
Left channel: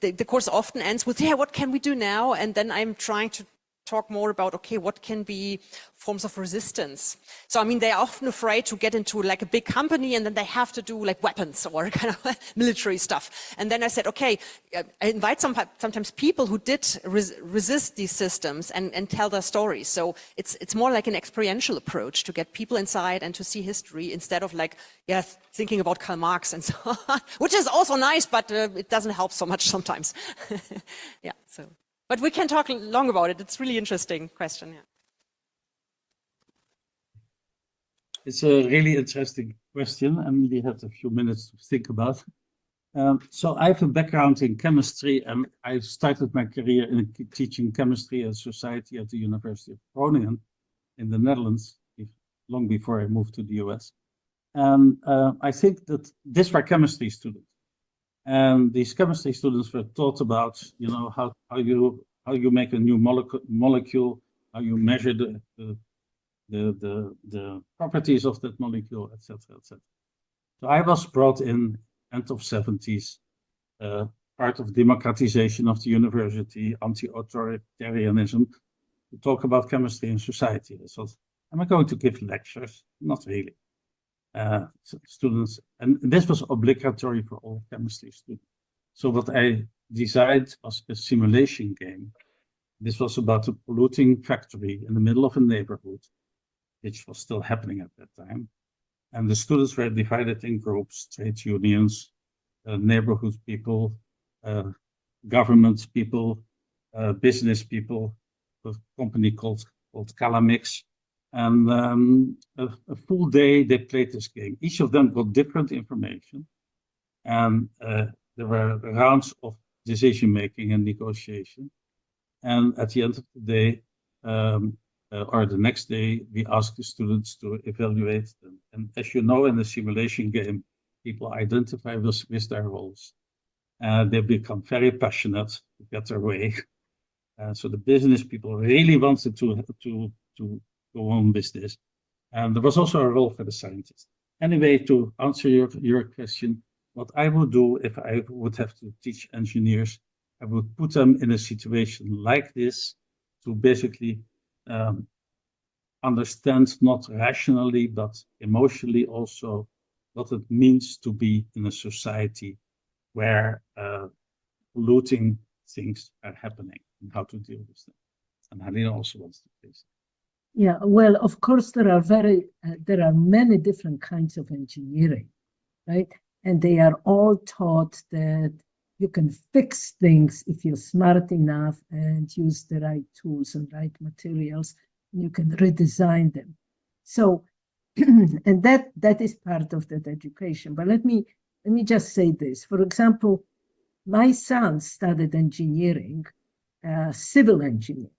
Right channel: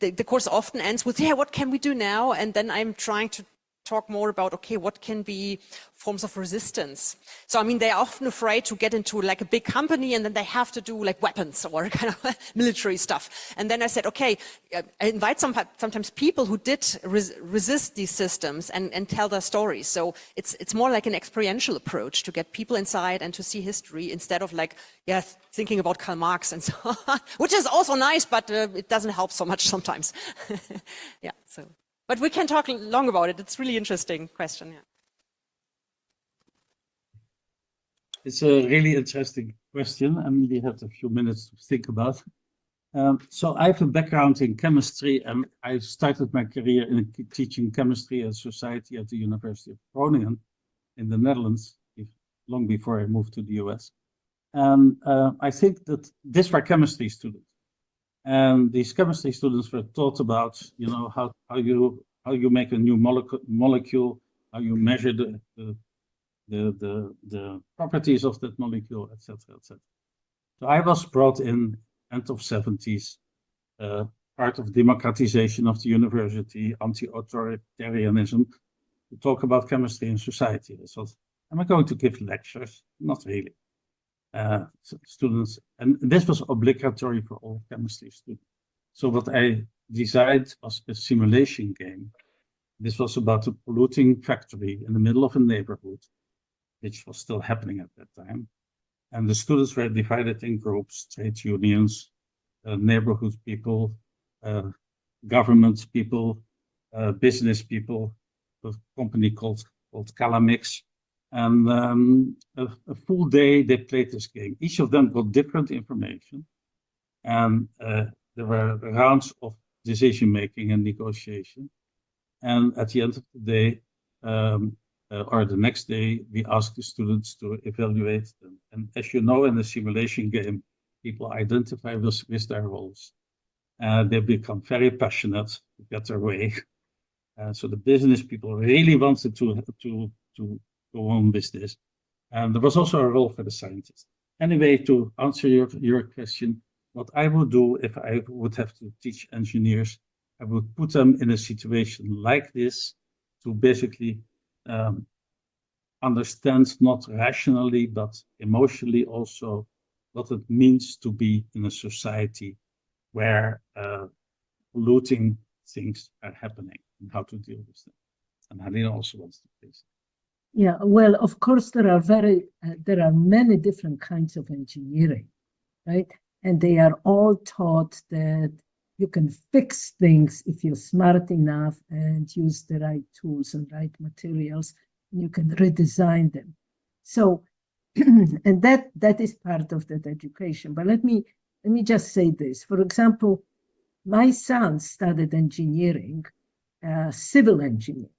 the course often ends with, yeah, what can we do now? And then I'm trying to talk more about, okay, what can be forms of resistance? So, I mean, they're often afraid to get into like a big company and then they have to do like weapons or kind of military stuff. And then I said, okay, I invite sometimes people who did resist these systems and tell their stories. So it's more like an experiential approach to get people inside and to see history instead of like, yeah, thinking about Karl Marx and so on, which is also nice, but it doesn't help so much sometimes. Yeah, so. But we can talk long about it. It's a really interesting question. Yeah. It's a really interesting question, and we have a few minutes to think about. So I have a background in chemistry, and I started my career in teaching chemistry and society at the University of Groningen in the Netherlands, long before I moved to the US. And I think that these were chemistry students. And these chemistry students were taught about, how you make a new molecule, how you measure the properties of that molecule, etc., etc. So I was brought in end of 70s, part of democratization of the university, anti-authoritarianism, to talk about chemistry and society. So, am I going to give lectures? Not really. Students, and this was obligatory for all chemistry students. So what I designed was a simulation game. This was about a polluting factory in the middle of a neighborhood, which was still happening at that time. And the students were divided in groups, trade unions, neighborhood people, government people, business people, a company called Calamix. And a full day they played this game. Each of them got different information, and there were rounds of decision making and negotiation. And at the end of the day, or the next day, we ask the students to evaluate them. And as you know, in the simulation game, people identify with their roles. And they become very passionate to get their way. So the business people really wanted to go on with this. And there was also a role for the scientists. Anyway, to answer your question, what I would do if I would have to teach engineers, I would put them in a situation like this to basically understand not rationally, but emotionally also what it means to be in a society where polluting things are happening and how to deal with them. And Halina also wants to please. Yeah, well, of course, there are many different kinds of engineering, right? And they are all taught that you can fix things if you're smart enough and use the right tools and right materials, and you can redesign them. So, and that is part of that education. But let me just say this. For example, my son studied engineering, civil engineering,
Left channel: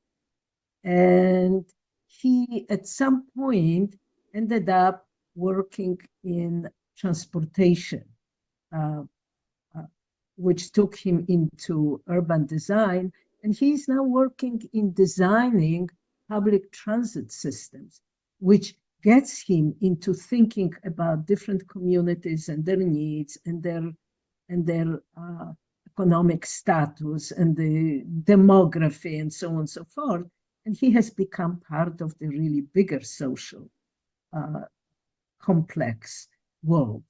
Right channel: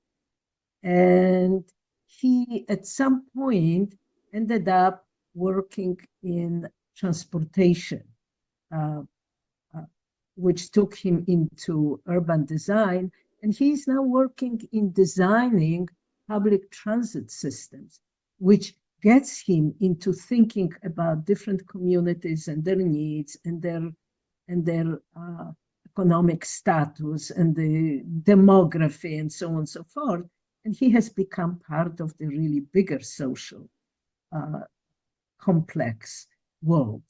and he at some point ended up working in transportation, which took him into urban design. And he's now working in designing public transit systems, which gets him into thinking about different communities and their needs and their economic status and the demography and so on and so forth. And he has become part of the really bigger social complex world.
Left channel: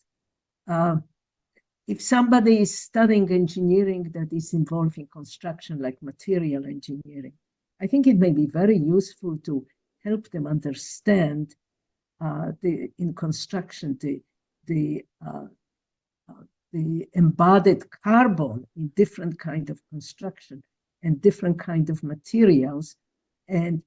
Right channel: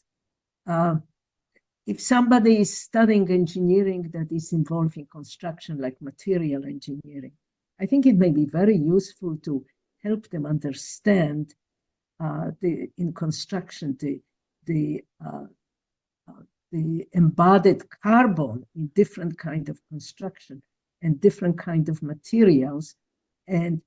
If somebody is studying engineering that is involving construction, like material engineering, I think it may be very useful to help them understand in construction the embodied carbon in different kind of construction and different kind of materials, and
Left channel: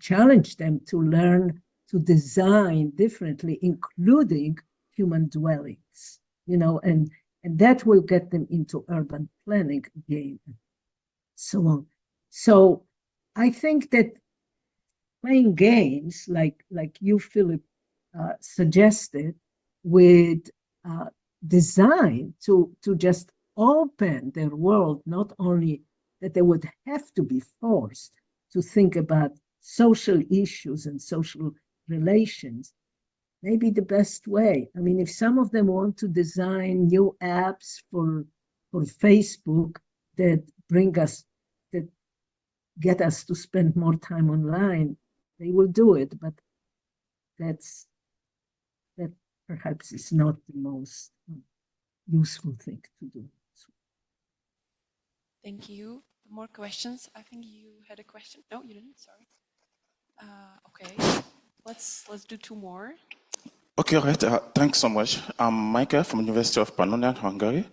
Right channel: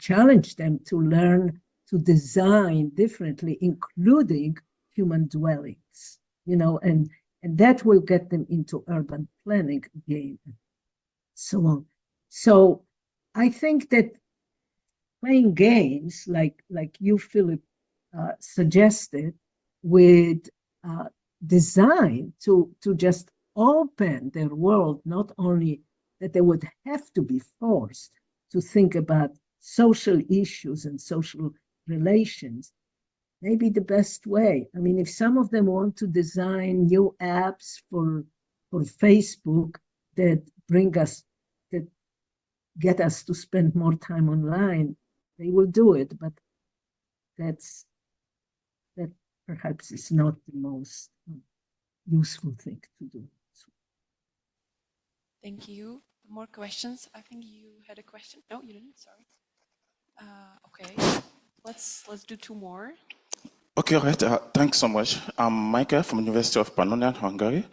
challenge them to learn to design differently, including human dwellings, you know, and that will get them into urban planning again. So I think that playing games like you, Philip, suggested with design to just open their world, not only that they would have to be forced to think about social issues and social relations, may be the best way. I mean, if some of them want to design new apps for Facebook that get us to spend more time online, they will do it, but that perhaps is not the most useful thing to do. Thank you. More questions? I think you had a question. No, you didn't. Sorry. Okay. Let's do two more. Okay, all right. Thanks so much. I'm Michael from University of Pannonia, Hungary.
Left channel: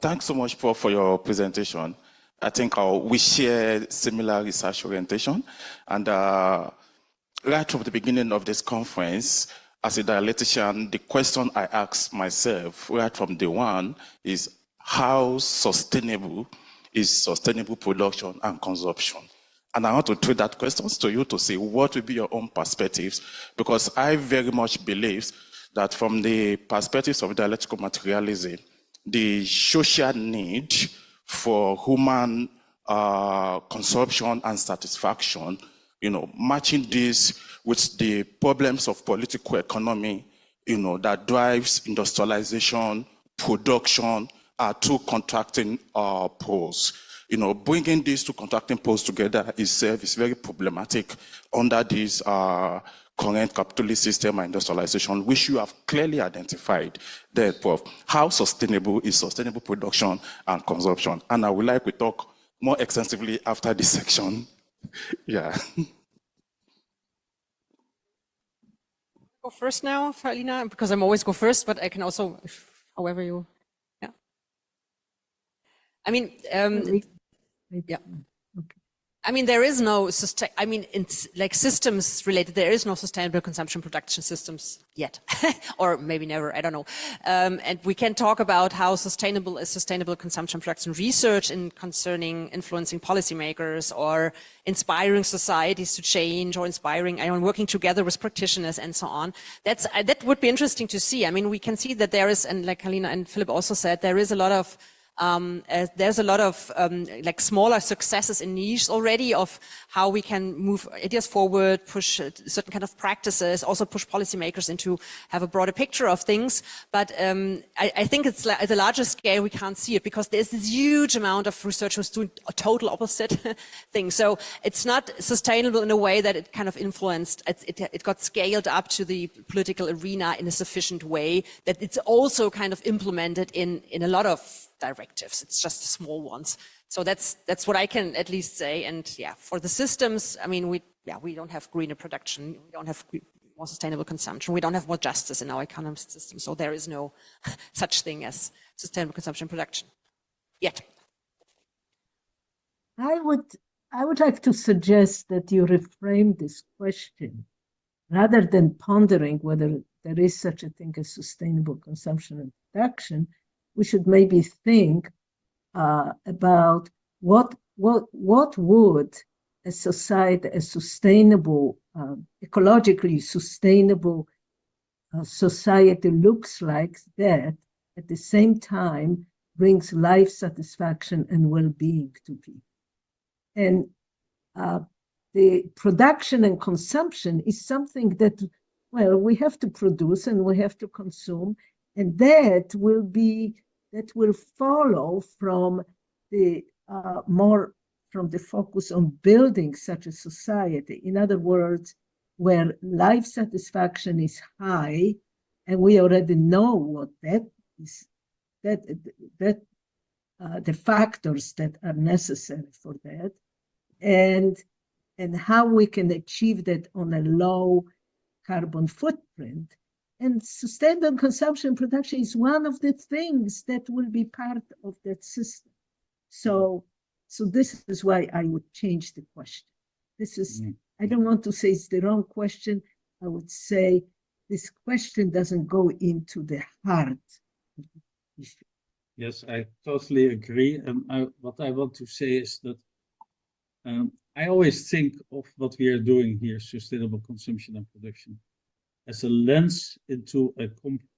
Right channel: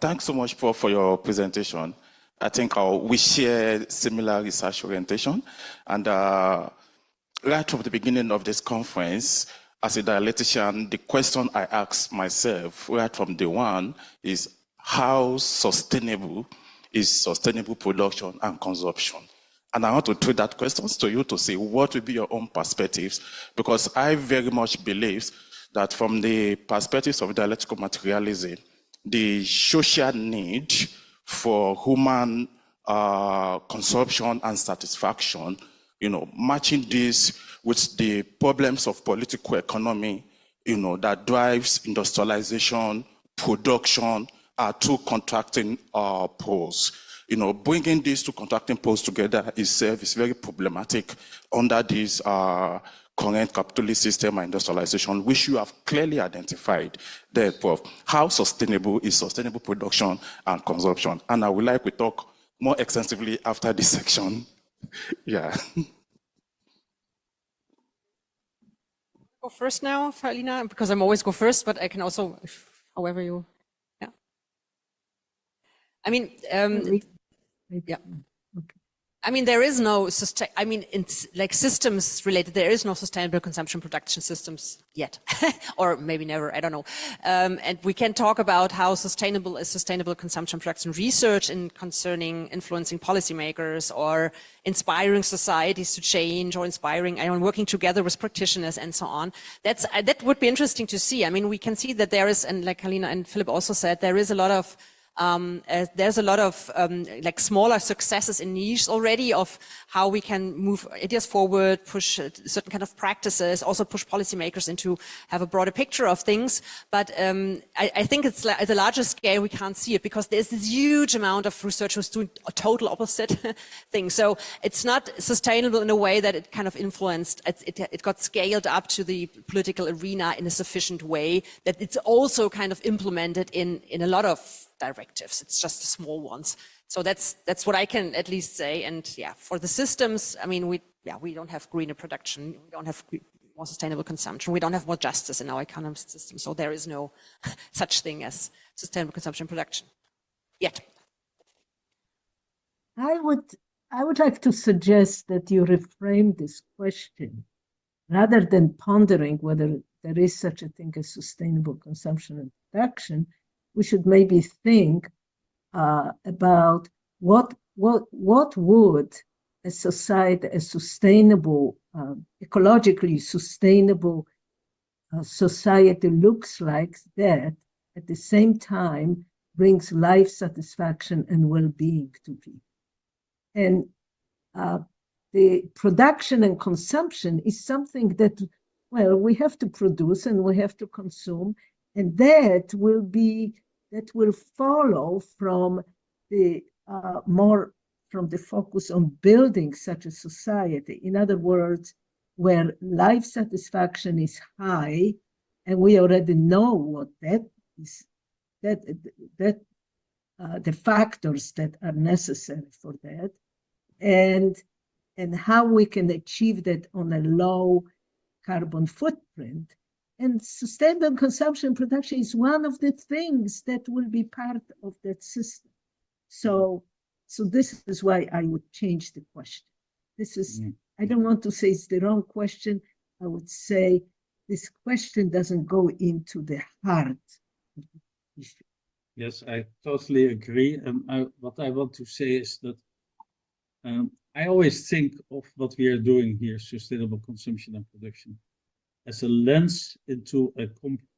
Thanks so much for your presentation. I think we share similar research orientation, and right from the beginning of this conference, as a dialectician, the question I asked myself right from day one is how sustainable is sustainable production and consumption? And I want to throw that question to you to see what will be your own perspectives, because I very much believe that from the perspectives of dialectical materialism, the social need for human consumption and satisfaction, you know, matching this with the problems of political economy, you know, that drives industrialization, production, two contracting poles. You know, bringing these two contracting poles together itself is very problematic under this current capitalist system and industrialization, which you have clearly identified there, Prof. How sustainable is sustainable production and consumption? And I would like to talk more extensively after this section. Yeah. Go first now, Halina, because I'm always go first, but I can also, however you, yeah. I mean, yeah. I mean, there is no it's like systems related, there is no sustainable consumption production systems yet, or maybe never, I don't know. And we can talk about how sustainable is sustainable consumption production research in concerning influencing policymakers or inspiring societies to change, or inspiring, working together with practitioners and so on. That would be interesting to see. I mean, we can see that there is, and like Halina and Philip also said, there's a lot of like smaller successes in niche already of how we can move ideas forward, push certain kind of practices, also push policymakers into have a broader picture of things. But I think it's like at a larger scale we can't see it, because there's this huge amount of research who's doing a total opposite thing. So it's not sustainable in a way that it kind of influenced, it got scaled up to the political arena in a sufficient way that it's also kind of implemented in a lot of directives. It's just the small ones. So that's what I can at least say. And yeah, for the systems, I mean, we don't have greener production, we don't have more sustainable consumption, we don't have more justice in our economic system. So there is no such thing as sustainable consumption production yet. I would like to suggest that you reframe this question rather than pondering whether there is such a thing as sustainable consumption and production. We should maybe think about what would a society, a sustainable, ecologically sustainable society looks like that at the same time brings life satisfaction and well-being to people. And the production and consumption is something that, well, we have to produce and we have to consume, and that will follow from the from the focus on building such a society. In other words, where life satisfaction is high, and we already know what that is, the factors that are necessary for that, and how we can achieve that on a low carbon footprint. And sustainable consumption production is one of the things that will be part of that system. So this is why I would change the question. This is, I don't want to say it's the wrong question. I would say this question doesn't go into the heart of the issue. Yes, I totally agree. And what I want to say is that I always think of what we are doing here, sustainable consumption and production, as a lens into a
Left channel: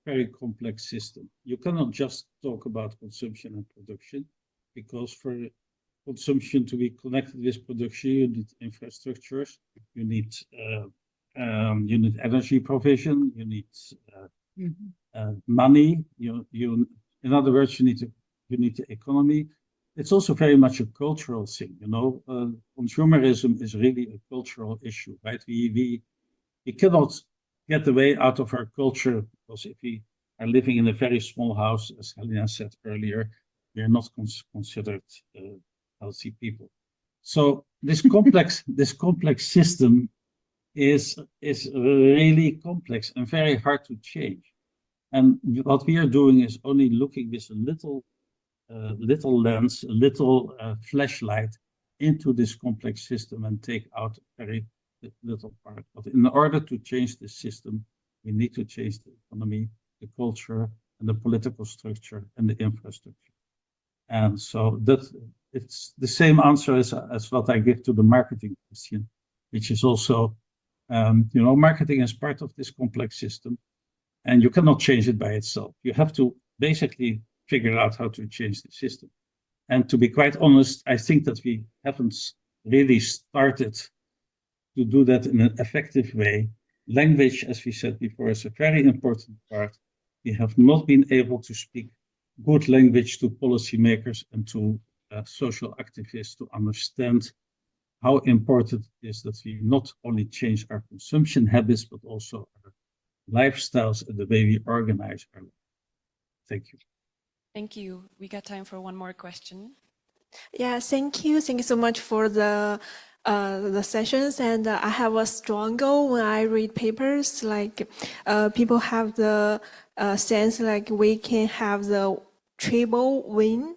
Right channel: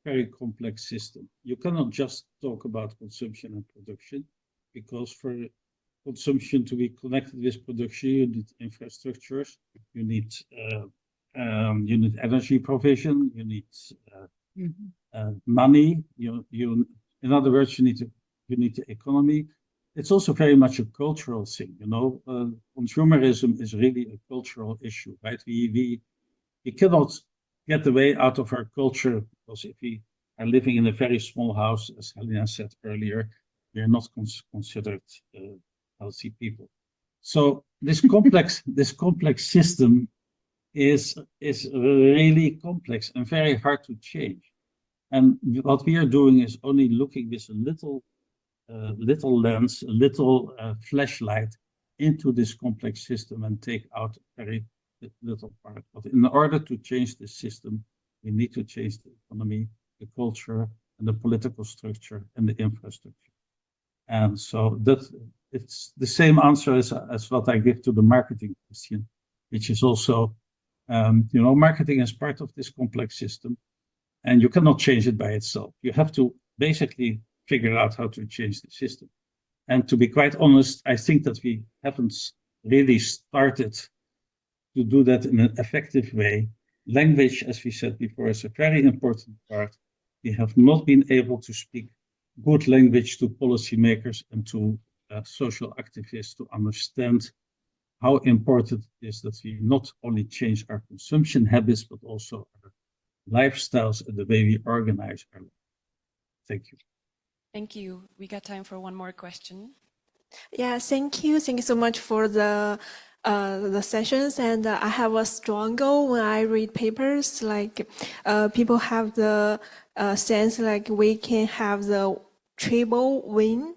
very complex system. You cannot just talk about consumption and production, because for consumption to be connected with production, you need infrastructures, you need energy provision, you need money. In other words, you need the economy. It's also very much a cultural thing. Consumerism is really a cultural issue, right? We cannot get away out of our culture, because if we are living in a very small house, as Halina said earlier, we are not considered healthy people. So this complex system is really complex and very hard to change. And what we are doing is only looking with a little lens, a little flashlight into this complex system and take out very little part. But in order to change the system, we need to change the economy, the culture, and the political structure and the infrastructure. And so it's the same answer as what I give to the marketing question, which is also, marketing is part of this complex system, and you cannot change it by itself. You have to basically figure out how to change the system. And to be quite honest, I think that we haven't really started to do that in an effective way. Language, as we said before, is a very important part. We have not been able to speak good language to policymakers and to social activists to understand how important it is that we not only change our consumption habits, but also our lifestyles and the way we organize our life. Thank you. Thank you. We got time for one more question. Yeah, thank you. Thank you so much for the sessions. And I have a strong goal when I read papers, like people have the sense like we can have the triple win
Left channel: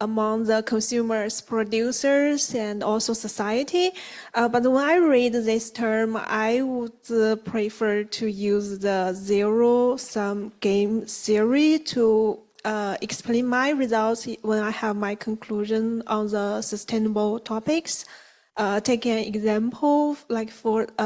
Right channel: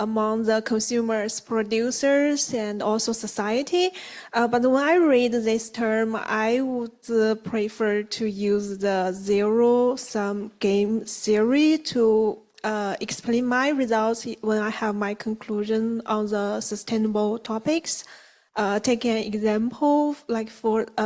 among the consumers, producers, and also society. But when I read this term, I would prefer to use the zero-sum game theory to explain my results when I have my conclusion on the sustainable topics. Take an example, like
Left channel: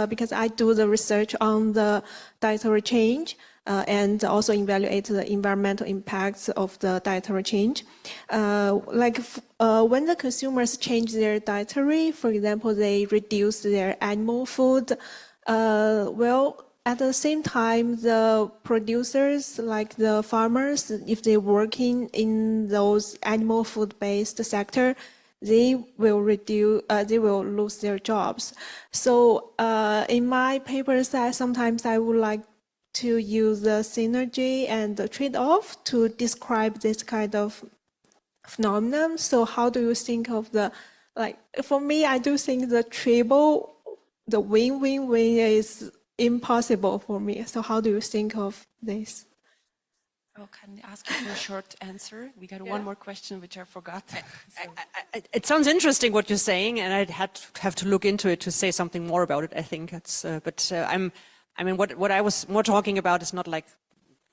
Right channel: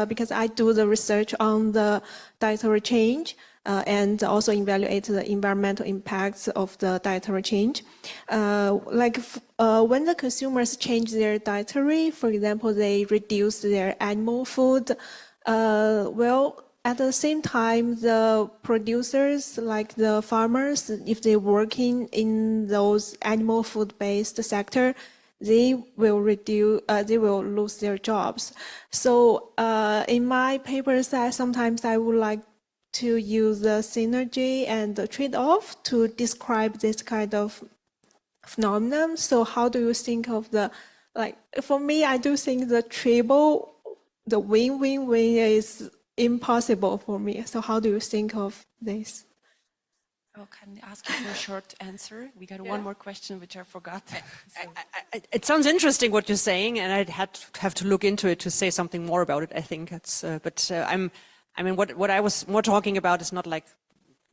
because I do the research on the dietary change and also evaluate the environmental impacts of the dietary change. When the consumers change their dietary, for example, they reduce their animal food, at the same time, the producers, like the farmers, if they're working in those animal food-based sector, they will lose their jobs. So in my papers, sometimes I would like to use the synergy and the trade-off to describe this kind of phenomenon. So how do you think of for me, I do think the win-win-win is impossible for me. So how do you think of this? Oh, can I ask you for a short answer? We got one more question, which I forgot. It sounds interesting what you're saying, and I'd have to look into it to say something more about it. I think it's, what I was more talking about is not like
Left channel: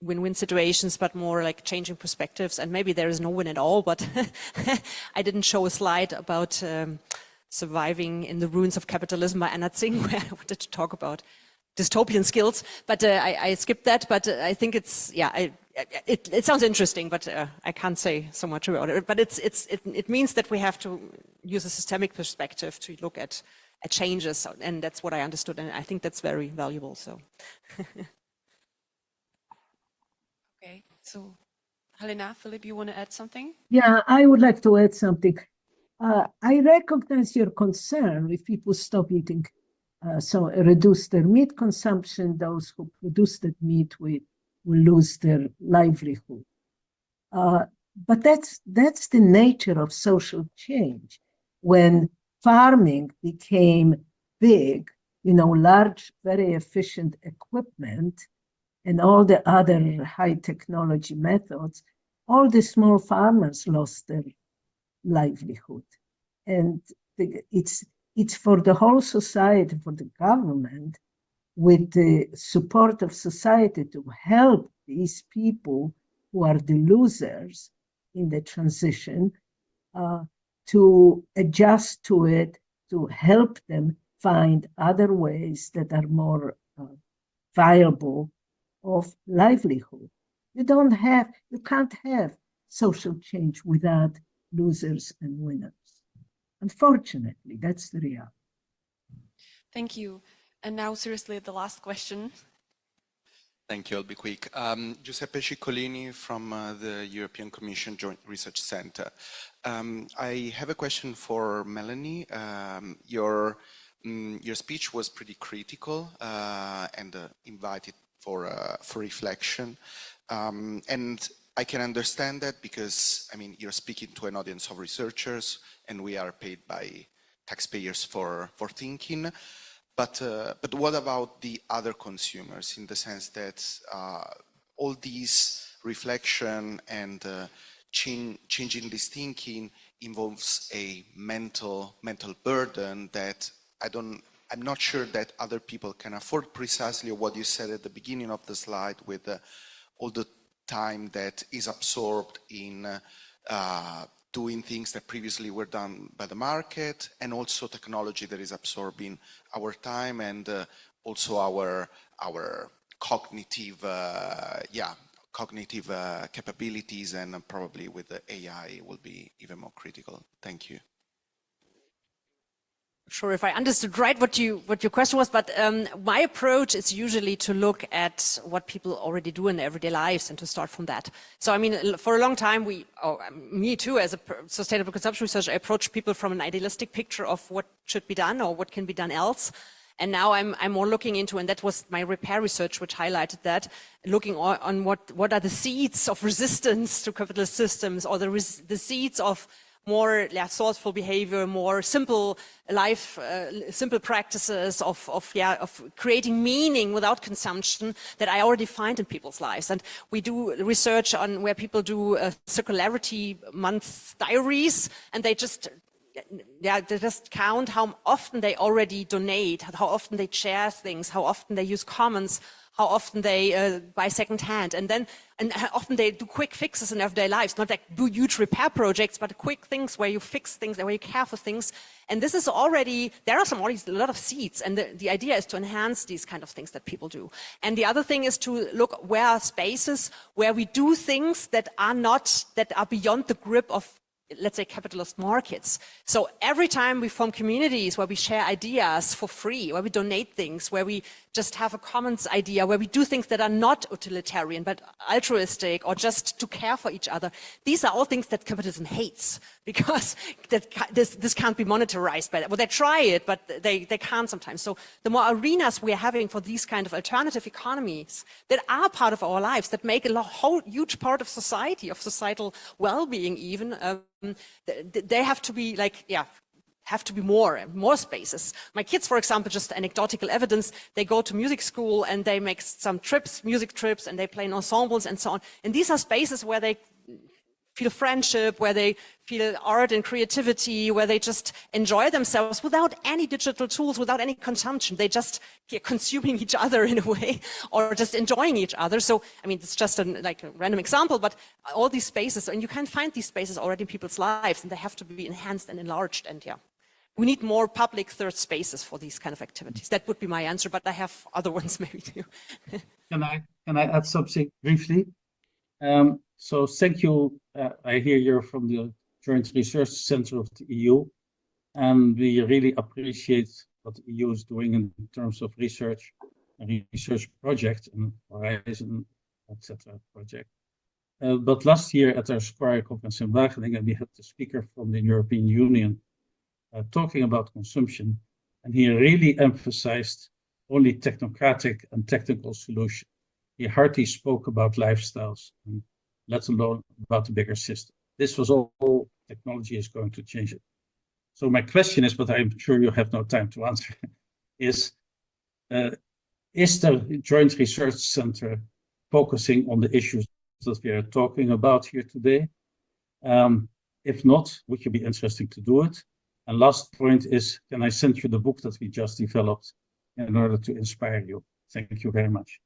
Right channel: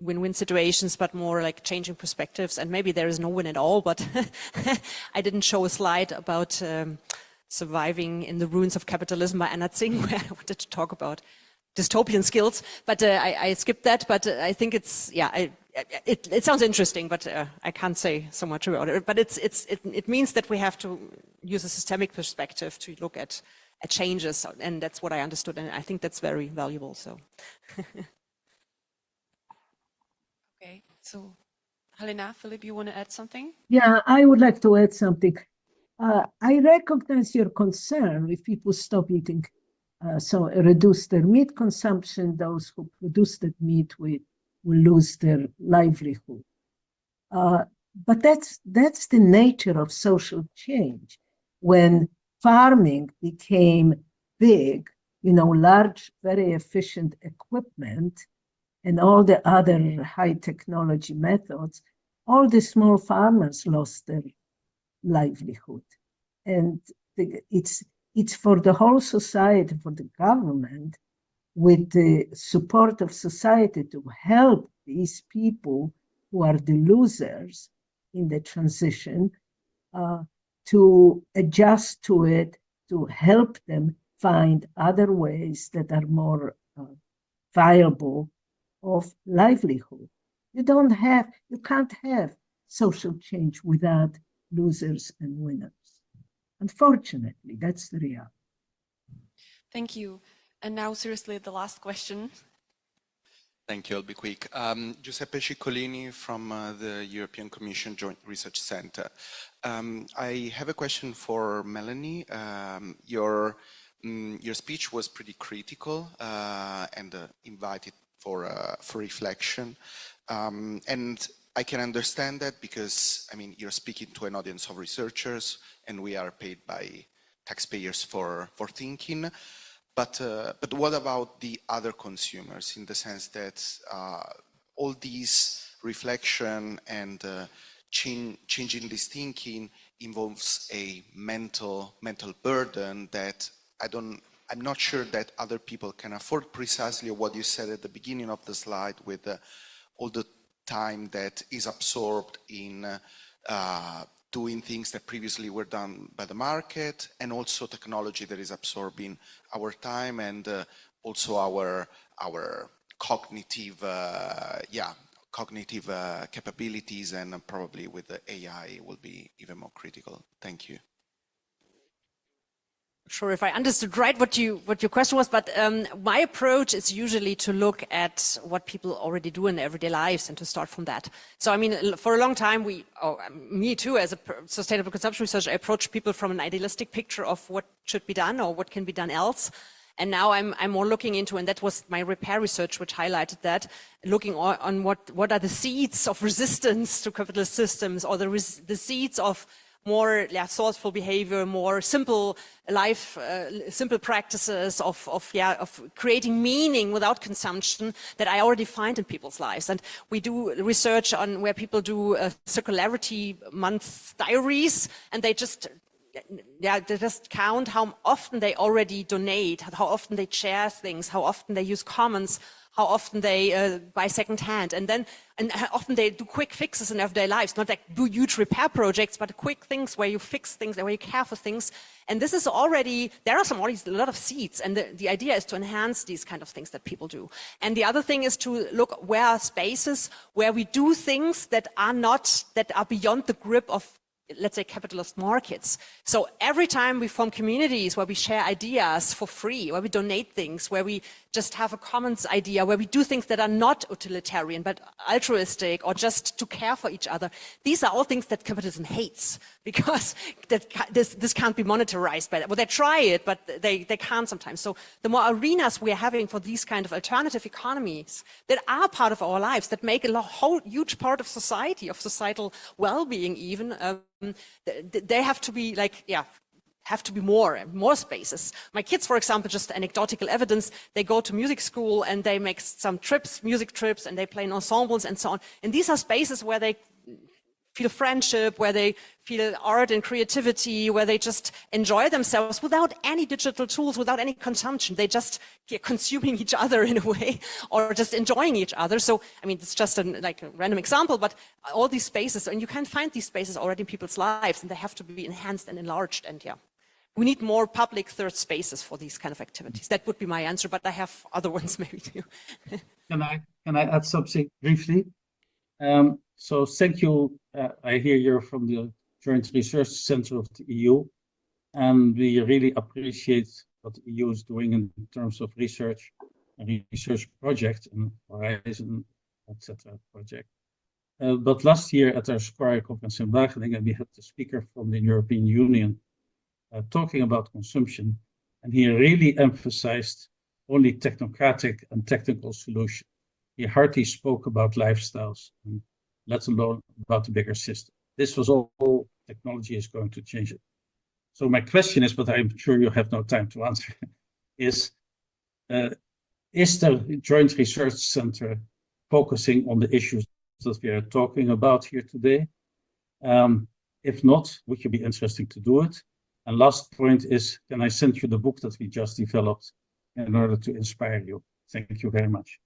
win-win situations, but more like changing perspectives. And maybe there is no win at all. But I didn't show a slide about surviving in the ruins of capitalism by Anna Tsing, where I wanted to talk about dystopian skills, but I skipped that. But I think it's it sounds interesting, but I can't say so much about it. But it means that we have to use a systemic perspective to look at changes, and that's what I understood, and I think that's very valuable. So, okay. So, Halina, Philip, you want to add something? Yeah, I would like to add something. I recognize your concern if people stop eating, so reduce their meat consumption. Those who produce that meat will lose their livelihood. But that's the nature of social change. When farming became big, large, very efficient equipment and all the other high technology methods, all the small farmers lost their livelihood. And it's for the whole society, for the government, with the support of society, to help these people who are the losers in the transition, to adjust to it, to help them find other ways that are more viable of livelihood. You can't have social change without losers and winners. Unfortunately, that's the reality. Thank you. And now, seriously, the last question. Thank you. I'll be quick. Giuseppe Ciccolini from the European Commission Joint Research Center. I have a question for Melanie. Your speech was pretty critical and invited for reflection. And I can understand that because, you're speaking to an audience of researchers and we are paid by taxpayers for thinking. But what about the other consumers, in the sense that all these reflection and changing this thinking involves a mental burden that I'm not sure that other people can afford. Precisely what you said at the beginning of the slide, with all the time that is absorbed in doing things that previously were done by the market, and also technology that is absorbing our time and also our cognitive capabilities, and probably with the AI will be even more critical. Thank you. Sure, if I understood right what your question was, but my approach is usually to look at what people already do in their everyday lives and to start from that. So, for a long time, me too, as a sustainable consumption researcher, I approach people from an idealistic picture of what should be done or what can be done else. And now I'm more looking into, and that was my repair research, which highlighted that, looking on what are the seeds of resistance to capitalist systems, or the seeds of more thoughtful behavior, more simple life, simple practices of creating meaning without consumption that I already find in people's lives. And we do research on where people do circularity month diaries, and they just count how often they already donate, how often they share things, how often they use comments, how often they buy secondhand, and how often they do quick fixes in everyday lives, not like do huge repair projects, but quick things where you fix things and where you care for things. And this is already, there are already a lot of seeds, and the idea is to enhance these kind of things that people do. And the other thing is to look where are spaces where we do things that are beyond the grip of, let's say, capitalist markets. So every time we form communities where we share ideas for free, where we donate things, where we just have a commons idea, where we do things that are not utilitarian, but altruistic, or just to care for each other, these are all things that capitalism hates, because this can't be monetarized. Well, they try it, but they can't sometimes. So the more arenas we are having for these kind of alternative economies that are part of our lives, that make a whole huge part of society, of societal well-being even, they have to be more spaces. My kids, for example, just anecdotal evidence, they go to music school and they make some music trips, and they play in ensembles and so on. And these are spaces where they feel friendship, where they feel art and creativity, where they just enjoy themselves without any digital tools, without any consumption. They just consuming each other in a way, or just enjoying each other. So, I mean, it's just a random example, but all these spaces, and you can find these spaces already in people's lives, and they have to be enhanced and enlarged. And we need more public third spaces for these kind of activities. That would be my answer, but I have other ones maybe too. Can I add something briefly? So thank you. I hear you're from the Joint Research Center of the EU, and we really appreciate what the EU is doing in terms of research and research projects and Horizon, etc. project. But last year at our SCORE conference in Wageningen, we had the speaker from the European Union talking about consumption, and he really emphasized only technocratic and technical solutions. He hardly spoke about lifestyles, and let alone about the bigger system. This was all technology is going to change it. So my question is, but I'm sure you have no time to answer, is the Joint Research Center focusing on the issues that we are talking about here today? If not, would you be interested to do it? And last point is, can I send you the book that we just developed in order to inspire you? Thank you very much.